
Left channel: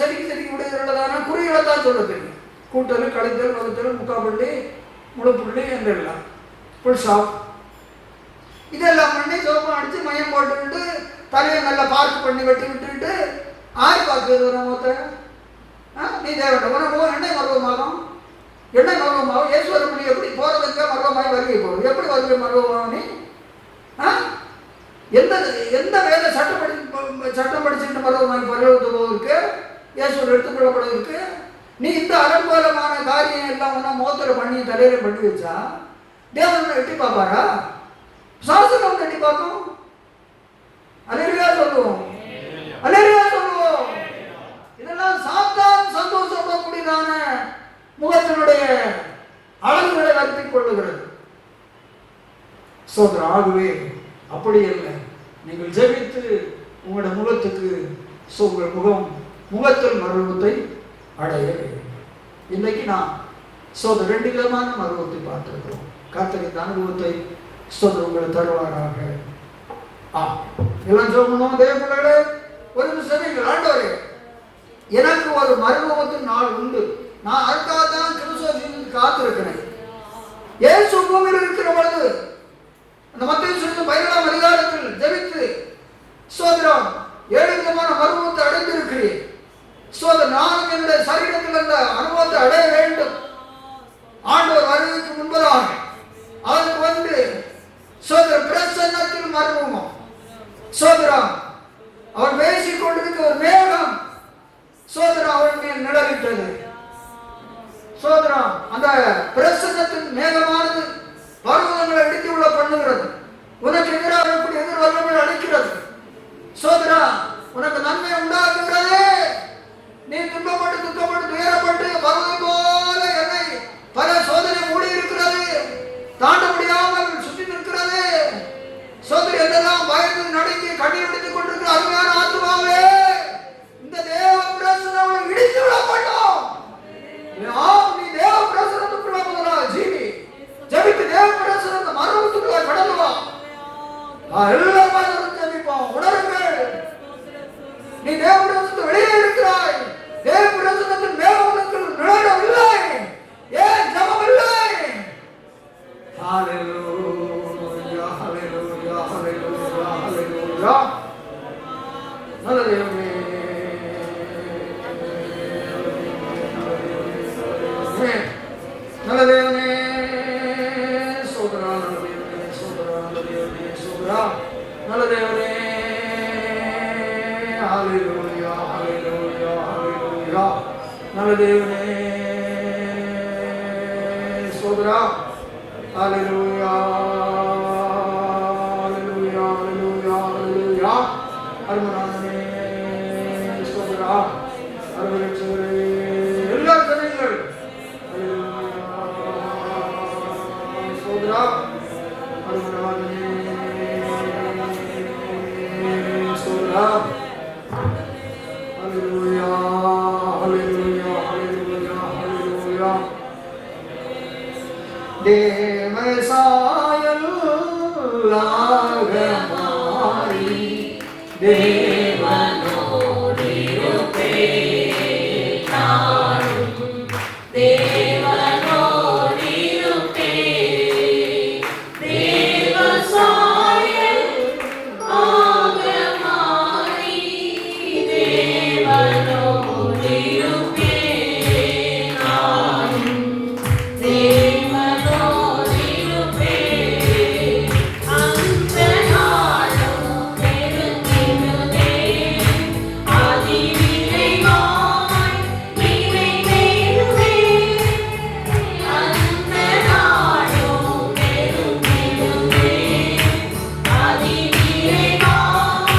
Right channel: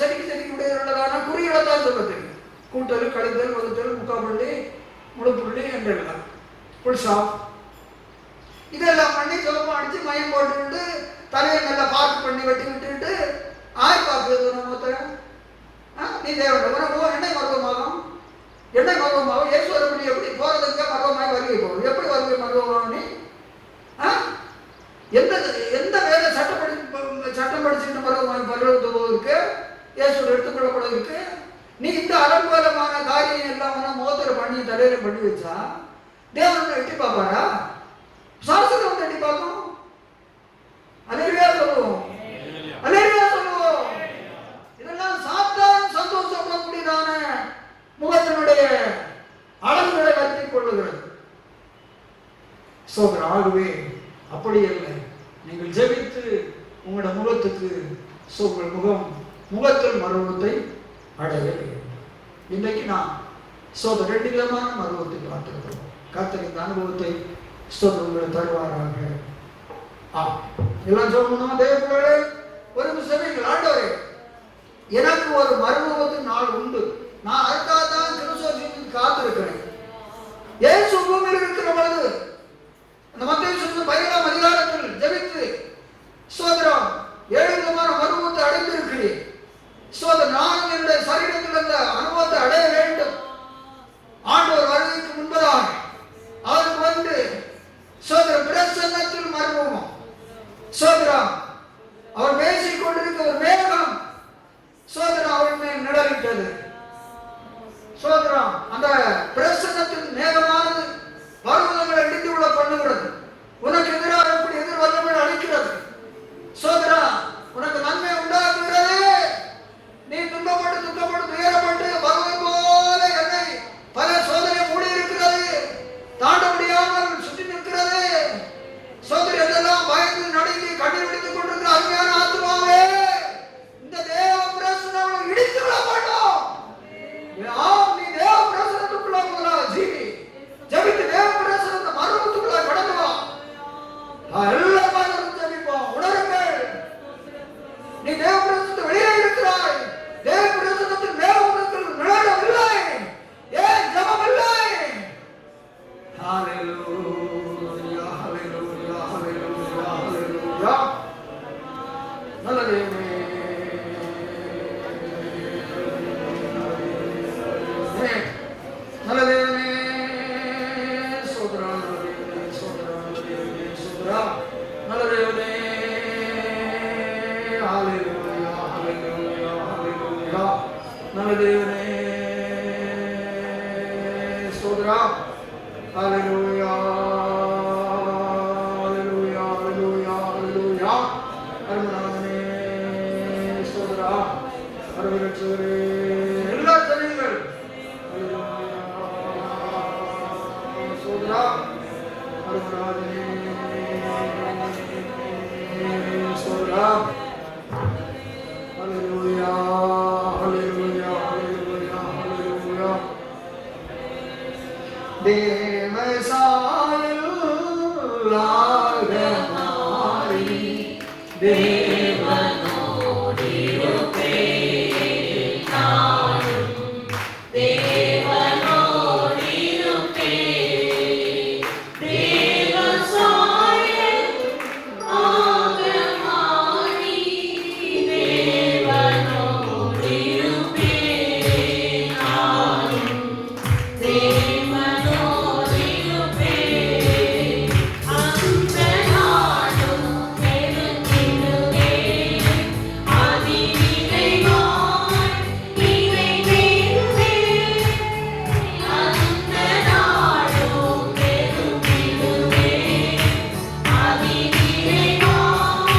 செதுக்கி விடுகிறதான குறிகளை தான் சொல்ல தெரியும். கூட்டல், கழித்தல், வகுத்தல், முக்காப்புள்ளி, முழுப்புள்ளி என்றெல்லாம் ஃபுல் ஷாப் இதெல்லாம் பண்ணி சோப்பம் அடிச்சு மையம் போட்டுக்கிட்டு தலையை நல்லா பார்க் பண்ணி வெட்டி விட்டுட்டு ஆய் பார்க்குறது நம்ம நீ தேவன் எண்ணெய் மருவமாகும் ஈஸ்வரனுடைய எப்படி போறதுக்கு மருவமாய் வருகை போகும். எப்படி வருகை மருவமாக நீ எந்த வேலை சட்டம் படிச்சுட்டு மருவமாய் பருவத்துக்கு இயேசுவர் எடுத்துக்கொள்ளப்படுவதற்கு நீ இந்த அலங்கோலமான காரியம் எல்லாம் முகத்துல பண்ணி தலையில பண்ணி வச்சா தேவன் எட்டி பார்ப்பாரா? சாசனம் வந்து எட்டி பார்க்கும். அல்லேலூயா சொல்லுவோம், அல்லேலூயா சொல்லுவோம். இதெல்லாம் சாத்தான் சந்தோஷப்படக்கூடியதான முகத்தினுடைய அழகுகளை நடத்திக் கொள்ளுகிறது. சோதரர், ஆகவே அப்படி இல்லை. நீங்கள் ஜெபித்து உங்களோட முகத்துக்கு உங்கள் முகத்தில் மருவத்தை அடைய வேண்டும். இன்னைக்கு நாம் சோதர் 2 விதமான மருவத்தை பார்த்திருக்கிறோம். கர்த்தர் இந்த அனுபவத்தை சோதர் உங்களை தருவாராக. எல்லாம் சொல்லணும். தேவ பிள்ளைகளே, ஒரு நிமிஷம் ஆண்டவரே, எனக்கு ஒரு மருவத்தின் நாள் உண்டு. நான் அதுக்காக தான் கிறிஸ்துவுக்கு காத்திருக்கிறேன். இயேசு பூமியில் இருக்கிற பொழுது அந்த மத்தேயு 17ஆம் அதிகாரத்தில் ஜெபித்து சோதரம் 7 விதமான மருவத்தை அடைந்திருக்கிறேன். சோதர் நான் என்னுடைய சரீரத்தில் அந்த அனுபவத்தை அடைய வேண்டும். ஆண்டவர் வருவதற்கு முன்பதாக அதற்கு வந்து சோதர் பிரசன்னத்தில் மருவமும் சோதரம் அவர் பேசிக் கொண்டிருக்க ஒரு மேகம் சோதரம் அவன் மேல் நிழலிட்டது. சோதரம் அந்த பிரசன்னத்தின் மேகமானது பர்வதங்களை இடித்து விட பண்ணுகிறது. உனக்கு எதிராக எப்படி எதிர்வல்லமை அளிக்கிறது. சோதரா, உனக்கு நன்மை உண்டாக்குகிறது. நீ துன்பப்பட்டு துயரப்பட்டு பர்வதம் போல என்னை பல சோதனை மூடி இருக்கிறது, தாண்ட முடியாமல் சுற்றி நிற்கிறது. சோதரி எல்லாம் பயந்து நடுங்கி கண்ணீர் விடுத்துக் கொண்டிருக்கிற அருமையான ஆத்துமாவே, இந்த தேவ பிரசனம் இடித்து விடப்பட்டோம். நீ தேவ பிரசனத்துக்குள்ள போகிறா ஜீவி. ஜெபித்து தேவ பிரசனத்தை மரணத்துக்குள்ள கடந்து வா. எல்லாரும் ஜெபிப்போம். உணருங்கள், நீ தேவ பிரசனத்தை வெளியே இருக்கிறாய். தேவ பிரசனத்தில் மேகத்தில் நிழலில்லை. ஏன் ஜெபம் இல்லை? ஹalleluya, ஹalleluya, ஹalleluya, ஹalleluya. நல்ல தேவனே, நல்ல தேவனே, சோதரா, நல்ல தேவனே, சோதரா, நல்ல தேவனே, சோதரா, நல்ல தேவனே. ஹalleluya, ஹalleluya, ஹalleluya. நல்ல தேவனே, சோதரா, ஹalleluya, ஹalleluya, ஹalleluya, ஹalleluya. அருமையானவனே, சோதரா, அருமையற்றவரே, எல்லா ஜனங்கள் ஹalleluya, சோதரா, அருமையானவனே, சோதரா, புல்லாக மாறி தேவனோடு இருப்பேன். நானும் தேவனோடு இருப்பேன். தேவ சாயல் ஆக மாறி தேவனோடு இருப்பேன். நானும் தேவனோடு இருப்பேன். அந்த நாளும் பெருகிடுமே, அதிவிரைவாய் நிறைவேறுமே. அந்த நாளும் பெருகிடுமே, அதிவிரைவாய்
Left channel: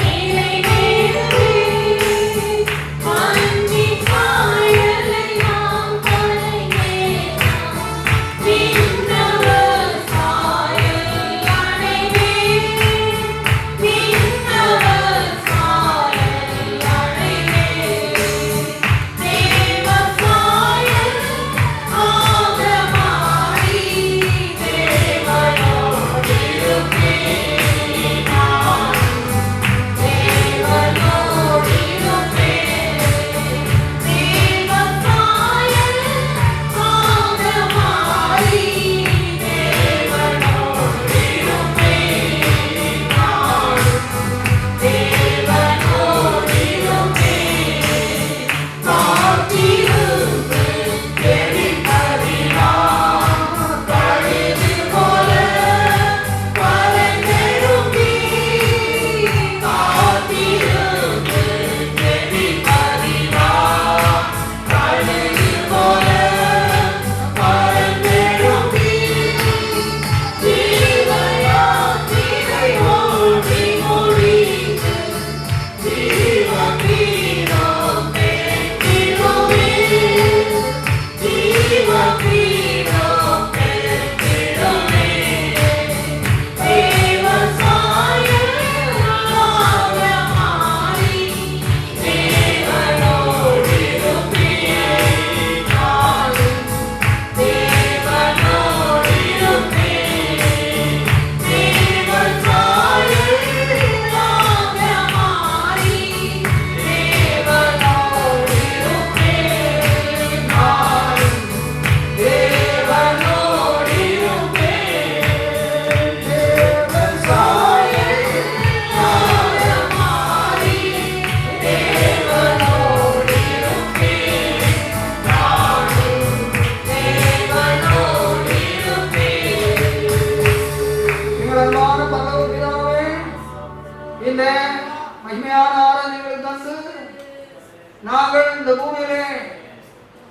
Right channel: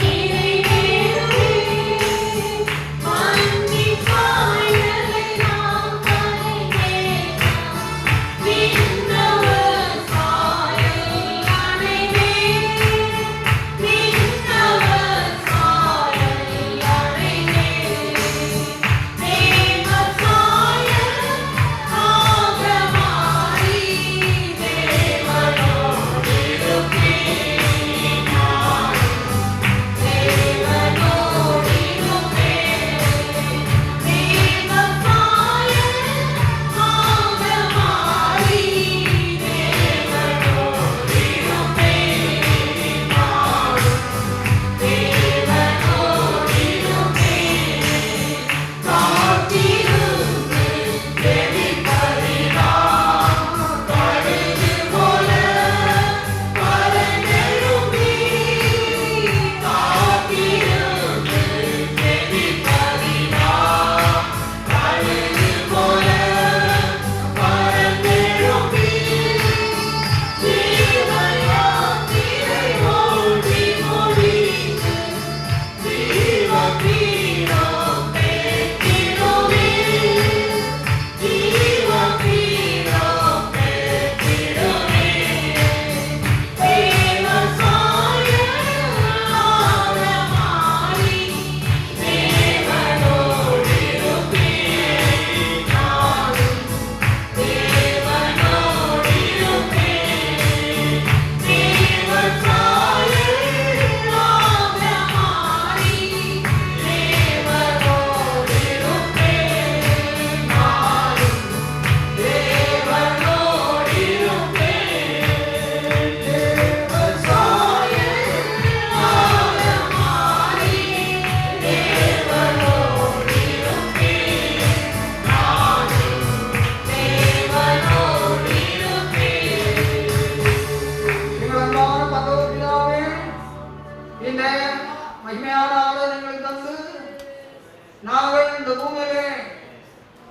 நிறைவேறுமே. மண்ணின் சாயலை நாம் கலைந்தேன், விண்ணவர் சாயல் அடைந்தேன். விண்ணவர் சாயல் அடைந்தேன். தேவ சாயல் ஆக மாறி தேவனோடு இருப்பேன். நானும் தேவனோடு இருப்பேன். தேவ சாயல் ஆக மாறி தேவனோடு இருப்பேன். நானும் தேவனோடு இருப்பேன். காத்திருந்து ஜெபிப்பதினால் கழுகு போல கரைந்தெழும்பி. காத்திருந்து ஜெபிப்பதினால் கழுகு போல கரைந்தெழும்பி. ஜீவயாத்திரை ஓடி முடித்து ஜீவபீடம் பெற்றிடுவே. ஜீவபீடம் பெற்றிடுவே. தேவ சாயல் ஆக மாறி தேவனோடு இருப்பேன். நானும் தேவனோடு இருப்பேன். தேவ சாயல் ஆக மாறி தேவனோடு இருப்பேன். நானும் தேவனோடு இருப்பேன். தேவ சாயல் ஆக மாறி தேவனோடு இருப்பேன். நானும் தேவனோடு இருப்பேன். எங்கள் அன்பான பரலோக பிதாவே, இந்த மகிமையான ஆராதனைகளை தந்து நாங்கள் இந்த பூமியிலே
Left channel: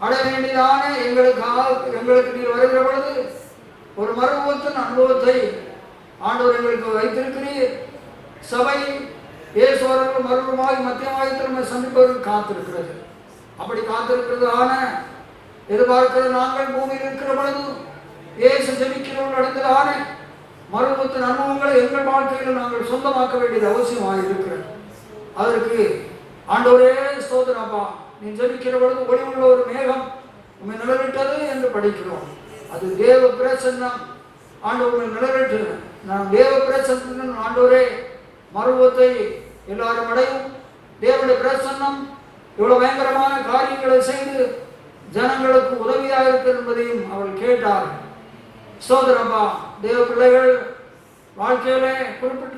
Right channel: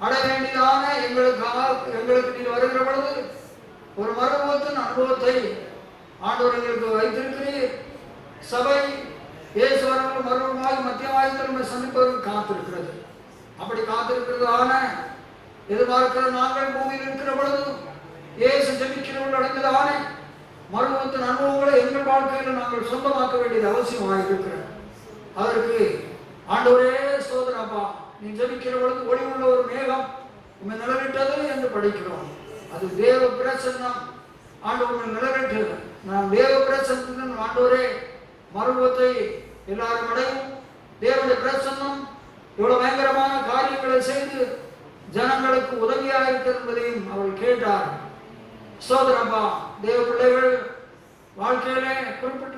அடைய வேண்டியதான எங்களுக்கு நீர் வருகிற பொழுது ஒரு மறுபூத்தின் அனுபவத்தை ஆண்டவர் எங்களுக்கு வைத்திருக்கிறீர். சபை இயேசுவர்கள் மறுபடியும் மத்தியமாயத்தில் நம்மை சந்திப்பதற்கு காத்திருக்கிறது. அப்படி காத்திருக்கிறதான எதிர்பார்க்கிற நாங்கள் பூமியில் இருக்கிற பொழுது இயேசு ஜெபிக்கிறவர்கள் அடைந்ததான மறுபூத்தின் அனுபவங்களை எங்கள் வாழ்க்கையில் நாங்கள் சொந்தமாக்க வேண்டியது அவசியமாக இருக்கிறது. அதற்கு ஆண்டவரே ஸ்தோத்திரம் அப்பா, நீ ஜெபிக்கிற பொழுது ஒளி உள்ள ஒரு மேகம் உண்மை நிலவிட்டது என்று படிக்கிறோம். அது தேவ பிரசன்னம். ஆண்டவரை நிலவிட்டு நாம் தேவ பிரசன்னம் ஆண்டவரே மறுபத்தை எல்லாரும் அடையும். தேவனுடைய பிரசன்னம் இவ்வளவு பயங்கரமான காரியங்களை செய்து ஜனங்களுக்கு உதவியாக இருக்கிறது என்பதையும் அவள் கேட்டார். சோதரப்பா, தேவ பிள்ளைகள் வாழ்க்கையிலே குறிப்பிட்டு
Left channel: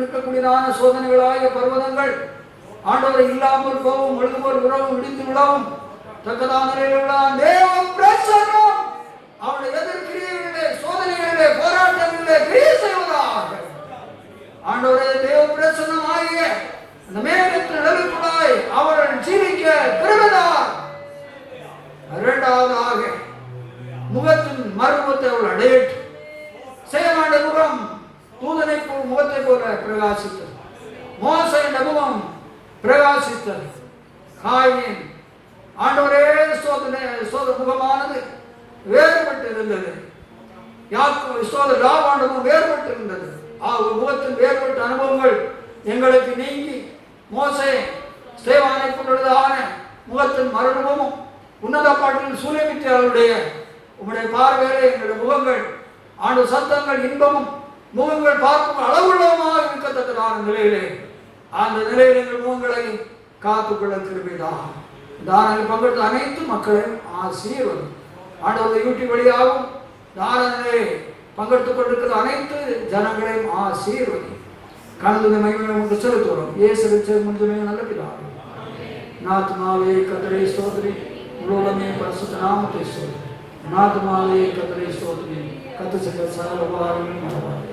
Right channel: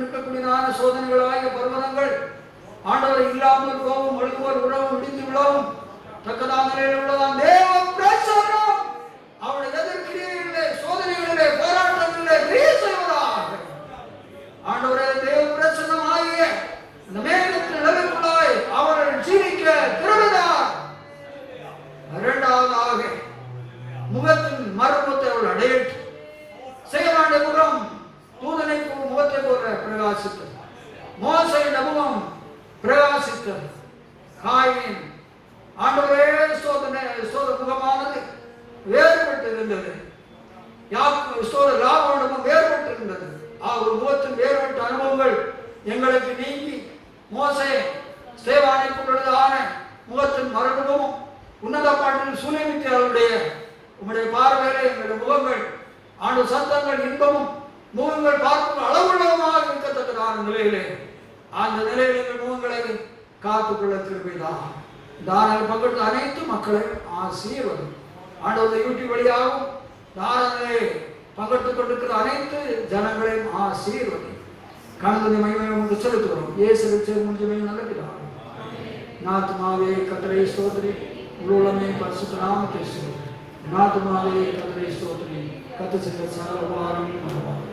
நிற்கக்கூடியதான சோதனைகளாகிய பர்வதங்கள் ஆண்டவரை இல்லாமல் போகும், ஒழுங்குவோர் உறவும் முடிந்து விடவும் தக்கதான நிலையில் உள்ள தேவ பிரசன்னம் அவளை எதிர்க்கிறீர்களே, சோதனைகளிலே, போராட்டங்களிலே கிரியை செய்வதாக. ஆண்டவரே, தேவ பிரசன்னம் ஆகிய அந்த மேகத்தின் நிழலுக்குள்ளாய் அவள் ஜீவிக்க கிருபைதார். இரண்டாவதாக முகத்தின் மறுமுகத்தை அவள் அடையட்டு. செயலாண்ட முகம் தூதனை முகத்தை போல பிரகாசித்தது. மோசையின் முகம் பிரகாசித்தது. காயின் ஆண்டவரே முகமானது வேறுபட்டு இருந்தது. லாவாண்டமும் வேறுபட்டு இருந்தது. முகத்தின் வேறுபட்ட அனுபவங்கள் எங்களுக்கு நீங்கி மோசே ஸ்தேவானை பொழுதான முகத்தின் மரணமும் உன்னத பாட்டில் சூரியமித்தியாருடைய உம்முடைய பார்வையிலே எங்களுடைய முகங்கள் ஆண்டு சத்தங்கள் இன்பமும் முகங்கள் பார்க்கும் அளவுள்ளமாக இருக்கத்தக்கதான நிலையிலே அந்த நிலையில் எங்கள் முகங்களை காத்துக்கொள்ள கிருபைதான். தானில் பங்கெடுத்த அனைத்து மக்களையும் ஆசீர்வதி. ஆண்டவருடைய யூடியூப் வழியாகவும் தானிலே பங்கெடுத்துக் கொண்டிருக்கிற அனைத்து ஜனங்களையும் ஆசீர்வதி. கலந்து மகிமையை உங்களுக்கு செலுத்துகிறோம். இயேசுவின் முடிஞ்சமே நல்ல பிதாவே. நாத்மாவே கர்த்தரை ஸ்தோத்திரி, உலகமே பரிசுத்த நாமத்தை ஸ்தோத்திரி. நாத்மாவே கர்த்தரை ஸ்தோத்திரி, கர்த்தர் செய்த சகல உபகாரங்களையும் மறவாதே.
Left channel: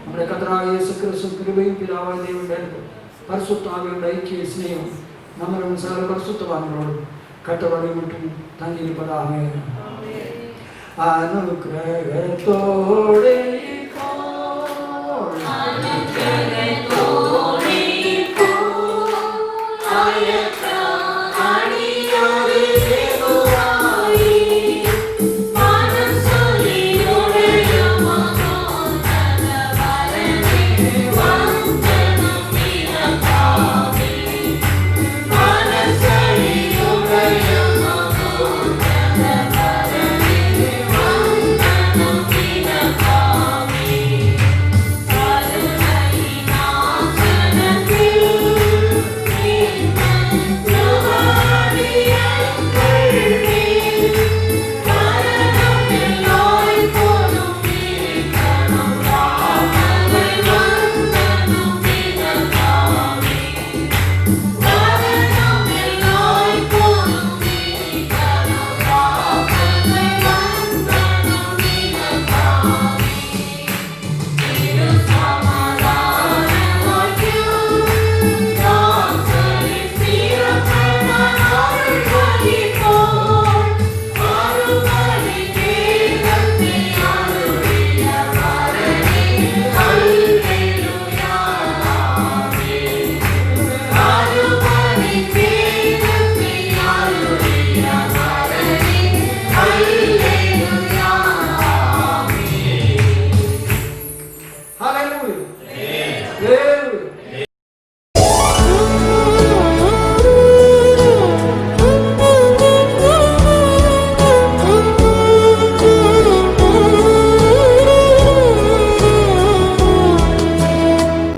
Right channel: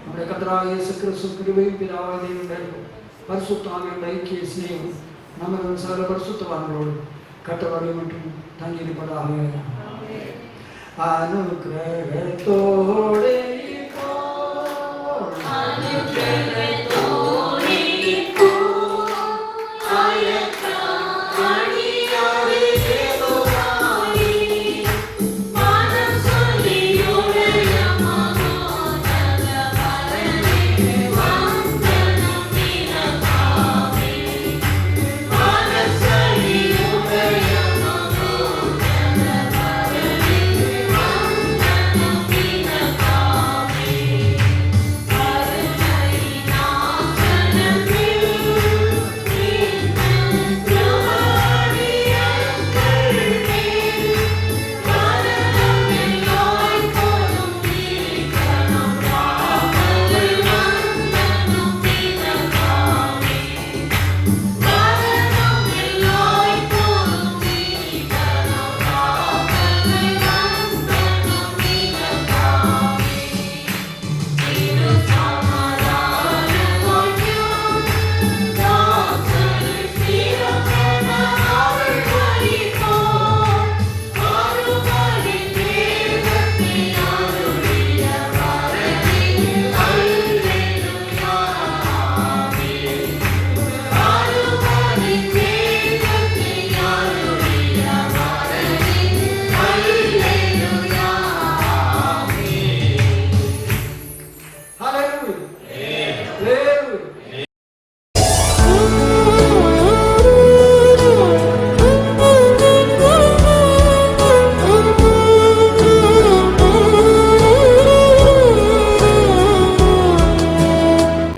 நம்முடைய கர்த்தராகிய இயேசு கிறிஸ்து கிருபையும் பிதாவாகிய தேவனுடைய அன்பும் பரிசுத்த ஆவியுடைய ஐக்கிய சிநேகம் நம்மளும் சகல பரிசுத்தவான்களோடு கட்டளை மட்டும் தங்கியிருப்பதாக. அனுக்கிரகத்தோடே